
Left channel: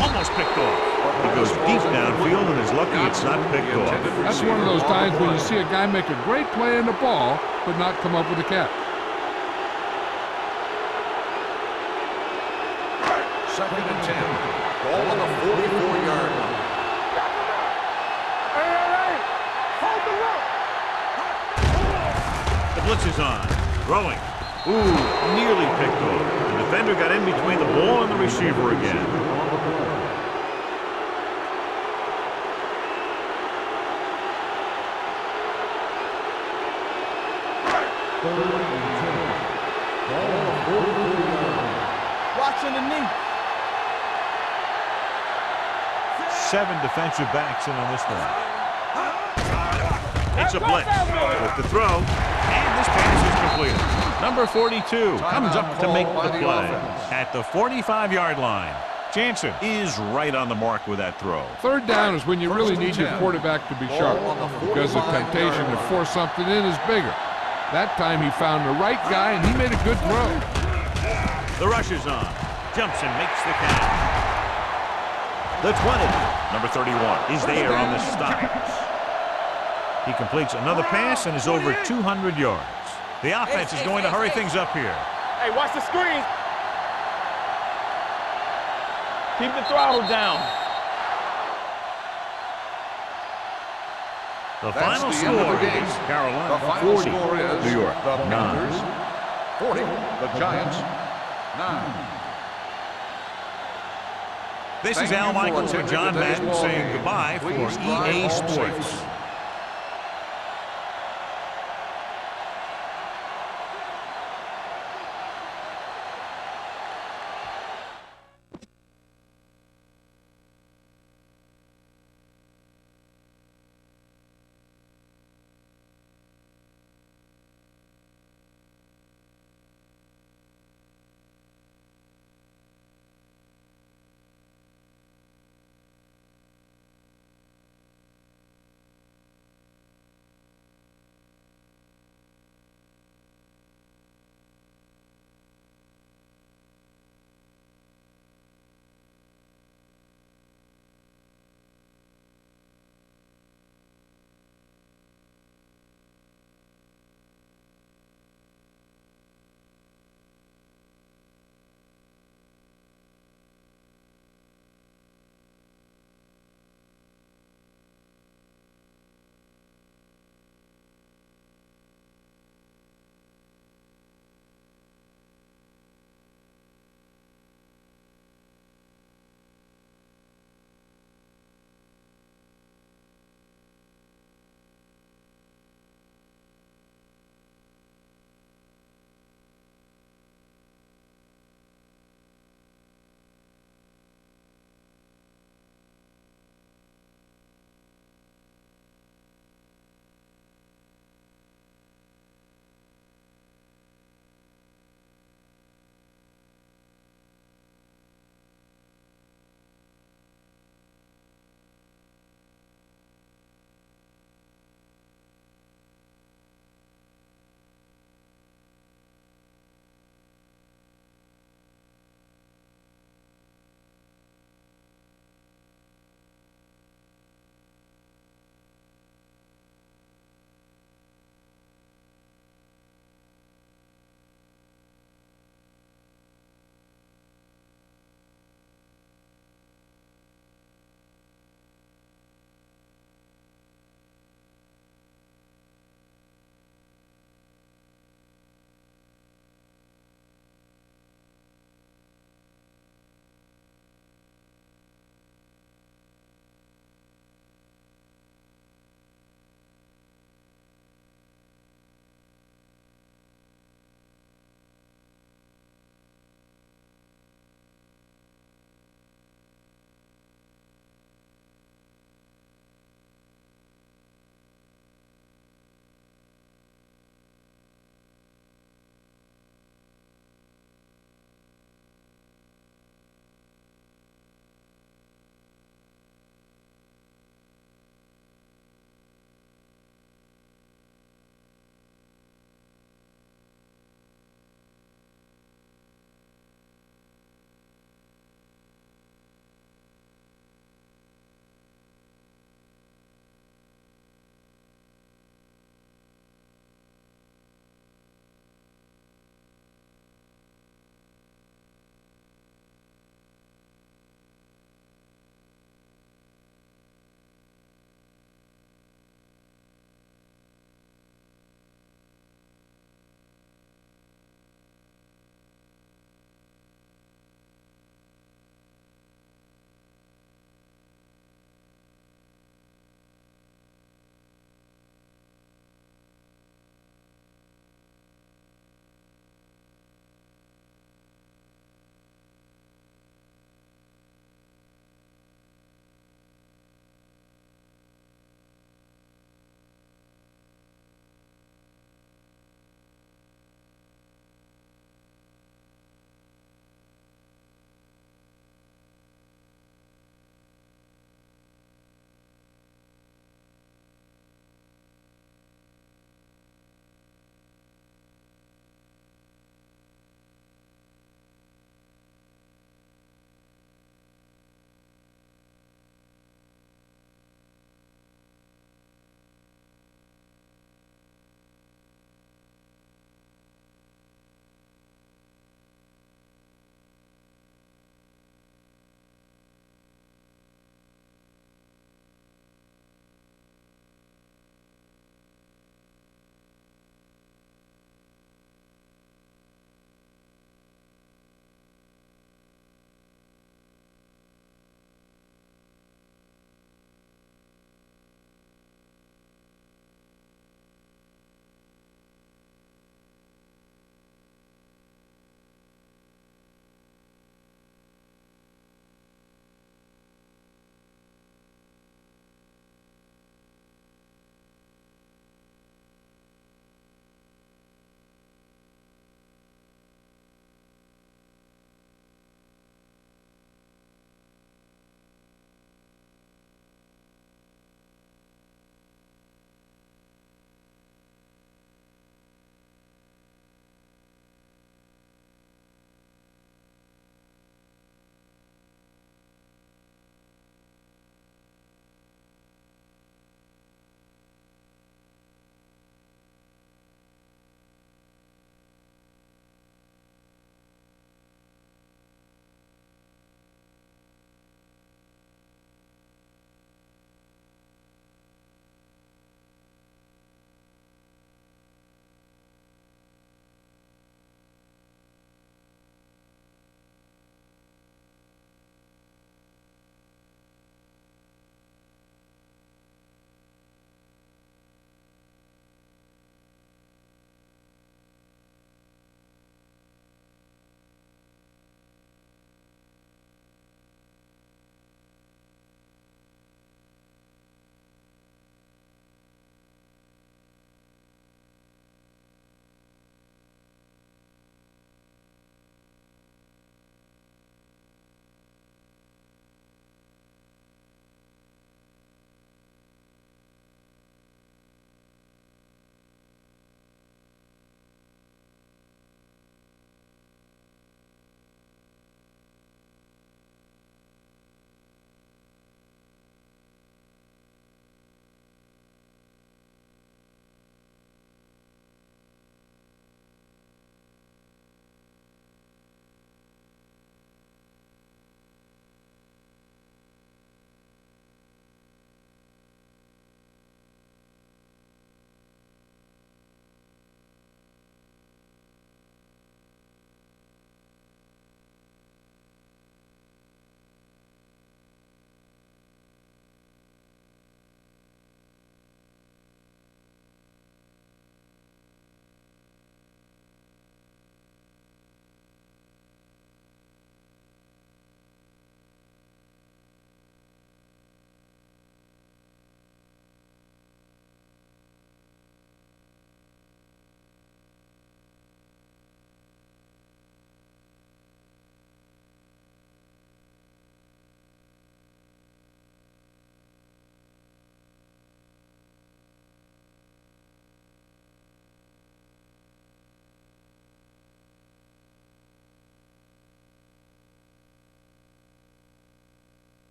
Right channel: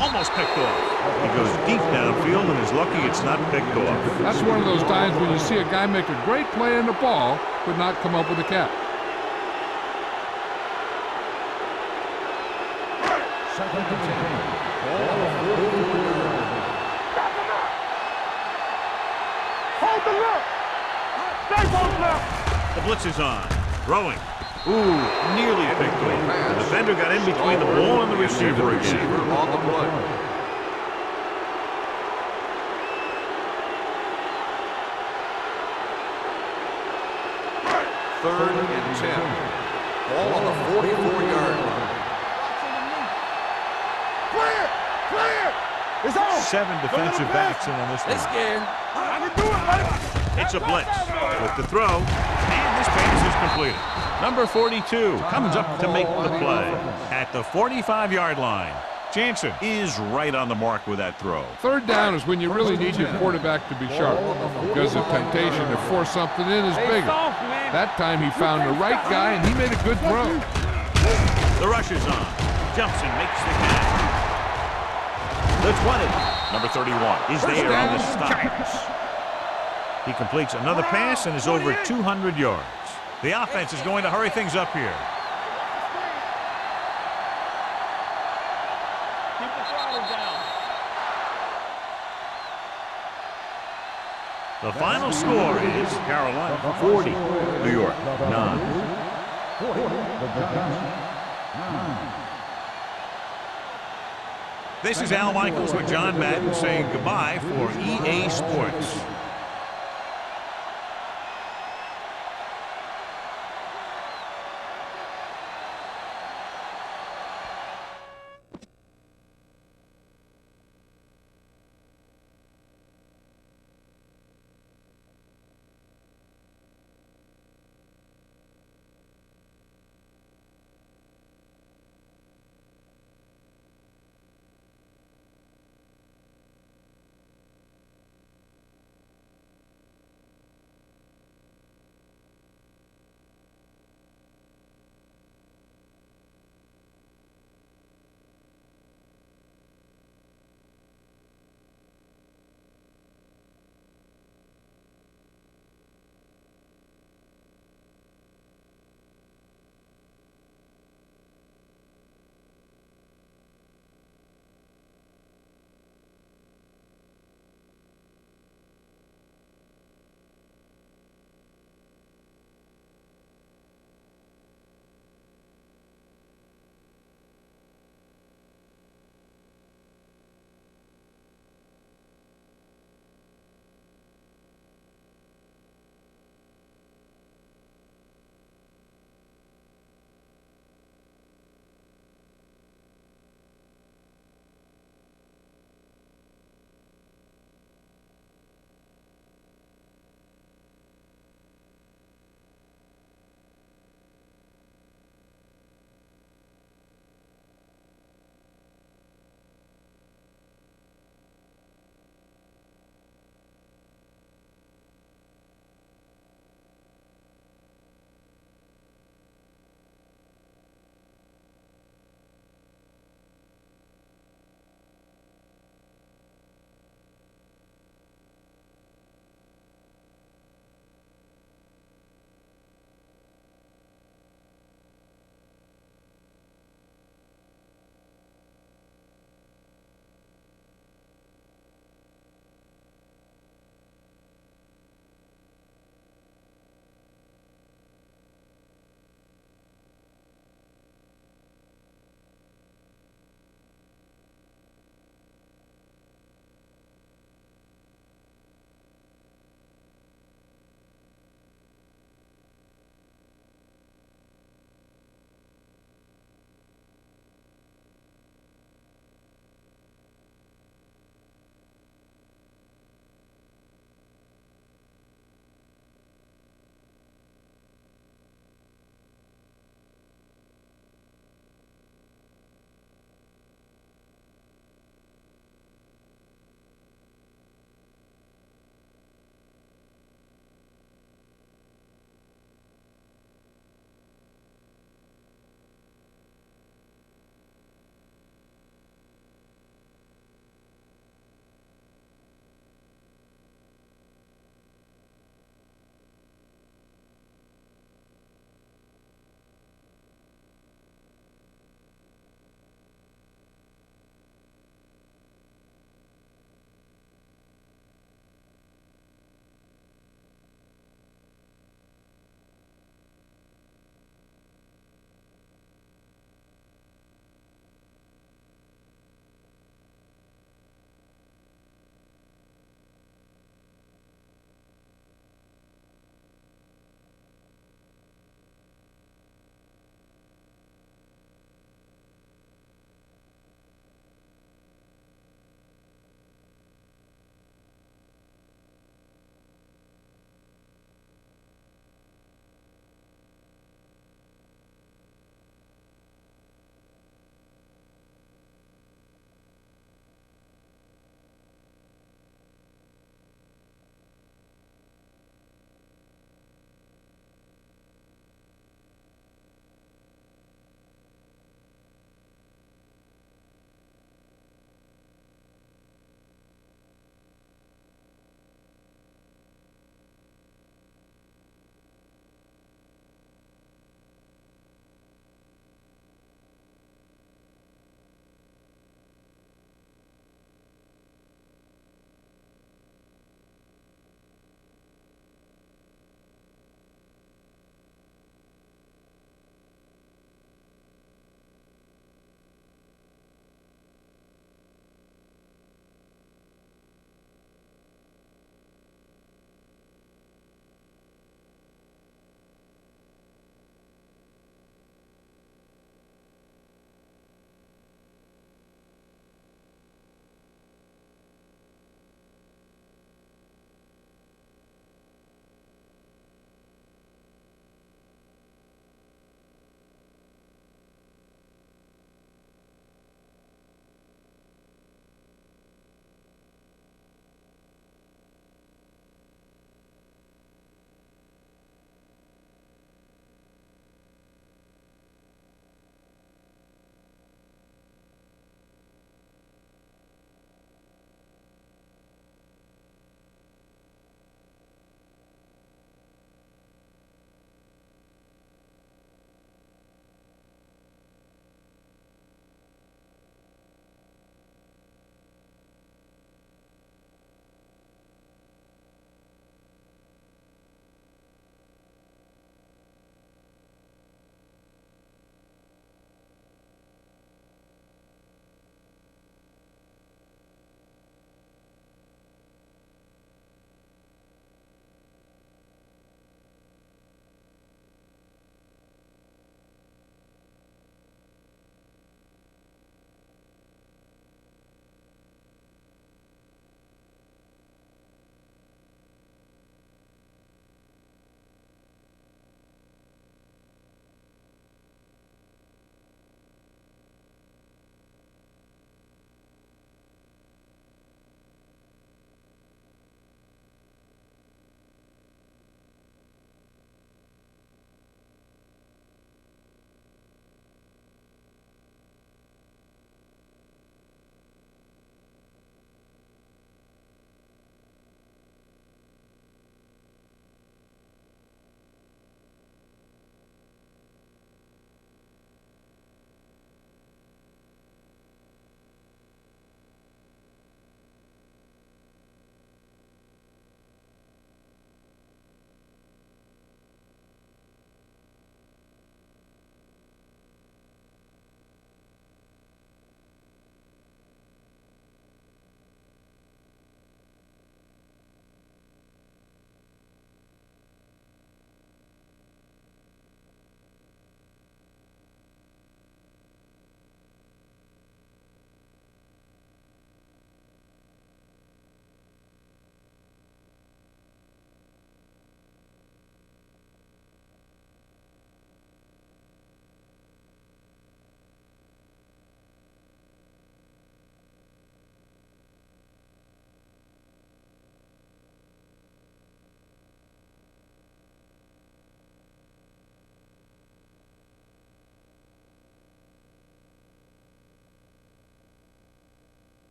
Almost picked off. He goes deep downfield and is lucky it's not picked off. That's one of those times when you see a guy make a great play in the ball, but not come up with a catch. 2nd and 10. Ball on the 44-yard line. Back him up. Hey. Hold the look. The blitz is on. Throwing. Ooh, nearly picked off. The defender got in between the ball and the receiver again. On the play. Third and 10. Ball on the 44-yard line. Watch underneath. Clear. It's on. 7 defensive backs in on this They one. scared. It's a blitz with the throw, and this pass is completed. Number 42 comes up to make the play at the 45-yard line. Jansen is right on the mark with that throw. Third down is when you really need your quarterback to be sharp, because the temptation to force something in is bigger. That time he found the right guy, and he made a good throw. The rush is on. Jumps and makes the catch. The 20. Number 31 is there on the stop. He completes another pass and is over 200 yards. The offense is going to hurry things up here. Hey, watch the screen. Keep the throttle down. The final score is Carolina 40, New York 9. 40, the Giants 9. This is Al Michaels with John Madden saying goodbye for EA Sports.